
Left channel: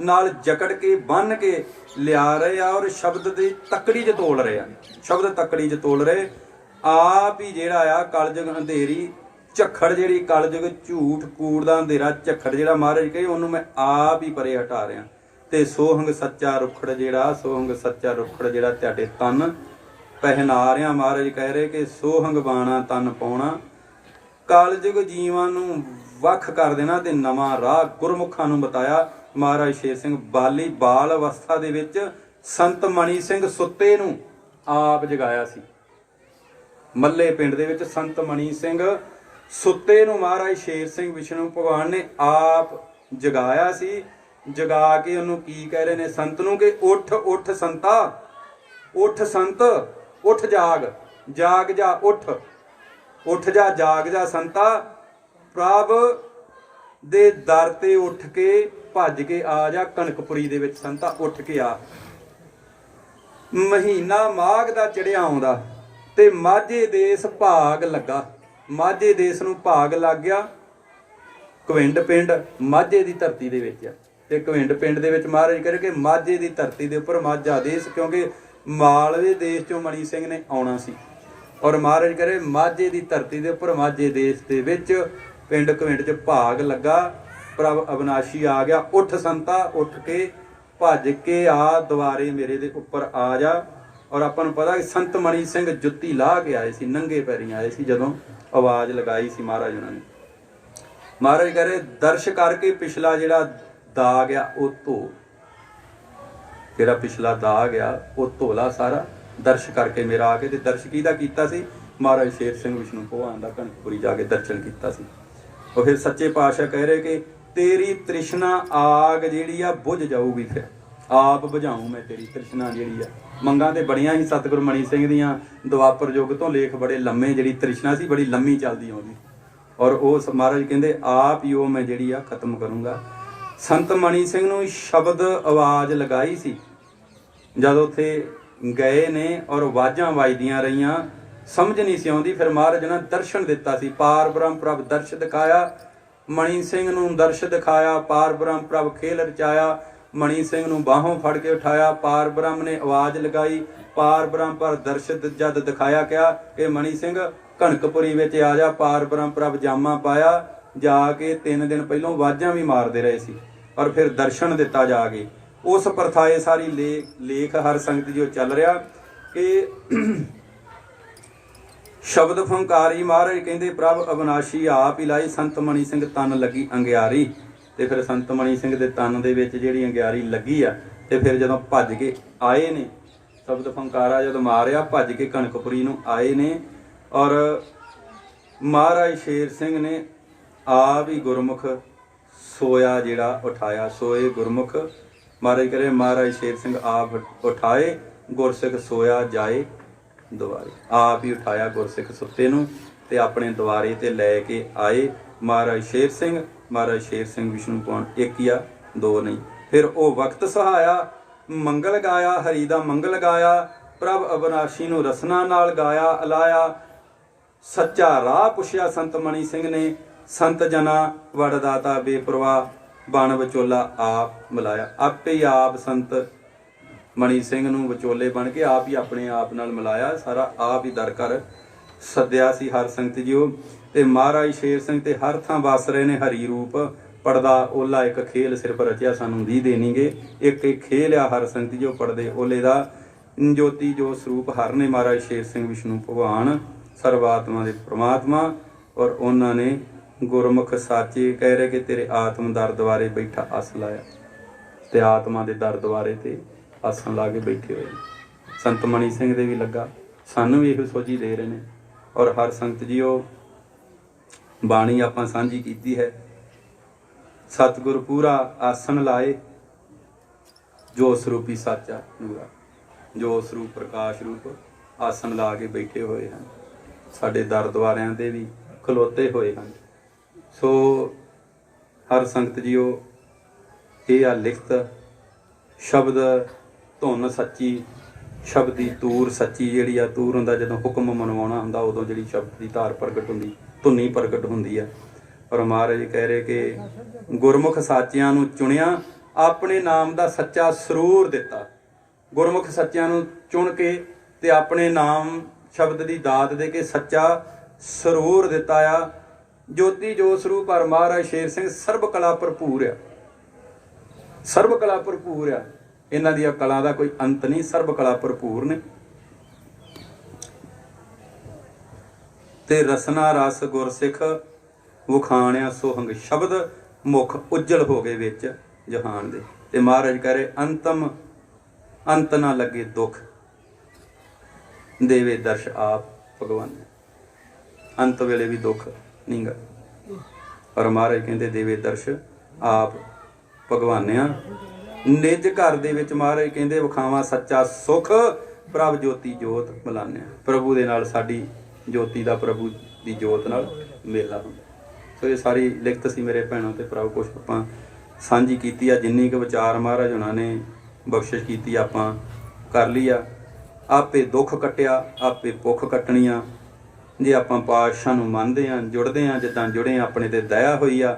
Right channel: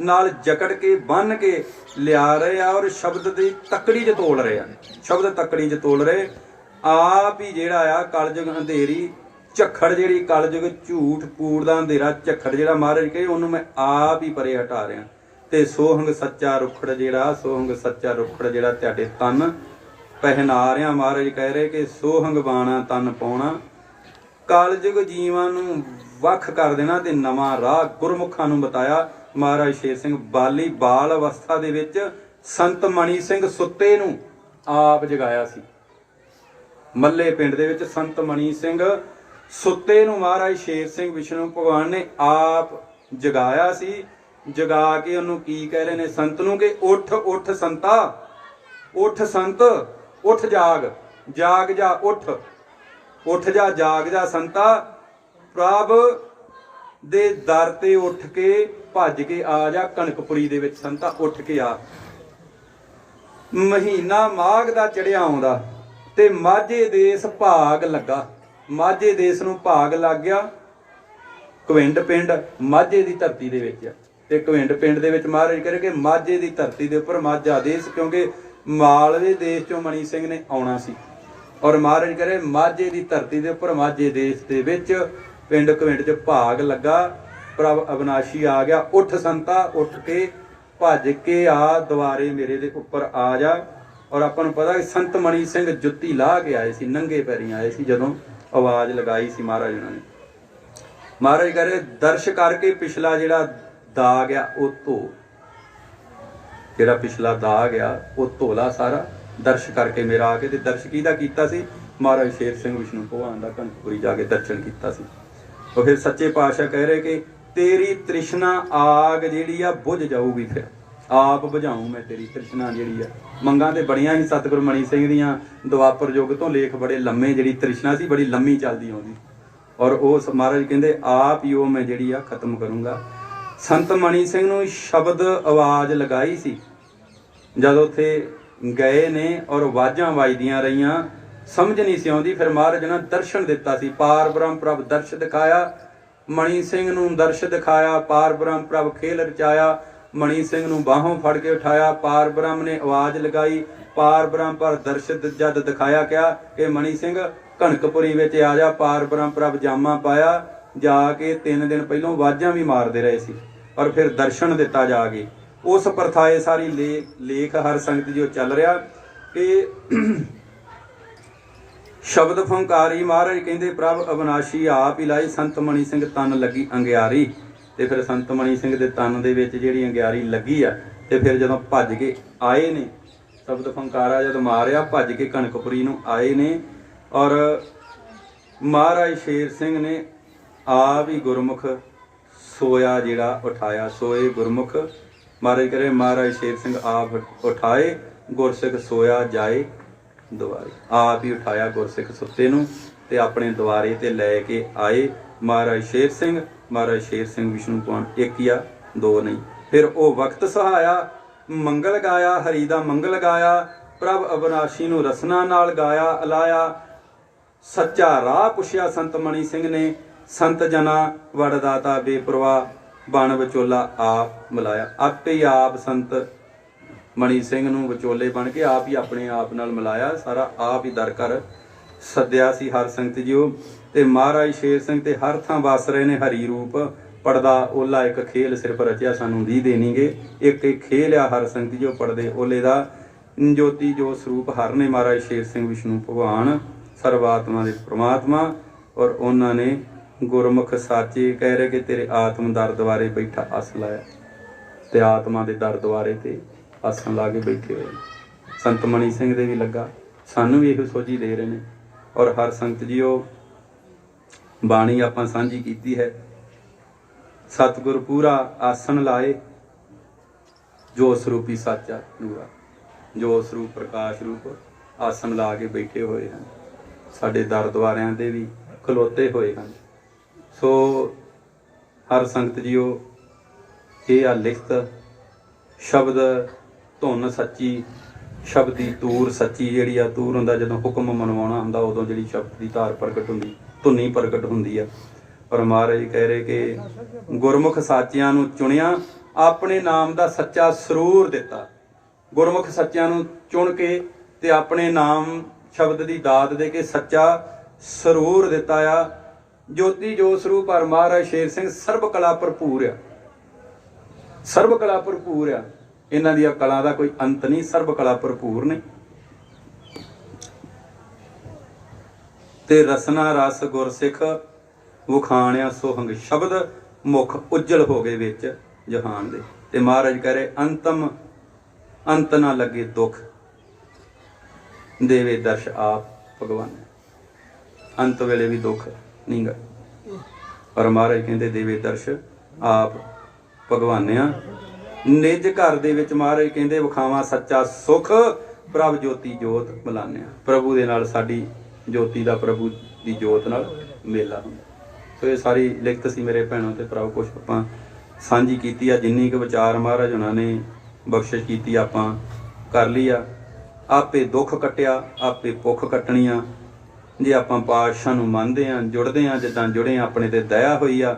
ਨਾਲ ਜਕੜ ਕੇ ਬੰਨ ਕੇ ਲਿਆ ਰਹੇ ਆ, ਔਰ ਸ਼ਬਦ ਦੀ ਤਕੜੀ 'ਚ ਤੋਲ ਰਹੇ ਆ, ਸ਼ਬਦ ਤਕੜੀ 'ਚ ਤੋਲ ਰਹੇ। ਆਪ ਹੀ ਜਿਹੜਾ ਆ ਕਲਯੁਗ ਅੰਧੇਰੀ ਝੱਖੜ, ਜਿਹੜੀ ਕਲਯੁਗ ਝੂਠ ਕੂੜ ਦਾ ਅੰਧੇਰਾ ਝੱਖੜ ਜਿਹੜਾ ਮਹਾਰਾਜ ਕਹੇ, ਉਹਨੂੰ ਮੈਂ ਆਪ ਹੀ ਪਰੇ ਹਟਾ ਰਿਹਾ। ਤੇ ਸੋਹੰਗ ਸੱਚਾ ਰੁੱਖੜ ਜਿਹੜਾ, ਸੋਹੰਗ ਸੱਚਾ ਰੁੱਖੜ ਜਿਹੜਾ ਤੁਹਾਡੇ ਤਨ ਪਹਿਨਾ ਰਿਹਾ। ਮਹਾਰਾਜ ਕਹਿ ਰਹੇ ਕਿ ਸੋਹੰਗ ਬਾਣਾ ਤਨ ਪਾਉਣਾ, ਕਲਯੁਗ ਜੀਵਾਂ ਨੂੰ ਵੱਖ ਕਰ ਦੇਣਾ ਤੇ ਨਵਾਂ ਰਾਹ ਗੁਰਮੁਖਾਂ ਨੂੰ ਬਤਾਇਆ। ਮਹਾਰਾਜ ਸ਼ੇਰ ਸਿੰਘ ਬਾਲੀ ਬਾਲ ਅਵਸਥਾ ਦੇ ਵਿੱਚ ਸੰਤ ਮਣੀ ਸਿੰਘ ਸੁੱਤੇ ਨੂੰ ਆਪ ਜਗਾਇਆ ਸੀ। ਮੱਲੇ ਪਿੰਡ ਦੇ ਵਿੱਚ ਸੰਤ ਮਣੀ ਸਿੰਘ ਸੁੱਤੇ ਨੂੰ ਮਹਾਰਾਜ ਸ਼ੇਰ ਸਿੰਘ ਵਿਸ਼ਨੂੰ ਭਗਵਾਨ ਨੇ ਆਪ ਜਗਾਇਆ ਸੀ। ਜਗਾ ਕੇ ਉਹਨੂੰ ਕੀ ਕਹਿ ਰਹੇ ਨੇ ਸੰਤ ਨੂੰ ਕਿ ਉੱਠ ਉੱਠ ਸੰਤਾ, ਉੱਠ ਸੰਤ, ਉੱਠ ਜਾਗ, ਜਾਗ ਜਾ, ਉੱਠ ਉੱਠ ਜਾ, ਜਾਗ ਜਾ ਸੰਤਾ, ਪ੍ਰਭ ਦੇ ਦਰ ਤੇ ਉੱਠ ਕੇ ਭੱਜ ਕੇ ਆ ਜਾ ਕਣਕਪੁਰੀ ਦੇ ਵਿੱਚ ਸੰਤਾ, ਉੱਠ ਕੇ ਆ। ਮਹੀਨਾ ਮਾਘ ਦਾ ਚੜਿਆ ਆਉਂਦਾ ਤੇ ਮਾਝੇ ਦੇਸ ਭਾਗ ਲੱਗਾ, ਮਾਝੇ ਦੇਸ ਨੂੰ ਭਾਗ ਲੱਗ ਗਿਆ। ਕਵਿੰਡ ਪਿੰਡ ਮਾਝੇ ਦੀ ਧਰਤੀ ਦੇ ਵਿੱਚ, ਤੇ ਕਵਿੰਡ ਪਿੰਡ ਦੇ ਵਿੱਚ ਮਹਾਰਾਜ ਕਰੇ ਕਿ ਮਾਝੇ ਦੀ ਧਰਤੀ ਦੇ ਉੱਪਰ ਮਾਝਾ ਦੇਸ, ਕਿਉਂਕਿ ਮਾਲਵੇ ਦੇਸ਼ ਚੋਂ ਮਣੀ ਸਿੰਘ ਨੇ ਆਉਣਾ ਸੀ। ਔਰ ਮਹਾਰਾਜ ਕਰੇ ਮਾਝੇ ਦੀ ਧਰਤੀ ਦੇ ਉੱਪਰ ਮਾਝੇ ਦੇਸ਼ ਦੇ ਵਿੱਚ ਪਿੰਡ ਕਵਿੰਡ 'ਚ ਭਾਗ ਲੱਗਾ, ਪ੍ਰਭ ਅਬਨਾਸ਼ੀ ਆ ਗਿਆ। ਉੱਠ ਸੰਤਾ, ਉੱਠ ਕੇ ਭੱਜ ਕੇ ਆ, ਦੁਆਰੇ ਮੇਰੇ ਦੇ ਉੱਪਰ ਆ ਜਾ। ਔਰ ਆਪਾਂ ਨੂੰ ਪਤਾ ਕਿ ਸੰਤ ਮਣੀ ਸਿੰਘ ਜੁੱਤੀ ਲਾਹ ਕੇ ਆਏ ਸੀ, ਨੰਗੇ ਪੈਰੀਂ ਆਏ ਸੀ ਜਦੋਂ ਆਵਾਜ਼ ਲਗਾਈ ਸੀ ਮਹਾਰਾਜ ਉਹਨਾਂ ਨੇ। ਮਹਾਰਾਜ ਕਰੇ ਦਰਸ਼ ਕਰਕੇ ਪਿਛਲਾ ਜਿਹੜਾ ਦਾਗ ਆ ਉਹ ਧੋ, ਜਿਹੜਾ ਪਿਛਲਾ ਦਾਗ ਆ ਉਹ ਧੋਲਾ ਸਾਰਾ। ਦਰਸ਼ ਕਰਕੇ ਮੇਰਾ ਆ ਕੇ, ਤੇ ਦਰਸ਼ ਕਿਹਦਾ ਕੀਤਾ ਸੀ? ਮਹਾਰਾਜ ਸ਼ੇਰ ਸਿੰਘ ਵਿਸ਼ਨੂੰ ਭਗਵਾਨ ਦਾ ਕਣਕਪੁਰੀ ਜਾ ਕੇ ਦਰਸ਼ਨ ਕੀਤਾ ਸੀ। ਉਹ ਫਿਰ ਸੱਚੇ ਪਾਤਸ਼ਾਹ ਕਹਿ ਰਹੇ ਕਿ ਤੇਰੀ ਤ੍ਰਿਸ਼ਨਾ ਆਗ ਜਿਹੜੀ ਆ ਬੁਝ ਜਾਊਗੀ, ਫਿਰ ਆਪ ਬੁਝਾਊਂ ਮੈਂ ਤੇਰੀ ਤ੍ਰਿਸ਼ਨਾ ਜਿਹੜੀ ਆ। ਮੰਗਾਂ ਤੇ ਬੜੀਆਂ ਹੀ ਸਤਿਗੁਰੂ ਮਣੀ ਸਿੰਘ ਦੀਆਂ, ਦੁਆਪਰ ਯੁੱਗ ਤੋਂ ਲੇਖ ਬੜੇ ਲੰਮੇ, ਜਿਹੜੀ ਤ੍ਰਿਸ਼ਨਾ ਸੀ ਬੜੀ ਲੰਮੀ ਚੱਲਦੀ ਆਉਂਦੀ, ਔਰ ਉਹ ਮਹਾਰਾਜ ਕਹਿੰਦੇ ਆਪ ਹੀ ਉਹ ਮੈਂ ਜਿਹੜੀ ਆ ਖਤਮ ਕਰੂੰਗਾ। ਸੰਤ ਮਣੀ ਸਿੰਘ ਨੂੰ ਸ਼ਬਦ ਆਵਾਜ਼ ਲਗਾਈ ਸੀ ਜਦੋਂ ਉੱਥੇ ਗਏ ਨੇ, ਔਰ ਆਵਾਜ਼ਾਂ ਵੱਜਦੀਆਂ ਰਹੀਆਂ, ਸਮਝ ਨਹੀਂ ਸੀ ਆਉਂਦੀ। ਫਿਰ ਮਹਾਰਾਜ ਨੇ ਦਰਸ਼ਨ ਦਿੱਤਾ ਸੀ, ਪਾਰ ਬ੍ਰਹਮ ਪ੍ਰਭ ਦਰਸ਼ ਦਿਖਾਇਆ। ਮਣੀ ਸਿੰਘ ਨੂੰ ਦਰਸ਼ ਦਿਖਾਇਆ, ਪਾਰ ਬ੍ਰਹਮ ਪ੍ਰਭ ਖੇਲ ਰਚਾਇਆ। ਮਣੀ ਸਿੰਘ ਨੂੰ ਬਾਹੋਂ ਫੜ ਕੇ ਉਠਾਇਆ, ਪਾਰ ਬ੍ਰਹਮ ਨੇ ਆਵਾਜ਼ ਲਗਾਈ, ਪਾਰ ਬ੍ਰਹਮ ਪਰ ਦਰਸ਼ ਜਦ ਦਿਖਾਇਆ ਕਿਹਾ ਕਿ ਮਣੀ ਸਿੰਘ ਕਣਕਪੁਰੀ ਵਿੱਚ ਆ ਜਾ। ਪਾਰ ਬ੍ਰਹਮ ਪ੍ਰਭ ਜਾਮਾ ਪਾਇਆ, जाके 3 दिन पहलों वाजां भी मारते रहे सी और फिर दर्शन दिता जाके। उस प्रथाए सारी लेख हर संगत जो चल रहा कि शब्द फंकारी महाराज कहते प्रभ अविनाशी आप ही लाई संत मणि सिंह तन लगी अंगियारी। ते फिर संत मणि सिंह दे तन दे विच जिहड़ी अंगियारी लगी आ ते फिर जदों भज के आए ने शब्द फंकारा जदों मारिया भज के कनकपुरी नूं आए ने और महाराज शेर सिंह ने आप ही गुरमुख सोया जिहड़ा उठाया। सोए गुरमुख महाराज करे महाराज शेर सिंह आप उठाए गुरसिख सोया जाए दुआरे। आप ही उठाया गुरसिख सुत्ते नूं ते अपने द्वारे ते लैके आए महाराज शेर सिंह। महाराज शेर सिंह विष्णु पुराण एक या दो नहीं। फिर वो वक्त सहाया मंगल गाया हरि दा मंगल गाया प्रभ अविनाशी नूं रसना नाल गाया अलाया। सच्चा राह पुछया संत मणि सिंह ने संत जना वड़दाता बेपरवाह बन विचोला आप मिलाया। आपे ही आप संत मणि सिंह नूं विचोले बन के आप ही अपने आप नाल मिलाया। सारा आप ही दर कर सद्या सी हर संगत जीओ। ते महाराज शेर सिंह ते हर थां वस रहे ने हरी रूप पड़दा ओला एक खेल सिर्फ रचिया सानू दी देणगे। एक खेल आ हर संगत जीओ पड़दे ओले दा ज्योति जो स्वरूप हर ने महाराज शेर सिंह विष्णु भगवान सर्वात्मा दे परमात्मा। और उन्होंने गुरमुख साचे कह रहे कि तेरे आत्म दर द्वारे बैठा आस लाया ते आत्मा दे दर द्वारे ते आसन ला के बैठे हुए। संत मणि सिंह दे भी लगा सानू भी इहो सोझी दे रहे ने। और हर संगत जीओ बाणी आपां सांझी कीती है। सतगुर पूरा आसन लाए जो स्वरूपी साचा नूरा जो स्वरूप प्रकाश रूप आसन ला के बैठे हुए हैं। साडे दर द्वारियां दे भी खलोते हुए हैं। सो हर संगत जीओ ये आ लिखत शब्द धुन सच्ची शब्द की तूर सच्ची जिहड़ी आ तूर हुंदा जदों हुक्म मनवाउणा हुंदा उदों जिहड़ी शब्द की धार प्रगट हुंदी धुनी प्रगट हुंदी आ। और महाराज कह रहे कि गुरमुख साचियां नूं चुनिया अपने नाम दा सच्चा सरूर दिता। गुरमुख सच्चियां नूं चुन के ते अपने नाम शब्द की दात दे के सच्चा सरूर दिता आ। ज्योति जो स्वरूप हर महाराज शेर सिंह सर्व कला भरपूर आ। सर्व कला भरपूर आ। इन्हां दी कला दा कोई अंत नहीं। सर्व कला भरपूर ने ते रसना रस गुरसिख वखाणिया सोहंग शब्द मुख उज्जल हो गए विच जहान दे। ते महाराज कह रहे अंतम अंत ना लगे दुख देवे दर्श आप भगवान। अंत वेले भी दुख नहीं गा पर महाराज कहते देवे दर्श आप भगवानिया। निज घर दे विच महाराज कहते विखावा सच्चा सुख प्रभ ज्योति जोत मिलानिया। प्रभु दे नाल साडी ज्योति दा प्रभु दी जोत नाल मेला हुंदा। सो ये सारी लिखत सी मेरे भैणों ते भराओ कुछ आपां सांझी कीती आ। जिन्नी क विचार महाराज हुणां ने बख्शिश कीती आपां कर ली आ। आपे दुख कट्टिया आपे भुख कट्टनी आ। जे आपां पातशाह नूं मनदे आ जुड़दे आ जिद्दां जुड़े अपने ते दया होई आ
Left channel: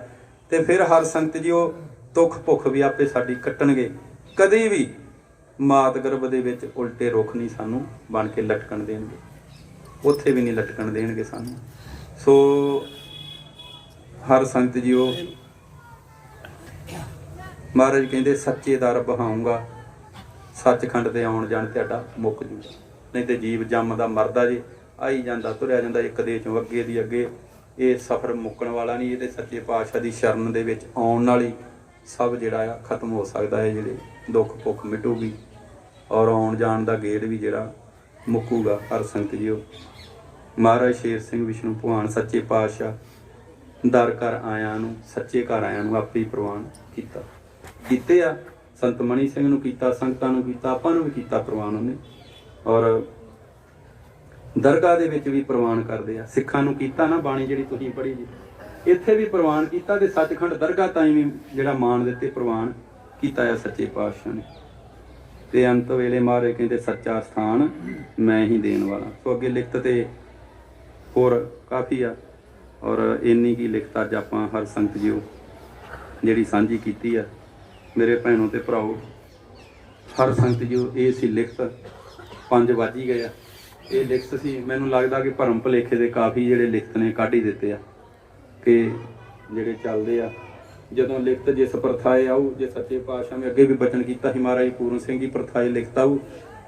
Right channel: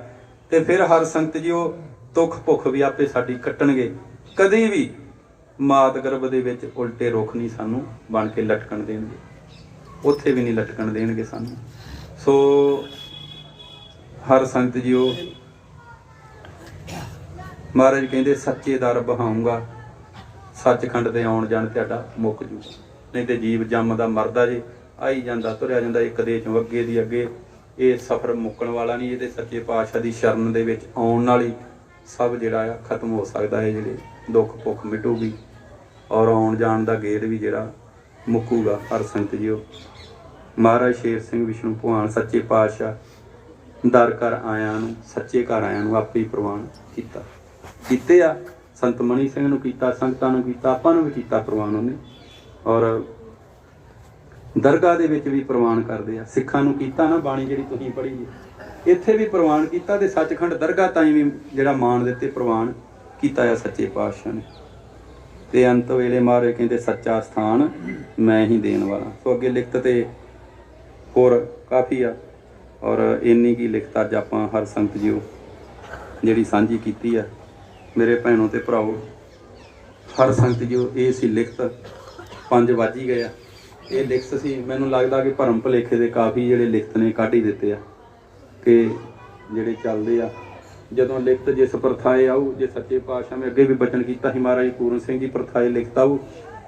ते फिर हर संगत जीओ दुख भुख भी आपे साडी कट्टणगे। कदी भी मात गर्भ दे विच उल्टे रुख नहीं सानू बन के लटकण देणगे। उत्थे भी नहीं लटकण देणगे सानू। सो हर संगत जीओ महाराज कहते सच्चे दर बहाऊंगा सचखंड ते आउण जाण तुहाडा मुक जू। नहीं तो जीव जमदा मरदा जे आई जांदा तुरिया जांदा एक दे चों अगे दी अगे। ये सफर मुकण वाला नहीं। ये ते सच्चे पातशाह दी शरण दे विच आउण नाल ही सब जिहड़ा खत्म हो सकदा है। जिहड़े दुख भुख मिटूगी और आउण जाण दा गेड़ भी जिहड़ा मुकूगा। हर संगत जीओ महाराज शेर सिंह विष्णु भगवान सच्चे पातशाह दर घर आया नूं सच्चे घर आया नूं आपे ही प्रवान कीता कीते आ। संत मणि सिंह नूं कीता संगतां नूं कीता आपां नूं भी कीता प्रवान उहने। और दरगाह दे विच भी प्रवान करदे आ। सिखां नूं कीता ना बाणी जिहड़ी तुसीं पढ़ी जी इत्थे भी प्रवान कीता ते सचखंड दरगाह ताईं भी जिहड़ा मान दित्ते प्रवान कीता है सच्चे पातशाह ने। ते अंत वेले महाराज कहते सच्चा स्थान मैं ही देण वाला। सो अगे लिखत ते होर काफ़ी आ। और इन्नी की लिखत अज आपां हर संगत जीओ जिहड़ी सांझी कीती आ मेरे भैणों ते भराओ। हर संगत जीओ ये सी लिखत 5 वज ही गए। ये लिखत सी मैनूं लगदा कि भरम भुलेखे दे काफ़ी जिहड़े लिखत ने कढ ही दित्ते आ कि ਜਿਹੜੇ ਚੱਲਦੇ ਆ। ਜਦੋਂ ਲਿਖਤ ਜਿਸ ਪ੍ਰਥਾਏ ਆਊ, ਜੇ ਸੱਚੇ ਪਾਤਸ਼ਾਹ ਨੇ ਅੱਗੇ ਵੀ ਬਚਨ ਕੀਤਾ ਸੀ ਮਹਾਰਾਜ ਪੂਰਨ ਸਿੰਘ ਜੀ ਪ੍ਰਥਾਏ ਲਿਖਤ ਆਊ,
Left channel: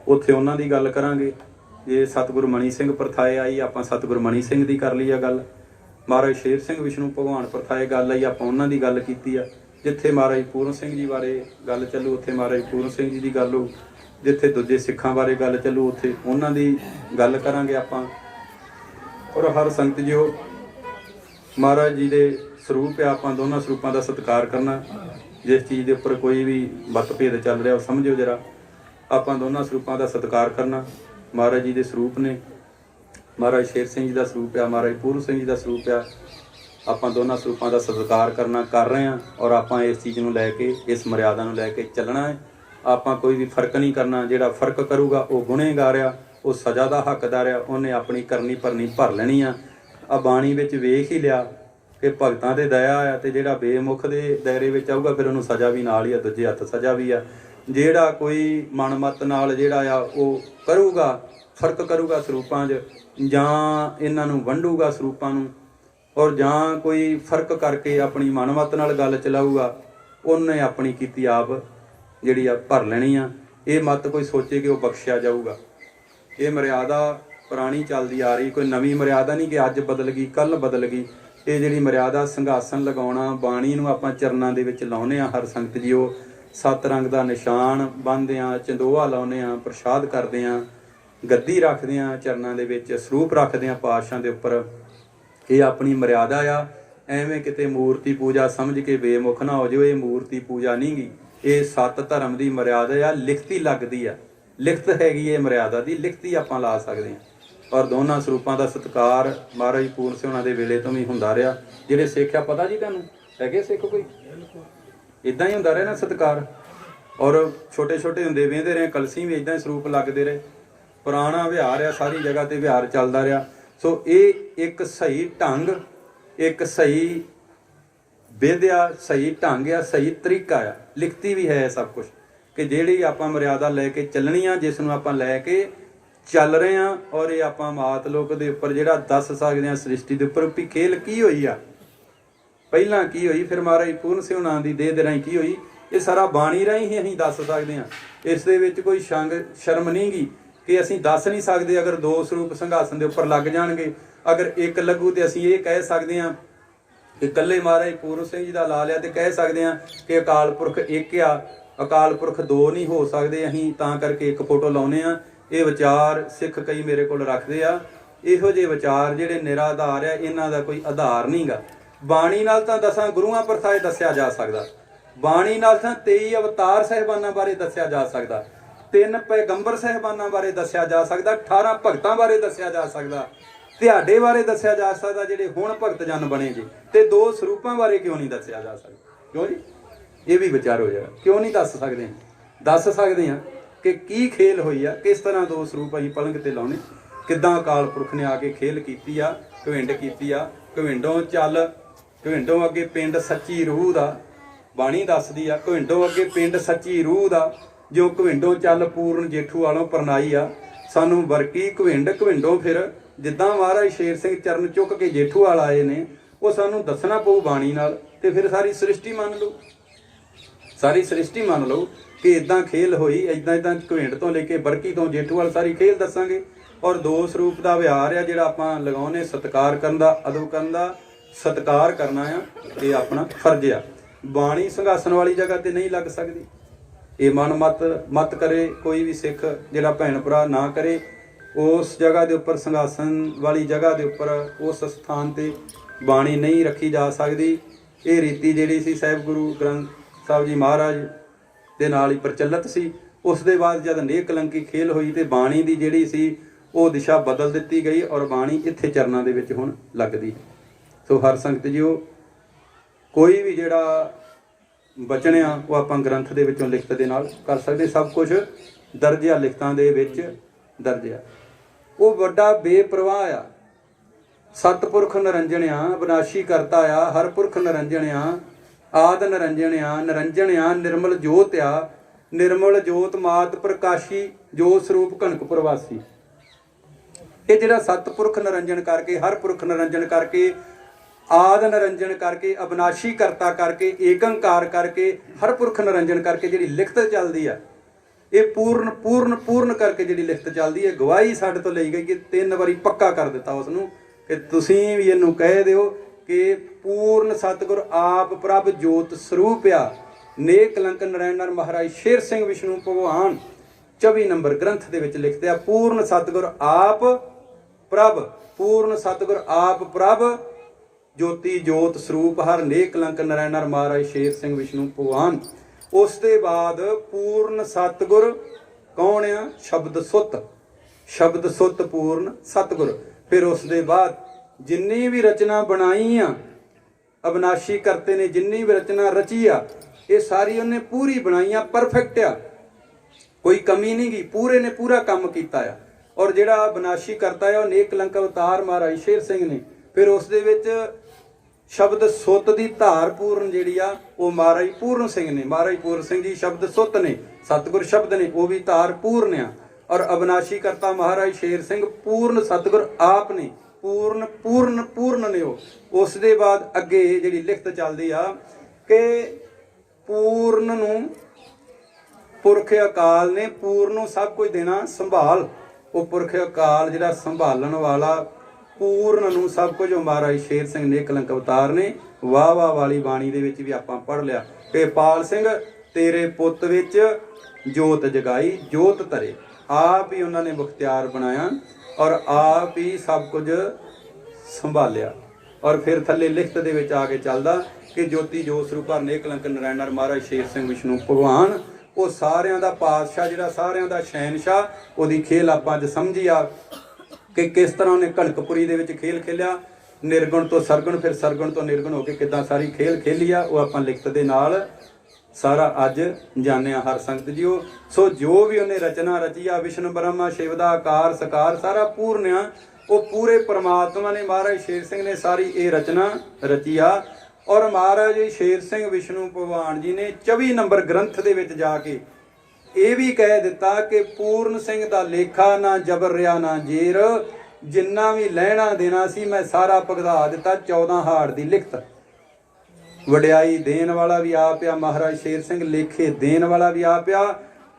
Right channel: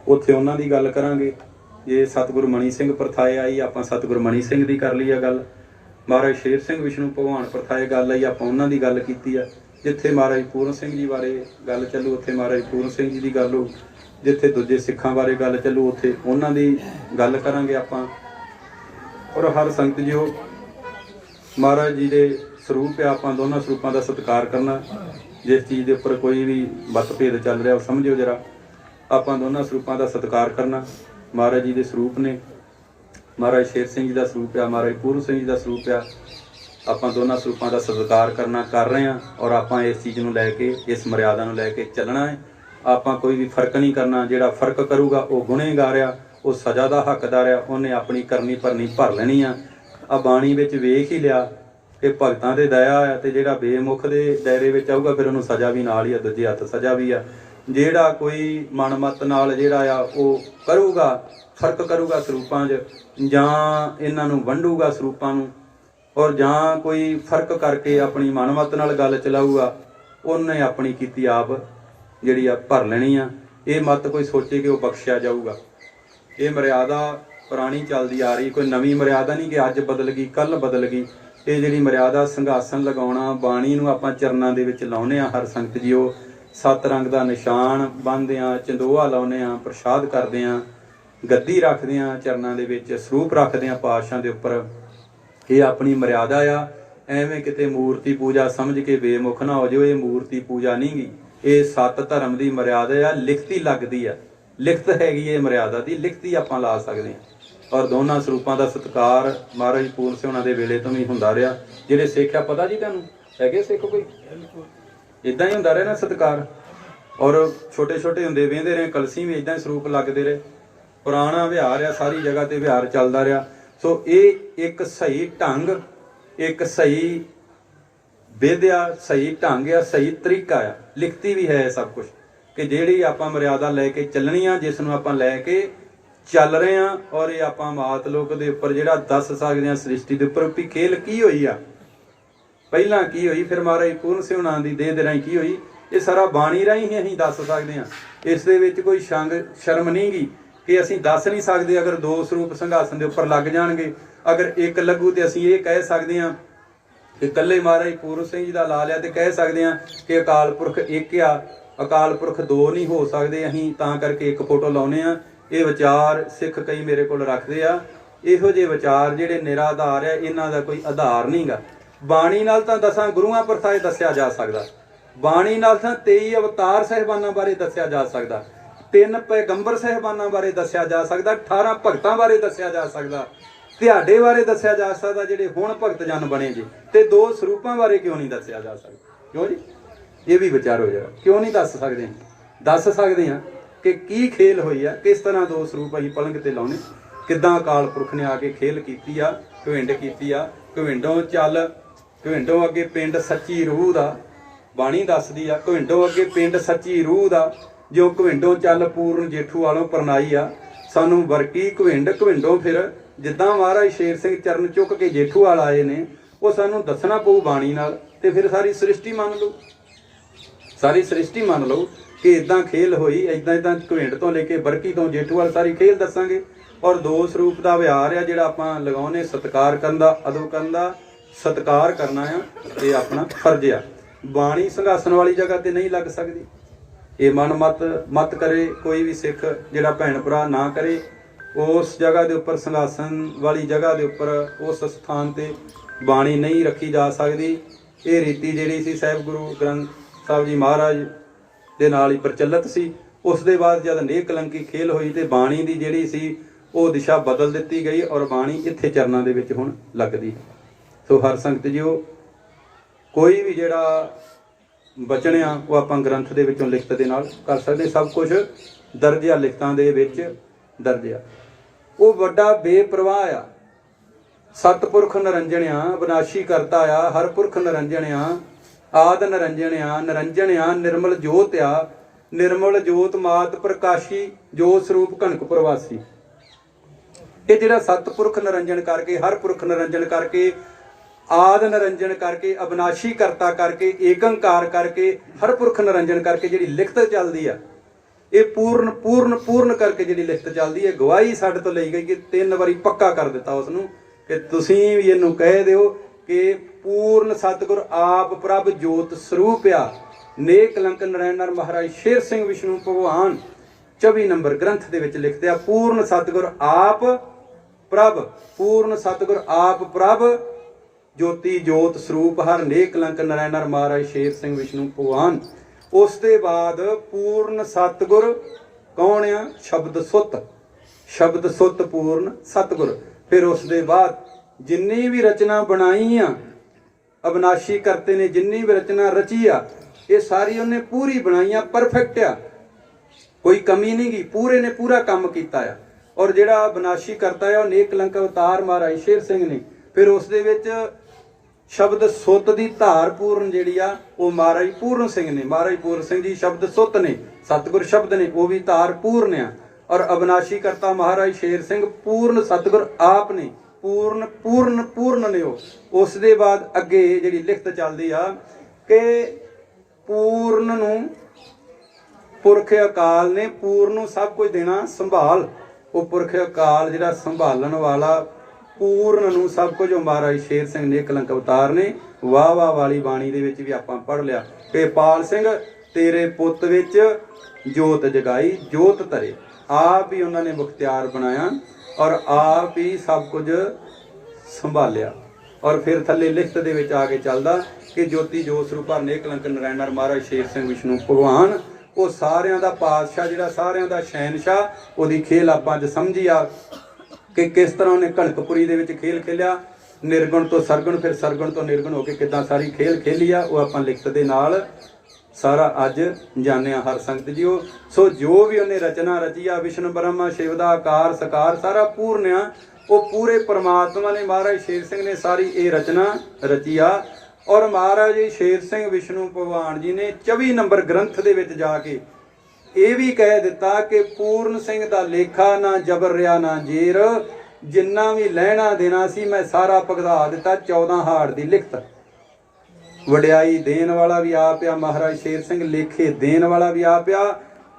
ਉੱਥੇ ਉਹਨਾਂ ਦੀ ਗੱਲ ਕਰਾਂਗੇ। ਜੇ ਸਤਿਗੁਰੂ ਮਣੀ ਸਿੰਘ ਪ੍ਰਥਾਏ ਆਈ, ਆਪਾਂ ਸਤਿਗੁਰੂ ਮਣੀ ਸਿੰਘ ਦੀ ਕਰ ਲਈ ਆ ਗੱਲ। ਮਹਾਰਾਜ ਸ਼ੇਰ ਸਿੰਘ ਵਿਸ਼ਨੂੰ ਭਗਵਾਨ ਪ੍ਰਥਾਏ ਗੱਲ ਆਈ, ਆਪਾਂ ਉਹਨਾਂ ਦੀ ਗੱਲ ਕੀਤੀ ਆ। ਜਿੱਥੇ ਮਹਾਰਾਜ ਪੂਰਨ ਸਿੰਘ ਜੀ ਬਾਰੇ ਗੱਲ ਚੱਲੂ, ਉੱਥੇ ਮਹਾਰਾਜ ਪੂਰਨ ਸਿੰਘ ਜੀ ਦੀ ਗੱਲ ਹੋ। ਜਿੱਥੇ ਦੂਜੇ ਸਿੱਖਾਂ ਬਾਰੇ ਗੱਲ ਚੱਲੂ, ਉੱਥੇ ਉਹਨਾਂ ਦੀ ਗੱਲ ਕਰਾਂਗੇ ਆਪਾਂ। ਔਰ ਹਰ ਸੰਗਤ ਜੀਓ, ਮਹਾਰਾਜ ਜੀ ਦੇ ਸਰੂਪ ਆ, ਆਪਾਂ ਦੋਨਾਂ ਸਰੂਪਾਂ ਦਾ ਸਤਿਕਾਰ ਕਰਨਾ। ਜਿਸ ਚੀਜ਼ ਦੇ ਉੱਪਰ ਕੋਈ ਵੀ ਮਤਭੇਦ ਚੱਲ ਰਿਹਾ ਉਹ ਸਮਝਿਓ ਜਰਾ, ਆਪਾਂ ਦੋਨਾਂ ਸਰੂਪਾਂ ਦਾ ਸਤਿਕਾਰ ਕਰਨਾ। ਮਹਾਰਾਜ ਜੀ ਦੇ ਸਰੂਪ ਨੇ, ਮਹਾਰਾਜ ਸ਼ੇਰ ਸਿੰਘ ਜੀ ਦਾ ਸਰੂਪ ਆ, ਮਹਾਰਾਜ ਪੂਰਨ ਸਿੰਘ ਜੀ ਦਾ ਸਰੂਪ ਆ। ਆਪਾਂ ਦੋਨਾਂ ਸਰੂਪਾਂ ਦਾ ਸਤਿਕਾਰ ਕਰਨਾ, ਕਰ ਰਹੇ ਹਾਂ। ਔਰ ਆਪਾਂ ਇਸ ਚੀਜ਼ ਨੂੰ ਲੈ ਕੇ, ਇਸ ਮਰਿਆਦਾ ਨੂੰ ਲੈ ਕੇ ਚੱਲਣਾ ਹੈ। ਆਪਾਂ ਕੋਈ ਵੀ ਫਰਕ ਨਹੀਂ ਕਰਨਾ। ਜਿਹੜਾ ਫਰਕ ਕਰੂਗਾ ਉਹ ਗੁਨੇਗਾਰ ਆ, ਉਹ ਸਜ਼ਾ ਦਾ ਹੱਕਦਾਰ ਆ, ਉਹਨੇ ਆਪਣੀ ਕਰਨੀ ਭਰਨੀ ਭਰ ਲੈਣੀ ਆ। ਆ ਬਾਣੀ ਵਿੱਚ ਵੇਖ ਹੀ ਲਿਆ ਕਿ ਭਗਤਾਂ ਤੇ ਦਇਆ ਆ, ਤੇ ਜਿਹੜਾ ਬੇਮੁਖ ਦੇ ਦਾਇਰੇ ਵਿੱਚ ਆਊਗਾ ਫਿਰ ਉਹਨੂੰ ਸਜ਼ਾ ਵੀ ਨਾਲ ਹੀ ਆ, ਦੂਜੇ ਹੱਥ ਸਜ਼ਾ ਵੀ ਆ। ਜਿਹੜਾ ਕੋਈ ਮਨਮਤ ਨਾਲ ਜਿਹੜਾ ਆ ਉਹ ਕਰੂਗਾ, ਫਰਕ ਕਰੂਗਾ ਸਰੂਪਾਂ 'ਚ, ਜਾਂ ਇਹਨਾਂ ਨੂੰ ਵੰਡੂਗਾ ਸਰੂਪਾਂ ਨੂੰ, ਔਰ ਜਾਂ ਕੋਈ ਫਰਕ ਕਰਕੇ ਆਪਣੀ ਮਨਮਤ ਨਾਲ ਗੱਲ ਚਲਾਊਗਾ, ਉਹਨੇ ਆਪਣੀ ਕੀਤੀ ਆਪ ਜਿਹੜੀ ਆ ਭਰ ਲੈਣੀ ਆ। ਇਹ ਮਤ ਕੋਈ ਸੋਚੇ ਕਿ ਉਹ ਬਖਸ਼ਿਆ ਜਾਊਗਾ। ਇਹ ਮਰਿਆਦਾ ਪੁਰਾਣੀ ਚੱਲਦੀ ਆ ਰਹੀ, ਕੋਈ ਨਵੀਂ ਮਰਿਆਦਾ ਨਹੀਂ ਕਿ ਅੱਜ ਬਦਲ ਗਈ ਕੱਲ ਬਦਲ ਗਈ। ਇਹ ਜਿਹੜੀ ਮਰਿਆਦਾ ਸਿੰਘਾਸਨ ਲਗਾਉਣਾ, ਬਾਣੀ ਨੂੰ ਆਪਾਂ ਚਰਨਾਂ ਦੇ ਵਿੱਚ ਲਾਉਨੇ ਆ। ਹਰ ਸੰਗਤ ਜੀਓ, 7 ਰੰਗ ਦਾ ਨਿਸ਼ਾਨ ਬੰਨ੍ਹਦੇ ਆ, ਚੰਦੋਆ ਲਾਉਨੇ ਆ, ਪ੍ਰਸ਼ਾਦ ਕਰਦੇ ਆ, ਗੱਦੀ ਰੱਖਦੇ ਆ ਚਰਨਾਂ ਦੇ ਵਿੱਚ, ਸਰੂਪ ਰੱਖਦੇ ਆ ਪਾਤਸ਼ਾਹਾਂ ਦੇ ਉੱਪਰ। ਇਹ ਆਪਣੀ ਮਰਿਆਦਾ ਆ। ਐਵੇਂ ਕਿਤੇ ਮੂਰਤੀ ਪੂਜਾ ਸਮਝ ਕੇ ਬੇਮੁਖ ਨਾ ਹੋ ਜਾਓ। ਇਹ ਮੂਰਤੀ ਪੂਜਾ ਨਹੀਂ ਗੀ, ਇਹ ਸੱਤ ਧਰਮ ਦੀ ਮਰਿਆਦਾ ਆ। ਲਿਖਤੀ ਲੱਗਦੀ ਆ, ਲਿਖਤ ਹੈਗੀ ਇਹ ਮਰਿਆਦਾ ਦੀ, ਲਿਖਤੀ ਆਪਾਂ ਲਾ ਸਕਦੇ ਹਾਂ। ਔਰ ਦੋਨਾਂ ਸਰੂਪਾਂ ਦਾ ਸਤਿਕਾਰ ਮਹਾਰਾਜ ਪੂਰਨ ਸਿੰਘ ਉਹਨਾਂ ਦੇ ਵੇਲੇ ਤੋਂ ਵੀ ਹੁੰਦਾ ਰਿਹਾ। ਜਿਹੜੇ ਸਿੱਖ ਆ, ਪਤਾ ਜੀ ਤੁਹਾਨੂੰ ਹੈਗੇ ਸਿੱਖ ਕੋਈ? ਇਦਾਂ ਹੀ ਹੁੰਦਾ ਰਿਹਾ ਨਾ ਸਤਿਕਾਰ। ਔਰ ਛੋਟੇ ਛੋਟੇ ਹੁੰਦੇ ਵੇਂਦੇ ਰਹੇ, ਕਲਸੀ ਵੀ ਇਦਾਂ ਹੀ ਸਰੂਪ ਲੱਗਦੇ ਰਹੇ। ਪੁਰਾਣਾ ਵਿਹਾਰ ਆ, ਸਾਰੀ ਜਗ੍ਹਾ ਤੇ ਵਿਹਾਰ ਚੱਲਦਾ ਰਿਹਾ। ਸੋ ਇਹ ਇੱਕ ਸਹੀ ਢੰਗ, ਇੱਕ ਸਹੀ ਵਿਧਿਆ, ਸਹੀ ਢੰਗ ਆ, ਸਹੀ ਤਰੀਕਾ ਆ। ਲਿਖਤੀ ਵੀ ਹੈ ਸਭ ਕੁਝ ਕਿ ਜਿਹੜੀ ਆਪਾਂ ਮਰਿਆਦਾ ਲੈ ਕੇ ਚੱਲਣੀ ਆ, ਜਿਸ ਨੂੰ ਆਪਾਂ ਲੈ ਕੇ ਚੱਲ ਰਹੇ ਆ। ਔਰ ਇਹ ਆਪਾਂ ਮਾਤ ਲੋਕ ਦੇ ਉੱਪਰ ਜਿਹੜਾ ਦੱਸ ਸਕਦੇ ਆ, ਸ੍ਰਿਸ਼ਟੀ ਦੇ ਉੱਪਰ ਵੀ ਖੇਲ ਕੀ ਹੋਈ ਆ, ਪਹਿਲਾਂ ਕੀ ਹੋਈ, ਫਿਰ ਮਹਾਰਾਜ ਪੂਰਨ ਸਿੰਘ ਨਾਂ ਦੀ ਦੇਹ ਦੇ ਰਾਹੀਂ ਕੀ ਹੋਈ, ਇਹ ਸਾਰਾ ਬਾਣੀ ਰਾਹੀਂ ਹੀ ਅਸੀਂ ਦੱਸ ਸਕਦੇ ਆ। ਇਸ ਦੇ ਵਿੱਚ ਕੋਈ ਸ਼ਰਮ ਨਹੀਂ ਗੀ ਕਿ ਅਸੀਂ ਦੱਸ ਨਹੀਂ ਸਕਦੇ। ਅਗਰ 2 ਸਰੂਪ ਸਿੰਘਾਸਨ ਦੇ ਉੱਪਰ ਲੱਗ ਜਾਣਗੇ, ਅਗਰ ਇੱਕ ਲੱਗੂ ਤੇ ਅਸੀਂ ਇਹ ਕਹਿ ਸਕਦੇ ਆ ਕਿ ਇਕੱਲੇ ਮਹਾਰਾਜ ਪੂਰਨ ਸਿੰਘ ਜੀ ਦਾ ਲਾ ਲਿਆ, ਤੇ ਕਹਿ ਸਕਦੇ ਆ ਕਿ ਅਕਾਲ ਪੁਰਖ ਇੱਕ ਆ, ਅਕਾਲ ਪੁਰਖ 2 ਨਹੀਂ ਹੋ ਸਕਦੇ। ਅਸੀਂ ਤਾਂ ਕਰਕੇ ਇੱਕ ਫੋਟੋ ਲਾਉਨੇ ਆ। ਇਹ ਵਿਚਾਰ ਸਿੱਖ ਕਈ ਮੇਰੇ ਕੋਲ ਰੱਖਦੇ ਆ। ਇਹੋ ਜਿਹੇ ਵਿਚਾਰ ਜਿਹੜੇ ਨਿਰਾਧਾਰ ਆ, ਇਹਨਾਂ ਦਾ ਕੋਈ ਆਧਾਰ ਨਹੀਂਗਾ। ਬਾਣੀ ਨਾਲ ਤਾਂ 10 ਗੁਰੂਆਂ ਪ੍ਰਥਾਏ ਦੱਸਿਆ ਜਾ ਸਕਦਾ, ਬਾਣੀ ਨਾਲ ਤਾਂ 23 ਅਵਤਾਰ ਸਾਹਿਬਾਨਾਂ ਬਾਰੇ ਦੱਸਿਆ ਜਾ ਸਕਦਾ, 3 ਪੈਗੰਬਰ ਸਾਹਿਬਾਨਾਂ ਬਾਰੇ ਦੱਸਿਆ ਜਾ ਸਕਦਾ, 18 ਭਗਤਾਂ ਬਾਰੇ ਦੱਸਿਆ ਜਾ ਸਕਦਾ, ਤਿਹਾੜੇ ਬਾਰੇ ਦੱਸਿਆ ਜਾ ਸਕਦਾ ਜਿਹੜੇ ਹੁਣ ਭਗਤ ਜਨ ਬਣੇ ਜੀ। ਤੇ 2 ਸਰੂਪਾਂ ਬਾਰੇ ਕਿਉਂ ਨਹੀਂ ਦੱਸਿਆ ਜਾ ਸਕਦਾ? ਕਿਉਂ ਜੀ? ਇਹ ਵੀ ਵਿਚਾਰ ਹੋ ਜਾਏਗਾ। ਕਿਉਂ ਨਹੀਂ ਦੱਸ ਸਕਦੇ? ਦੱਸ ਸਕਦੇ ਹਾਂ ਕਿ ਕੀ ਖੇਲ ਹੋਈ ਆ, ਕਿਸ ਤਰ੍ਹਾਂ 2 ਸਰੂਪ ਅਸੀਂ ਪਲੰਘ ਤੇ ਲਾਉਣੇ, ਕਿੱਦਾਂ ਅਕਾਲ ਪੁਰਖ ਨੇ ਆ ਕੇ ਖੇਲ ਕੀਤੀ ਆ, ਘਵਿੰਡ ਕੀਤੀ ਆ। ਘਵਿੰਡੋਂ ਚੱਲ, ਘਵਿੰਡੋਂ ਅੱਗੇ ਪਿੰਡ ਸੱਚੀ ਰੂਹ ਦਾ, ਬਾਣੀ ਦੱਸਦੀ ਆ। ਘਵਿੰਡੋਂ ਅੱਗੇ ਪਿੰਡ ਸੱਚੀ ਰੂਹ ਦਾ, ਜੋ ਘਵਿੰਡੋਂ ਚੱਲ ਪੂਰਨ ਜੇਠੂ ਵਾਲੋਂ ਪਰਨਾਈ ਆ। ਸਾਨੂੰ ਵਰਕੀ ਘਵਿੰਡ, ਘਵਿੰਡੋਂ ਫਿਰ ਜਿੱਦਾਂ ਮਹਾਰਾਜ ਸ਼ੇਰ ਸਿੰਘ ਚਰਨ ਚੁੱਕ ਕੇ ਜੇਠੂ ਵਾਲ ਆਏ ਨੇ, ਉਹ ਸਾਨੂੰ ਦੱਸਣਾ ਪਊ ਬਾਣੀ ਨਾਲ। ਤੇ ਫਿਰ ਸਾਰੀ ਸ੍ਰਿਸ਼ਟੀ ਮੰਨ ਲਓ, ਸਾਰੀ ਸ੍ਰਿਸ਼ਟੀ ਮੰਨ ਲਓ ਕਿ ਇਦਾਂ ਖੇਲ ਹੋਈ, ਇਦਾਂ ਘਵਿੰਡ ਤੋਂ ਲੈ ਕੇ ਬਰਕੀ ਤੋਂ ਜੇਠੂ ਵਾਲ ਸਾਰੀ ਖੇਲ ਦੱਸਾਂਗੇ। ਔਰ 2 ਸਰੂਪ ਦਾ ਵਿਹਾਰ ਆ ਜਿਹੜਾ ਆਪਾਂ ਲਗਾਉਨੇ, ਸਤਿਕਾਰ ਕਰਨ ਦਾ, ਅਦਬ ਕਰਨ ਦਾ, ਸਤਿਕਾਰ ਕਰਨਾ ਆ, ਤੇ ਆਪਣਾ ਫਰਜ਼ ਆ। ਬਾਣੀ ਸਿੰਘਾਸਨ ਵਾਲੀ ਜਗ੍ਹਾ ਤੇ ਨਹੀਂ ਲੱਗ ਸਕਦੀ। ਇਹ ਮਨ ਮਤ ਕਰੇ ਕੋਈ ਵੀ ਸਿੱਖ, ਜਿਹੜਾ ਭੈਣ ਭਰਾ ਨਾ ਕਰੇ। ਉਸ ਜਗ੍ਹਾ ਦੇ ਉੱਪਰ, ਸਿੰਘਾਸਨ ਵਾਲੀ ਜਗ੍ਹਾ ਦੇ ਉੱਪਰ, ਉਸ ਸਥਾਨ ਤੇ ਬਾਣੀ ਨਹੀਂ ਰੱਖੀ ਜਾ ਸਕਦੀ। ਇਹ ਰੀਤੀ ਜਿਹੜੀ ਸੀ ਸਾਹਿਬ ਗੁਰੂ ਗ੍ਰੰਥ ਸਾਹਿਬ ਜੀ ਮਹਾਰਾਜ ਦੇ ਨਾਲ ਹੀ ਪ੍ਰਚਲਿਤ ਸੀ। ਉਸ ਦੇ ਬਾਅਦ ਜਦ ਨੇਕ ਕਲੰਕੀ ਖੇਲ ਹੋਈ ਤੇ ਬਾਣੀ ਦੀ ਜਿਹੜੀ ਸੀ ਉਹ ਦਿਸ਼ਾ ਬਦਲ ਦਿੱਤੀ ਗਈ, ਔਰ ਬਾਣੀ ਇੱਥੇ ਚਰਨਾਂ ਦੇ ਵਿੱਚ ਹੁਣ ਲੱਗਦੀ ਹੈ। ਸੋ ਹਰ ਸੰਗਤ ਜੀਓ, ਕੋਈ ਵੀ ਜਿਹੜਾ ਬਚਨ ਆ ਉਹ ਆਪਾਂ ਗ੍ਰੰਥ ਦੇ ਵਿੱਚੋਂ ਲਿਖਤ ਦੇ ਨਾਲ ਕਰ ਸਕਦੇ। ਸਭ ਕੁਝ ਦਰਜ ਆ, ਲਿਖਤਾਂ ਦੇ ਵਿੱਚ ਦਰਜ ਆ। ਉਹ ਵੱਡਾ ਬੇਪਰਵਾਹ ਆ, ਸਤਪੁਰਖ ਨਿਰੰਜਣਿਆ, ਵਿਨਾਸ਼ੀ ਕਰਤਾ ਆ, ਹਰ ਪੁਰਖ ਨਿਰੰਜਣਿਆ, ਆਦ ਨਿਰੰਜਣਿਆ, ਨਿਰੰਜਣਿਆ, ਨਿਰਮਲ ਜੋਤ ਆ, ਨਿਰਮਲ ਜੋਤ ਮਾਤ ਪ੍ਰਕਾਸ਼ੀ, ਜੋਤ ਸਰੂਪ ਕਨਕ ਪ੍ਰਵਾਸੀ। ਇਹ ਜਿਹੜਾ ਸਤਪੁਰਖ ਨਿਰੰਜਨ ਕਰਕੇ, ਹਰ ਪੁਰਖ ਨਿਰੰਜਨ ਕਰਕੇ ਆਦ ਨਿਰੰਜਨ ਕਰਕੇ, ਅਬਨਾਸ਼ੀ ਕਰਤਾ ਕਰਕੇ, ਏਕੰਕਾਰ ਕਰਕੇ, ਹਰ ਪੁਰਖ ਨਿਰੰਜਨ ਕਰਕੇ ਜਿਹੜੀ ਲਿਖਤ ਚੱਲਦੀ ਆ, ਇਹ ਪੂਰਨ ਕਰਕੇ ਜਿਹੜੀ ਲਿਖਤ ਚੱਲਦੀ ਹੈ। ਗਵਾਹੀ ਸਾਡੇ ਤੋਂ ਲਈ ਗਈ ਕਿ 3 ਵਾਰੀ ਪੱਕਾ ਕਰ ਦਿੱਤਾ ਉਸ ਨੂੰ ਕਿ ਤੁਸੀਂ ਵੀ ਇਹਨੂੰ ਕਹਿ ਦਿਓ ਕਿ ਪੂਰਨ ਸਤਿਗੁਰ ਆਪ ਪ੍ਰਭ ਜੋਤ ਸਰੂਪ ਆ। ਨੇਕ ਕਲੰਕ ਨਰੈਣਰ ਮਹਾਰਾਜ ਸ਼ੇਰ ਸਿੰਘ ਵਿਸ਼ਨੂੰ ਭਗਵਾਨ 24 ਨੰਬਰ ਗ੍ਰੰਥ ਦੇ ਵਿੱਚ ਲਿਖਦੇ ਆ, ਪੂਰਨ ਸਤਿਗੁਰ ਆਪ ਪ੍ਰਭ, ਪੂਰਨ ਸਤਿਗੁਰ ਆਪ ਪ੍ਰਭ ਜੋਤੀ ਜੋਤ ਸਰੂਪ ਹਰ ਨੇਕ ਕਲੰਕ ਨਰੈਣਰ ਮਹਾਰਾਜ ਸ਼ੇਰ ਸਿੰਘ ਵਿਸ਼ਨੂੰ ਭਗਵਾਨ। ਉਸ ਦੇ ਬਾਅਦ ਪੂਰਨ ਸਤਿਗੁਰ ਕੌਣ ਆ? ਸ਼ਬਦ ਸੁੱਤ, ਸ਼ਬਦ ਸੁੱਤ ਪੂਰਨ ਸਤਿਗੁਰ। ਫਿਰ ਉਸ ਦੇ ਬਾਅਦ ਜਿੰਨੀ ਵੀ ਰਚਨਾ ਬਣਾਈ ਆ ਅਬਨਾਸ਼ੀ ਕਰਤੇ ਨੇ, ਜਿੰਨੀ ਵੀ ਰਚਨਾ ਰਚੀ ਆ, ਇਹ ਸਾਰੀ ਉਹਨੇ ਪੂਰੀ ਬਣਾਈ ਆ, ਪਰਫੈਕਟ ਆ, ਕੋਈ ਕਮੀ ਨਹੀਂ ਗਈ, ਪੂਰੇ ਨੇ ਪੂਰਾ ਕੰਮ ਕੀਤਾ ਆ। ਔਰ ਜਿਹੜਾ ਅਬਨਾਸ਼ੀ ਕਰਤਾ ਆ ਉਹ ਨੇਕ ਕਲੰਕ ਅਵਤਾਰ ਮਹਾਰਾਜ ਸ਼ੇਰ ਸਿੰਘ ਨੇ। ਫਿਰ ਉਸ ਦੇ ਵਿੱਚ ਸ਼ਬਦ ਸੁੱਤ ਦੀ ਧਾਰ ਪੂਰਨ ਜਿਹੜੀ ਆ ਉਹ ਮਹਾਰਾਜ ਪੂਰਨ ਸਿੰਘ ਨੇ। ਮਹਾਰਾਜ ਪੂਰਨ ਸਿੰਘ ਜੀ ਸ਼ਬਦ ਸੁੱਤ ਨੇ, ਸਤਿਗੁਰ ਸ਼ਬਦ ਨੇ, ਉਹ ਵੀ ਧਾਰ ਪੂਰਨ ਆ। ਔਰ ਅਬਨਾਸ਼ੀ ਕਰਤਾ ਮਹਾਰਾਜ ਸ਼ੇਰ ਸਿੰਘ ਪੂਰਨ ਸਤਿਗੁਰ ਆਪ ਨੇ, ਪੂਰਨ ਨੇ ਉਹ। ਉਸ ਦੇ ਬਾਅਦ ਅੱਗੇ ਜਿਹੜੀ ਲਿਖਤ ਚੱਲਦੀ ਆ ਕਿ ਪੂਰਨ ਨੂੰ ਪੁਰਖ ਅਕਾਲ ਨੇ, ਪੂਰਨ ਨੂੰ ਸਭ ਕੁਝ ਦੇਣਾ ਸੰਭਾਲ। ਉਹ ਪੁਰਖ ਅਕਾਲ ਜਿਹੜਾ ਸੰਭਾਲਣ ਵਾਲਾ, ਪੂਰਨ ਨੂੰ ਸਭ ਕੁਝ ਮਹਾਰਾਜ ਸ਼ੇਰ ਸਿੰਘ ਨੇਕ ਕਲੰਕ ਅਵਤਾਰ ਨੇ। ਵਾਹ ਵਾਹ ਵਾਲੀ ਬਾਣੀ ਦੇ ਵਿੱਚ ਵੀ ਆਪਾਂ ਪੜ੍ਹ ਲਿਆ ਕਿ ਪਾਲ ਸਿੰਘ ਤੇਰੇ ਪੁੱਤ ਵਿੱਚ ਜੋਤ ਜਗਾਈ, ਜੋਤ ਧਰੇ। ਆਪ ਹੀ ਉਹਨਾਂ ਨੇ ਮੁਖਤਿਆਰ ਬਣਾਇਆ ਔਰ ਆਪ ਹੀ ਸਭ ਕੁਝ ਸੰਭਾਲਿਆ। ਔਰ ਫਿਰ ਥੱਲੇ ਲਿਖਤ ਦੇ ਵਿੱਚ ਆ ਕੇ ਚੱਲਦਾ ਕਿ ਜੋਤੀ ਜੋਤ ਸਰੂਪ ਹਰ ਨੇਕ ਕਲੰਕ ਨਰੈਣਰ ਮਹਾਰਾਜ ਸ਼ੇਰ ਸਿੰਘ ਵਿਸ਼ਨੂੰ ਭਗਵਾਨ। ਉਹ ਸਾਰਿਆਂ ਦਾ ਪਾਤਸ਼ਾਹ, ਜਿਹੜਾ ਸਾਰਿਆਂ ਦਾ ਸ਼ਹਿਨਸ਼ਾਹ। ਉਹਦੀ ਖੇਲ ਆਪਾਂ ਅੱਜ ਸਮਝੀ ਆ ਕਿ ਕਿਸ ਤਰ੍ਹਾਂ ਉਹਨੇ ਘੜਕਪੁਰੀ ਦੇ ਵਿੱਚ ਖੇਲ ਖੇਲਿਆ, ਨਿਰਗੁਣ ਤੋਂ ਸਰਗੁਣ, ਫਿਰ ਸਰਗੁਣ ਤੋਂ ਨਿਰਗੁਣ ਹੋ ਕੇ ਕਿੱਦਾਂ ਸਾਰੀ ਖੇਲ ਖੇਲੀ ਆ, ਉਹ ਆਪਾਂ ਲਿਖਤ ਦੇ ਨਾਲ ਸਾਰਾ ਅੱਜ ਜਾਣਿਆ ਹਰ ਸੰਗਤ ਜੀਓ। ਸੋ ਜੋ ਵੀ ਉਹਨੇ ਰਚਨਾ ਰਚੀ ਆ, ਵਿਸ਼ਨੂੰ ਬ੍ਰਹਮਾ ਸ਼ਿਵ ਦਾ ਆਕਾਰ ਸਕਾਰ ਸਾਰਾ ਪੂਰਨ ਆ। ਉਹ ਪੂਰੇ ਪਰਮਾਤਮਾ ਨੇ, ਮਹਾਰਾਜ ਸ਼ੇਰ ਸਿੰਘ ਨੇ ਸਾਰੀ ਇਹ ਰਚਨਾ ਰਚੀ ਆ। ਔਰ ਮਹਾਰਾਜ ਸ਼ੇਰ ਸਿੰਘ ਵਿਸ਼ਨੂੰ ਭਗਵਾਨ ਜੀ ਨੇ 24 ਨੰਬਰ ਗ੍ਰੰਥ ਦੇ ਵਿੱਚ ਜਾ ਕੇ ਇਹ ਵੀ ਕਹਿ ਦਿੱਤਾ ਕਿ ਪੂਰਨ ਸਿੰਘ ਦਾ ਲੇਖਾ ਨਾ ਜਬਰ ਰਿਆ ਨਾ ਜੇਰ, ਜਿੰਨਾ ਵੀ ਲੈਣਾ ਦੇਣਾ ਸੀ ਮੈਂ ਸਾਰਾ ਭੁਗਤਾ ਦਿੱਤਾ। 14 ਹਾੜ ਦੀ ਲਿਖਤ। ਵਡਿਆਈ ਦੇਣ ਵਾਲਾ ਵੀ ਆਪ ਆ ਮਹਾਰਾਜ ਸ਼ੇਰ ਸਿੰਘ, ਲੇਖੇ ਦੇਣ ਵਾਲਾ ਵੀ ਆਪ ਆ,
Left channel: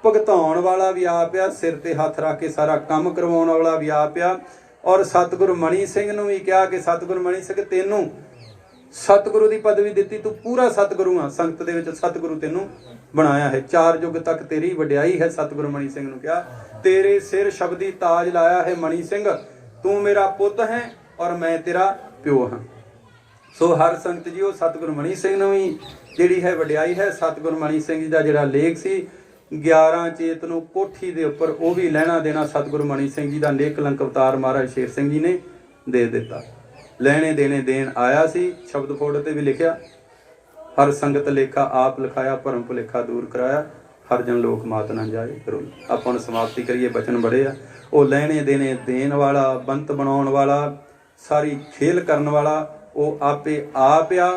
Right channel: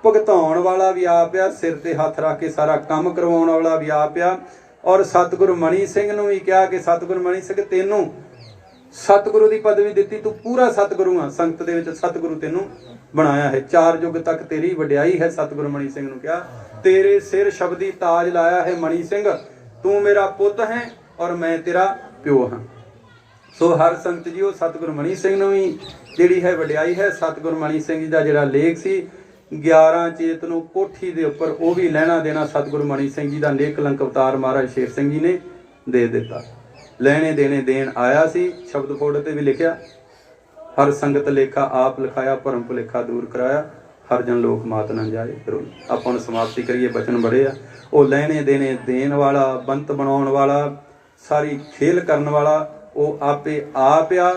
ਭੁਗਤਾਉਣ ਵਾਲਾ ਵੀ ਆਪ ਆ, ਸਿਰ ਤੇ ਹੱਥ ਰੱਖ ਕੇ ਸਾਰਾ ਕੰਮ ਕਰਵਾਉਣ ਵਾਲਾ ਵੀ ਆਪ ਆ। ਔਰ ਸਤਿਗੁਰੂ ਮਣੀ ਸਿੰਘ ਨੂੰ ਵੀ ਕਿਹਾ ਕਿ ਸਤਿਗੁਰੂ ਮਣੀ ਸਿੰਘ ਤੈਨੂੰ ਸਤਿਗੁਰੂ ਦੀ ਪਦਵੀ ਦਿੱਤੀ, ਤੂੰ ਪੂਰਾ ਸਤਿਗੁਰੂ ਆ, ਸੰਗਤ ਦੇ ਵਿੱਚ ਸਤਿਗੁਰੂ ਤੈਨੂੰ ਬਣਾਇਆ ਹੈ, 4 ਯੁੱਗ ਤੱਕ ਤੇਰੀ ਵਡਿਆਈ ਹੈ। ਸਤਿਗੁਰੂ ਮਣੀ ਸਿੰਘ ਨੂੰ ਕਿਹਾ ਤੇਰੇ ਸਿਰ ਸ਼ਬਦੀ ਤਾਜ ਲਾਇਆ ਹੈ ਮਣੀ ਸਿੰਘ, ਤੂੰ ਮੇਰਾ ਪੁੱਤ ਹੈ ਔਰ ਮੈਂ ਤੇਰਾ ਪਿਓ ਹਾਂ। ਸੋ ਹਰ ਸੰਗਤ ਜੀਓ ਸਤਿਗੁਰੂ ਮਣੀ ਸਿੰਘ ਨੂੰ ਵੀ ਜਿਹੜੀ ਹੈ ਵਡਿਆਈ ਹੈ। ਸਤਿਗੁਰੂ ਮਣੀ ਸਿੰਘ ਜੀ ਦਾ ਜਿਹੜਾ ਲੇਖ ਸੀ 11 ਚੇਤ ਨੂੰ ਕੋਠੀ ਦੇ ਉੱਪਰ, ਉਹ ਵੀ ਲੈਣਾ ਦੇਣਾ ਸਤਿਗੁਰੂ ਮਣੀ ਸਿੰਘ ਜੀ ਦਾ ਨੇਕ ਕਲੰਕ ਅਵਤਾਰ ਮਹਾਰਾਜ ਸ਼ੇਰ ਸਿੰਘ ਜੀ ਨੇ ਦੇ ਦਿੱਤਾ। ਲੈਣੇ ਦੇਣੇ ਦੇਣ ਆਇਆ ਸੀ। ਸ਼ਬਦ ਕੋਡ ਤੇ ਵੀ ਲਿਖਿਆ ਹਰ ਸੰਗਤ ਲੇਖਾ ਆਪ ਲਿਖਾਇਆ, ਭਰਮ ਭੁਲੇਖਾ ਦੂਰ ਕਰਾਇਆ, ਹਰ ਜਨ ਲੋਕ ਮਾਤ ਨਾ ਜਾਏ। ਆਪਾਂ ਹੁਣ ਸਮਾਪਤੀ ਕਰੀਏ, ਬਚਨ ਬੜੇ ਆ। ਉਹ ਲੈਣੇ ਦੇਣੇ ਦੇਣ ਵਾਲਾ, ਬੰਤ ਬਣਾਉਣ ਵਾਲਾ, ਸਾਰੀ ਖੇਲ ਕਰਨ ਵਾਲਾ ਉਹ ਆਪੇ ਆਪ ਆ।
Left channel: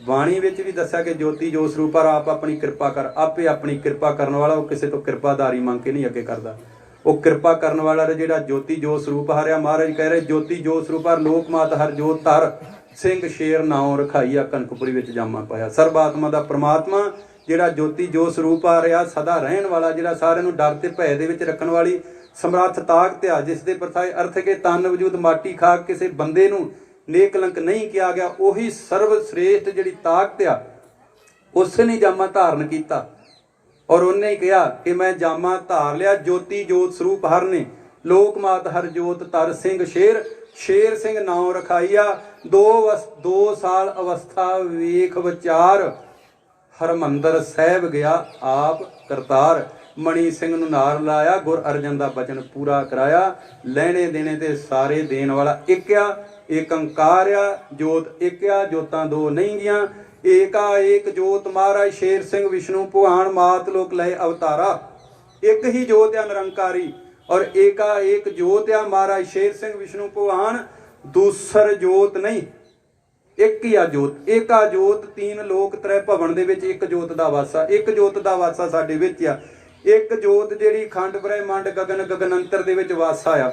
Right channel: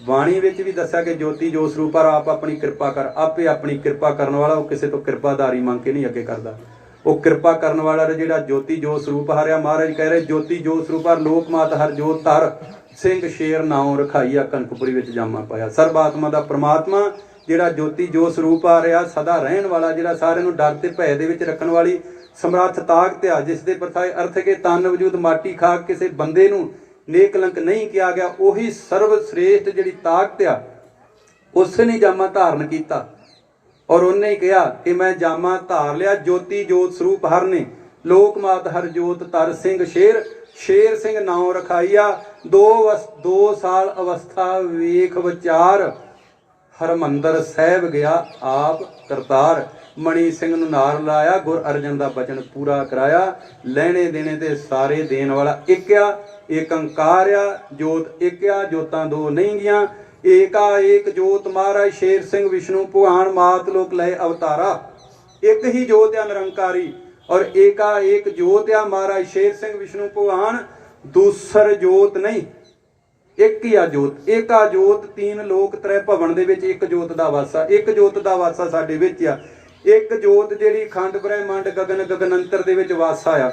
ਬਾਣੀ ਵਿੱਚ ਵੀ ਦੱਸਿਆ ਕਿ ਜੋਤੀ ਜੋ ਸਰੂਪ ਆਪ ਆਪਣੀ ਕਿਰਪਾ ਕਰ, ਆਪੇ ਆਪਣੀ ਕਿਰਪਾ ਕਰਨ ਵਾਲਾ। ਉਹ ਕਿਸੇ ਤੋਂ ਕਿਰਪਾਦਾਰੀ ਮੰਗ ਕੇ ਨਹੀਂ ਅੱਗੇ ਕਰਦਾ, ਉਹ ਕਿਰਪਾ ਕਰਨ ਵਾਲਾ ਜਿਹੜਾ ਜੋਤੀ ਜੋ ਸਰੂਪ ਹਰਿਆ। ਮਹਾਰਾਜ ਕਹਿ ਰਹੇ ਜੋਤੀ ਜੋ ਸਰੂਪ ਹਰ ਲੋਕ ਮਾਤ ਹਰ ਜੋਤ ਧਰ, ਸਿੰਘ ਸ਼ੇਰ ਨਾਉ ਰਖਾਈਆ ਕਨਕਪੁਰੀ ਵਿੱਚ ਜਾਮਾ ਪਾਇਆ। ਸਰਬ ਆਤਮਾ ਦਾ ਪ੍ਰਮਾਤਮਾ ਜਿਹੜਾ ਜੋਤੀ ਜੋ ਸਰੂਪ ਆ ਰਿਹਾ, ਸਦਾ ਰਹਿਣ ਵਾਲਾ, ਜਿਹੜਾ ਸਾਰਿਆਂ ਨੂੰ ਡਰ ਤੇ ਭੈ ਦੇ ਵਿੱਚ ਰੱਖਣ ਵਾਲੀ ਸਮਰੱਥ ਤਾਕਤ ਆ, ਜਿਸ ਦੇ ਪ੍ਰਥਾਏ ਅਰਥ ਕੇ ਤਨ ਵਜੂਦ ਮਾਟੀ ਖਾ ਕਿਸੇ ਬੰਦੇ ਨੂੰ ਨੇਕ ਕਲੰਕ ਨਹੀਂ ਕਿਹਾ ਗਿਆ। ਉਹੀ ਸਰਵ ਸ੍ਰੇਸ਼ਟ ਜਿਹੜੀ ਤਾਕਤ ਆ, ਉਸੇ ਨੇ ਜਾਮਾ ਧਾਰਨ ਕੀਤਾ ਔਰ ਉਹਨੇ ਹੀ ਕਿਹਾ ਕਿ ਮੈਂ ਜਾਮਾ ਧਾਰ ਲਿਆ। ਜੋਤੀ ਜੋਤ ਸਰੂਪ ਹਰ ਨੇ, ਲੋਕ ਮਾਤ ਹਰ ਜੋਤ ਧਰ, ਸਿੰਘ ਸ਼ੇਰ, ਸ਼ੇਰ ਸਿੰਘ ਨਾਉ ਰਖਾਈਆ। 2 ਸਾਲ ਅਵਸਥਾ ਵੇਖ ਵਿਚਾਰ, ਹਰਮੰਦਰ ਸਾਹਿਬ ਗਿਆ ਆਪ ਕਰਤਾਰ। ਮਣੀ ਸਿੰਘ ਨੂੰ ਨਾਰ ਲਾਇਆ, ਗੁਰ ਅਰਜਨ ਦਾ ਬਚਨ ਪੂਰਾ ਕਰਾਇਆ। ਲੈਣੇ ਦੇਣੇ ਤੇ ਸਾਰੇ ਦੇਣ ਵਾਲਾ ਇੱਕ ਆ, ਏਕੰਕਾਰ ਆ, ਜੋਤ ਇੱਕ ਆ, ਜੋਤਾਂ 2 ਨਹੀਂ ਗੀਆਂ। ਏਕਾ ਏਕ ਜੋਤ ਮਹਾਰਾਜ ਸ਼ੇਰ ਸਿੰਘ ਵਿਸ਼ਨੂੰ ਭਗਵਾਨ ਮਾਤ ਲੋਕ ਲਏ ਅਵਤਾਰਾ। ਇੱਕ ਹੀ ਜੋਤ ਆ ਨਿਰੰਕਾਰੀ ਔਰ ਏਕਾ ਏਕ ਜੋਤ ਆ ਮਹਾਰਾਜ ਸ਼ੇਰ ਸਿੰਘ ਵਿਸ਼ਨੂੰ ਭਗਵਾਨ, ਦੂਸਰ ਜੋਤ ਨਹੀਂ, ਇੱਕ ਹੀ ਆ ਜੋਤ। ਏਕਾ ਜੋਤ 3 ਲੋਕ 3 ਭਵਨ ਦੇ ਵਿੱਚ ਇੱਕ ਜੋਤ ਦਾ ਵਾਸਾ, ਇੱਕ ਜੋਤ ਦਾ ਵਾਸਾ ਸਾਡੇ ਵਿੱਚ ਆ। ਇੱਕ ਜੋਤ ਜਿਹੜੀ ਖੰਡ ਬ੍ਰਹਿਮੰਡ ਗਗਨ ਗਗਨੰਤਰ ਦੇ ਵਿੱਚ ਵਾਸਾ ਆ,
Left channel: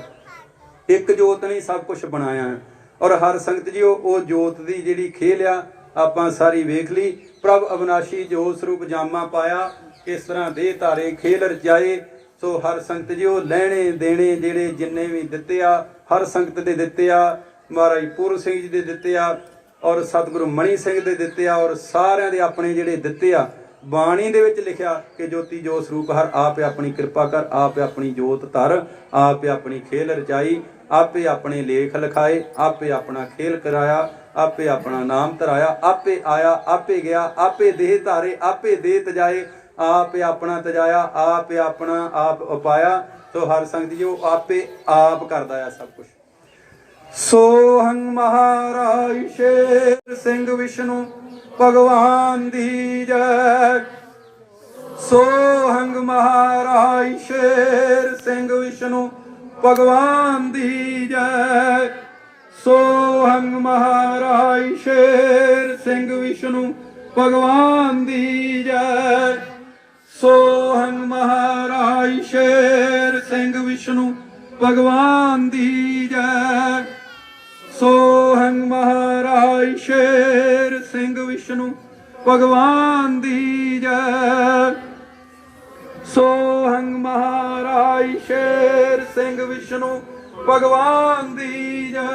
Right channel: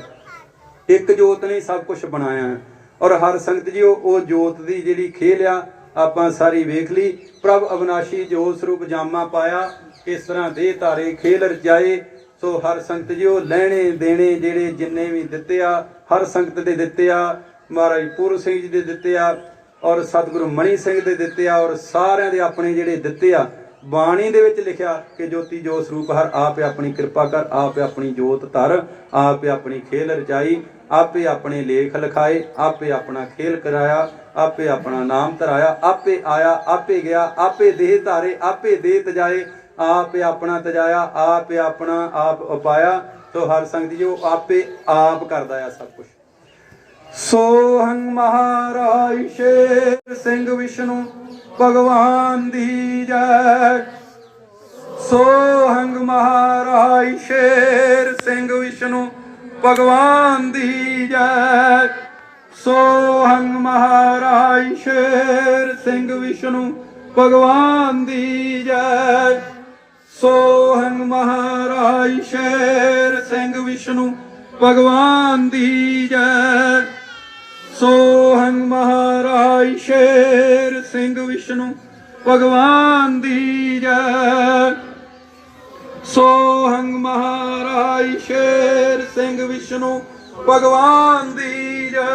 ਇੱਕ ਜੋਤ ਨੇ ਸਭ ਕੁਝ ਬਣਾਇਆ। ਔਰ ਹਰ ਸੰਗਤ ਜੀ ਉਹ ਜੋਤ ਦੀ ਜਿਹੜੀ ਖੇਲ ਆ ਆਪਾਂ ਸਾਰੀ ਵੇਖ ਲਈ। ਪ੍ਰਭ ਅਵਿਨਾਸ਼ੀ ਜੋਤ ਸਰੂਪ ਜਾਮਾ ਪਾਇਆ, ਕਿਸ ਤਰ੍ਹਾਂ ਦੇਹ ਧਾਰੇ ਖੇਲ ਰਚਾਏ। ਸੋ ਹਰ ਸੰਗਤ ਜੀ ਉਹ ਲੈਣੇ ਦੇਣੇ ਜਿਹੜੇ ਜਿੰਨੇ ਵੀ ਦਿੱਤੇ ਆ ਹਰ ਸੰਗਤ ਦੇ ਦਿੱਤੇ ਆ, ਮਹਾਰਾਜ ਪੂਰਨ ਸਿੰਘ ਜੀ ਦੇ ਦਿੱਤੇ ਆ ਔਰ ਸਤਿਗੁਰੂ ਮਣੀ ਸਿੰਘ ਦੇ ਦਿੱਤੇ ਆ, ਔਰ ਸਾਰਿਆਂ ਦੇ ਆਪਣੇ ਜਿਹੜੇ ਦਿੱਤੇ ਆ। ਬਾਣੀ ਦੇ ਵਿੱਚ ਲਿਖਿਆ ਕਿ ਜੋਤੀ ਜੋਤ ਸਰੂਪ ਹਰ ਆਪੇ ਆਪਣੀ ਕਿਰਪਾ ਕਰ, ਆਪੇ ਆਪਣੀ ਜੋਤ ਧਰ, ਆਪੇ ਆਪਣੀ ਖੇਲ ਰਚਾਈ, ਆਪੇ ਆਪਣੇ ਲੇਖ ਲਿਖਾਏ, ਆਪੇ ਆਪਣਾ ਖੇਲ ਕਰਾਇਆ, ਆਪੇ ਆਪਣਾ ਨਾਮ ਧਰਾਇਆ, ਆਪੇ ਆਇਆ ਆਪੇ ਗਿਆ, ਆਪੇ ਦੇਹ ਧਾਰੇ ਆਪੇ ਦੇਹ ਤਜਾਏ, ਆਪੇ ਆਪਣਾ ਤਜਾਇਆ, ਆਪੇ ਆਪਣਾ ਆਪ ਉਪਾਇਆ। ਸੋ ਹਰ ਸੰਗਤ ਜੀ ਉਹ ਆਪੇ ਆਪ ਕਰਦਾ ਆ ਸਭ ਕੁਝ। ਸੋਹੰ ਮਹਾਰਾਜ ਸ਼ੇਰ ਸਿੰਘ ਵਿਸ਼ਨੂੰ ਭਗਵਾਨ ਦੀ ਜੈ। ਸੋਹੰ ਮਹਾਰਾਜ ਸ਼ੇਰ ਸਿੰਘ ਵਿਸ਼ਨੂੰ ਭਗਵਾਨ ਦੀ ਜੈ। ਸੋਹੰ ਮਹਾਰਾਜ ਸ਼ੇਰ ਸਿੰਘ ਵਿਸ਼ਨੂੰ ਭਗਵਾਨ ਦੀ ਜੈ। ਸੋਹੰ ਮਹਾਰਾਜ ਸ਼ੇਰ ਸਿੰਘ ਵਿਸ਼ਨੂੰ ਭਗਵਾਨ ਦੀ ਜੈ। ਸੋਹੰ ਮਹਾਰਾਜ ਸ਼ੇਰ ਸਿੰਘ ਵਿਸ਼ਨੂੰ ਭਗਵਾਨ ਦੀ ਜੈ। ਸੋਹੰ ਮਹਾਰਾਜ ਸ਼ੇਰ ਸਿੰਘ ਵਿਸ਼ਨੂੰ ਭਗਵਾਨ ਦੀ ਜੈ।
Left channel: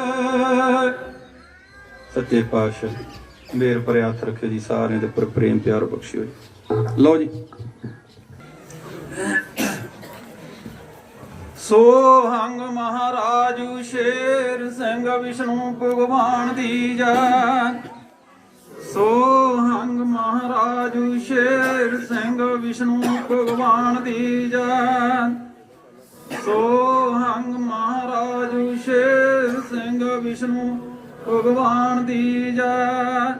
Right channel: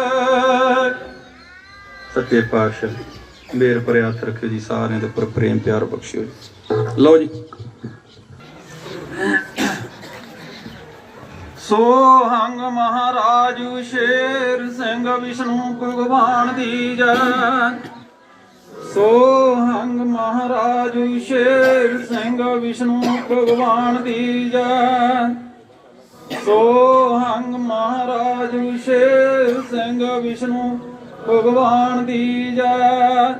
ਸੱਚੇ ਪਾਤਸ਼ਾਹ ਮੇਰ ਭਰੇ ਹੱਥ ਰੱਖਿਓ ਜੀ, ਸਾਰਿਆਂ ਦੇ ਉੱਪਰ ਪ੍ਰੇਮ ਪਿਆਰ ਬਖਸ਼ਿਓ ਜੀ। ਲਓ ਜੀ। ਸੋਹੰਗ ਮਹਾਰਾਜ ਸ਼ੇਰ ਸਿੰਘ ਵਿਸ਼ਨੂੰ ਭਗਵਾਨ ਦੀ ਜੈ। ਸੋਹੰਗ ਮਹਾਰਾਜ ਸ਼ੇਰ ਸਿੰਘ ਵਿਸ਼ਨੂੰ ਭਗਵਾਨ ਦੀ ਜੈ। ਸੋਹੰਗ ਮਹਾਰਾਜ ਸ਼ੇਰ ਸਿੰਘ ਵਿਸ਼ਨੂੰ ਭਗਵਾਨ ਦੀ ਜੈ।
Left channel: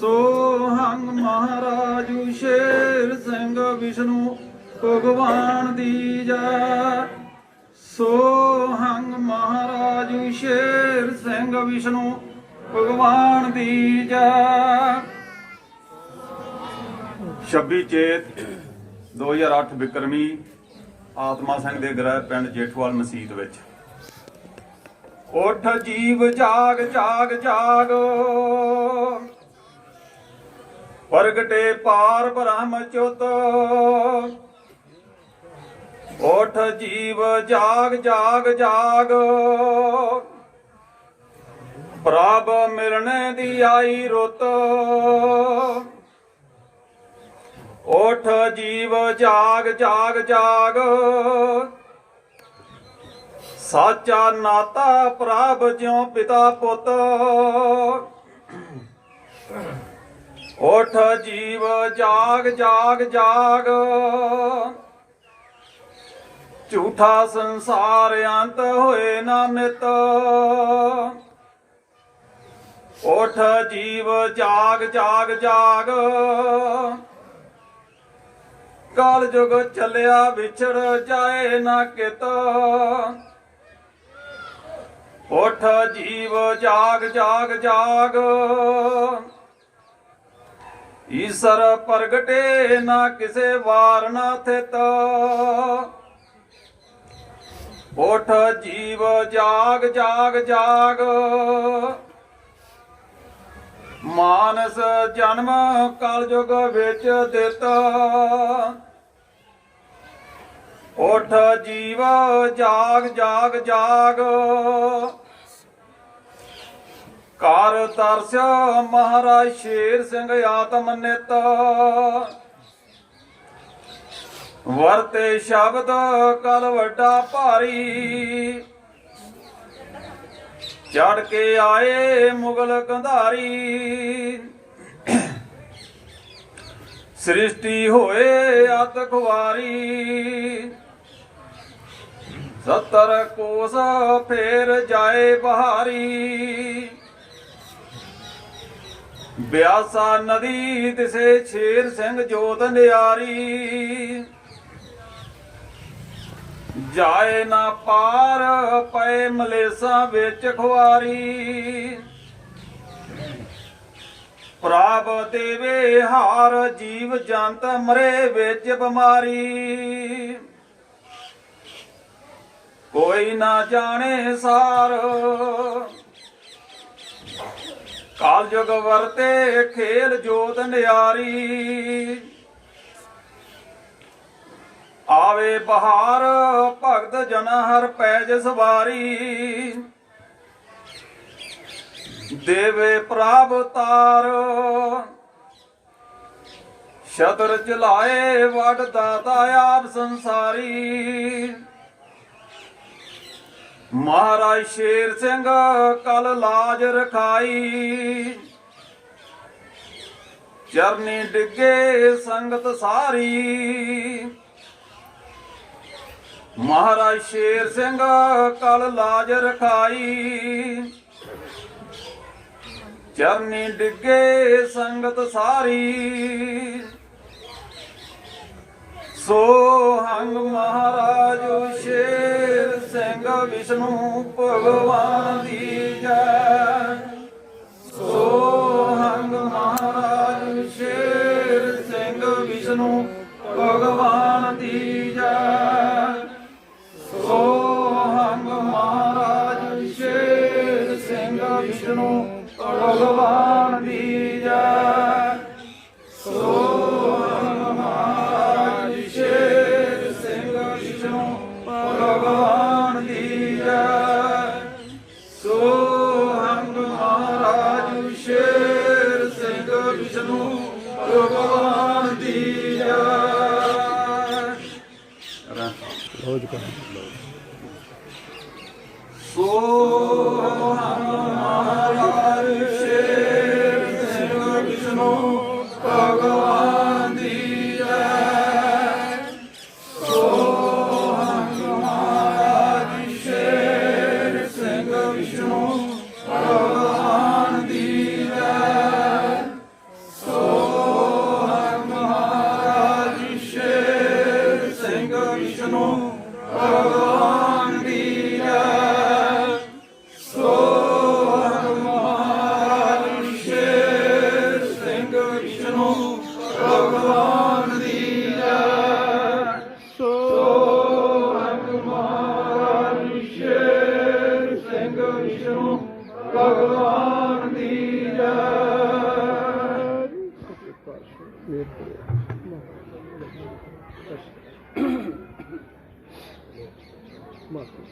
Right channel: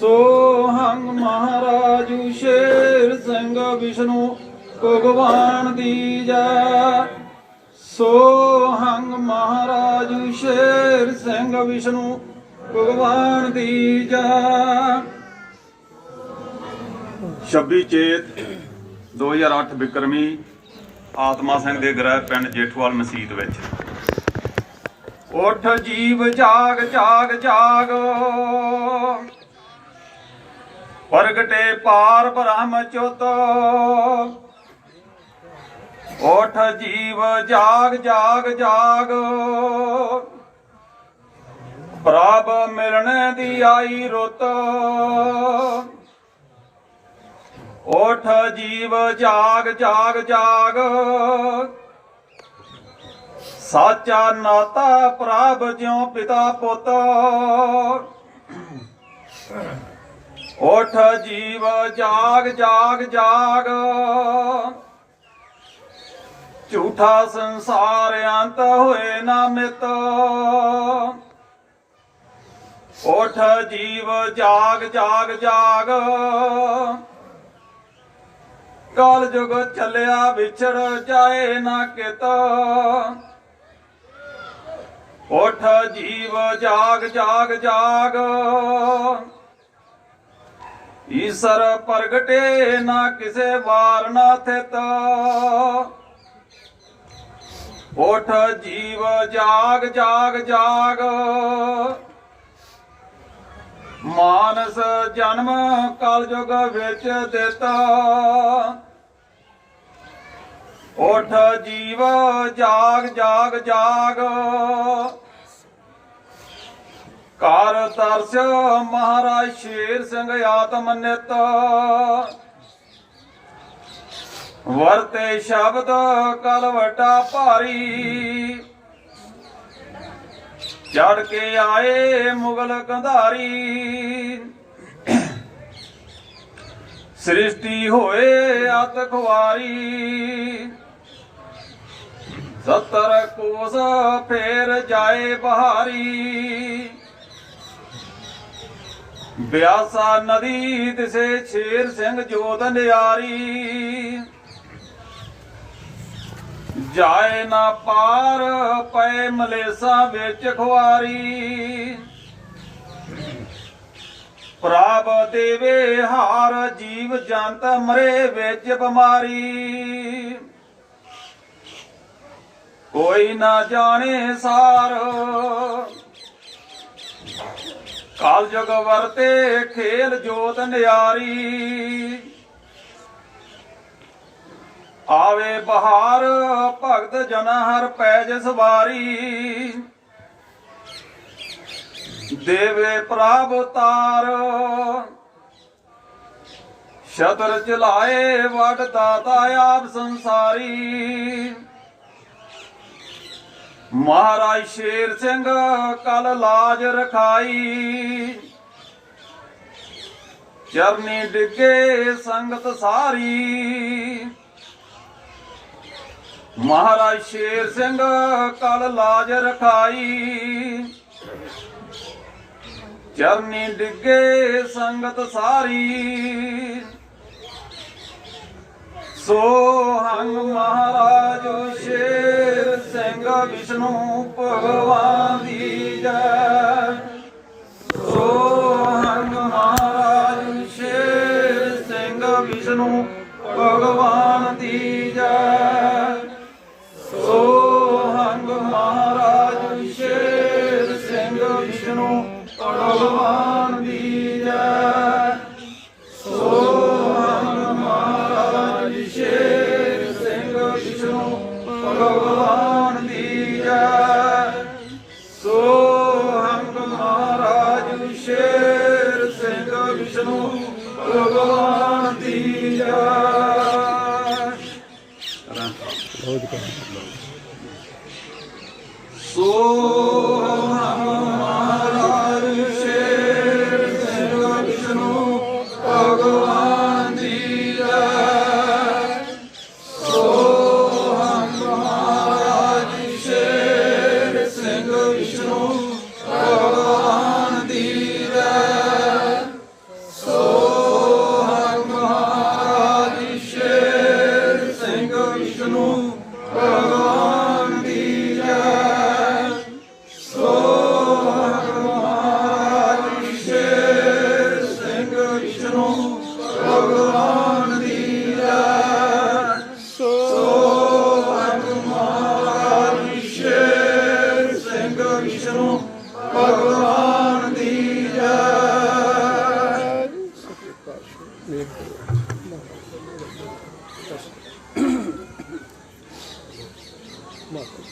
ਸੋਹੰਗ ਮਹਾਰਾਜ ਸ਼ੇਰ ਸਿੰਘ ਵਿਸ਼ਨੂੰ ਭਗਵਾਨ ਦੀ ਜੈ। ਸੋਹੰਗ ਮਹਾਰਾਜ ਸ਼ੇਰ ਸਿੰਘ ਵਿਸ਼ਨੂੰ ਭਗਵਾਨ ਦੀ ਜੈ। 26 ਚੇਤ 2008 ਬਿਕਰਮੀ ਆਤਮਾ ਸਿੰਘ ਦੇ ਗ੍ਰਹਿ ਪਿੰਡ ਜੇਠੂਵਾਲ ਮਸੀਤ ਵਿੱਚ। ਉੱਠ ਜੀਵ ਜਾਗ ਜਾਗ ਜਾਗ, ਪ੍ਰਗਟੇ ਪਾਰ ਬ੍ਰਹਮ ਚੁੱਤ। ਉੱਠ ਜੀਵ ਜਾਗ ਜਾਗ ਜਾਗ, ਪ੍ਰਭ ਮਿਲਣ ਦੀ ਆਈ ਰੁੱਤ। ਉੱਠ ਜੀਵ ਜਾਗ ਜਾਗ ਜਾਗ, ਸਾਚਾ ਨਾਤਾ ਪ੍ਰਭ ਜਿਉ ਪਿਤਾ ਪੁੱਤ। ਉੱਠ ਜੀਵ ਜਾਗ ਜਾਗ ਜਾਗ, ਝੂਠਾ ਸੰਸਾਰ ਅੰਤ ਹੋਏ ਨਾ ਮਿਤ। ਉੱਠ ਜੀਵ ਜਾਗ ਜਾਗ ਜਾਗ, ਕਲ ਜੁਗ ਚੱਲਿਆ ਵਿਛੜ ਜਾਏ ਨਾ ਕਿਤ। ਉੱਠ ਜੀਵ ਜਾਗ ਜਾਗ ਜਾਗ, ਈਸ਼ਰ ਪ੍ਰਗਟੇ ਨਾ ਕਿਸੇ ਵਾਰ ਨਾ ਥਿਤ। ਉੱਠ ਜੀਵ ਜਾਗ ਜਾਗ ਜਾਗ, ਮਾਨਸ ਜਨਮ ਕਲ ਯੁਗ ਵਿੱਚ ਦਿੱਤਾ। ਉੱਠ ਜੀਵ ਜਾਗ ਜਾਗ ਜਾਗ, ਕਰ ਤਰਸ ਮਹਾਰਾਜ ਸ਼ੇਰ ਸਿੰਘ ਆਤਮ ਨਿਤ। ਵਰਤੇ ਸ਼ਬਦ ਕਲ ਵੱਡਾ ਭਾਰੀ, ਚੜ ਕੇ ਆਏ ਮੁਗਲ ਕੰਧਾਰੀ। ਸ੍ਰਿਸ਼ਟੀ ਹੋਏ ਅਤ ਖੁਆਰੀ, 70 ਕੋਸ ਫੇਰ ਜਾਏ ਬਹਾਰੀ। ਬਿਆਸਾ ਨਦੀ ਦਿਸੇ ਸ਼ੇਰ ਸਿੰਘ ਜੋਤ ਨਿਆਰੀ। ਜਾਏ ਨਾ ਪਾਰ ਪਏ ਮਲੇਸਾਂ ਵਿੱਚ ਖੁਆਰੀ। ਪ੍ਰਭ ਦੇਵੇ ਹਾਰ ਜੀਵ ਜੰਤ ਮਰੇ ਵਿੱਚ ਬਿਮਾਰੀ। ਕੋਈ ਨਾ ਜਾਣੇ ਸਾਰ ਕਾਲ ਜੁਗ ਵਰਤੇ ਖੇਲ ਜੋਤ ਨਿਆਰੀ, ਆਵੇ ਬਹਾਰ ਭਗਤ ਜਨਾ ਹਰ ਪੈਜ ਸਵਾਰੀ, ਦੇਵੇ ਪ੍ਰਭ ਤਾਰ ਸ਼ਤਰ ਚਲਾਏ ਵਡ ਦਾਤਾ ਆਪ ਸੰਸਾਰੀ। ਮਹਾਰਾਜ ਸ਼ੇਰ ਸਿੰਘ ਕਲ ਲਾਜ ਰਖਾਈ, ਚਰਨੀ ਡਿੱਗੇ ਸੰਗਤ ਸਾਰੀ। ਮਹਾਰਾਜ ਸ਼ੇਰ ਸਿੰਘ ਕਲ ਲਾਜ ਰਖਾਈ, ਚਰਨੀ ਡਿੱਗੇ ਸੰਗਤ ਸਾਰੀ। ਸੋਹੰਗ ਮਹਾਰਾਜ ਸ਼ੇਰ ਸਿੰਘ ਵਿਸ਼ਨੂੰ ਭਗਵਾਨ ਦੀ ਜੈ। ਸੋਹੰਗ ਮਹਾਰਾਜ ਸ਼ੇਰ ਸਿੰਘ ਵਿਸ਼ਨੂੰ ਭਗਵਾਨ ਦੀ ਜੈ। ਸੋਹੰਗ ਮਹਾਰਾਜ ਸ਼ੇਰ ਸਿੰਘ ਵਿਸ਼ਨੂੰ ਭਗਵਾਨ ਦੀ ਜੈ। ਸੋਹੰਗ ਮਹਾਰਾਜ ਸ਼ੇਰ ਸਿੰਘ ਵਿਸ਼ਨੂੰ ਭਗਵਾਨ ਦੀ ਜੈ। ਸੋਹੰਗ ਮਹਾਰਾਜ ਸ਼ੇਰ ਸਿੰਘ ਵਿਸ਼ਨੂੰ ਭਗਵਾਨ ਦੀ ਜੈ। ਸੋਹੰਗ ਮਹਾਰਾਜ ਸ਼ੇਰ ਸਿੰਘ ਵਿਸ਼ਨੂੰ ਭਗਵਾਨ ਦੀ ਜੈ। ਸੋਹੰਗ ਮਹਾਰਾਜ ਸ਼ੇਰ ਸਿੰਘ ਵਿਸ਼ਨੂੰ ਭਗਵਾਨ ਦੀ ਜੈ। ਸੋਹੰਗ ਮਹਾਰਾਜ ਸ਼ੇਰ ਸਿੰਘ ਵਿਸ਼ਨੂੰ ਭਗਵਾਨ ਦੀ ਜੈ। ਸੋਹੰਗ ਮਹਾਰਾਜ ਸ਼ੇਰ ਸਿੰਘ ਵਿਸ਼ਨੂੰ ਭਗਵਾਨ ਦੀ ਜੈ। ਸੋਹੰਗ ਮਹਾਰਾਜ ਸ਼ੇਰ ਸਿੰਘ ਵਿਸ਼ਨੂੰ ਭਗਵਾਨ ਦੀ ਜੈ। Marco.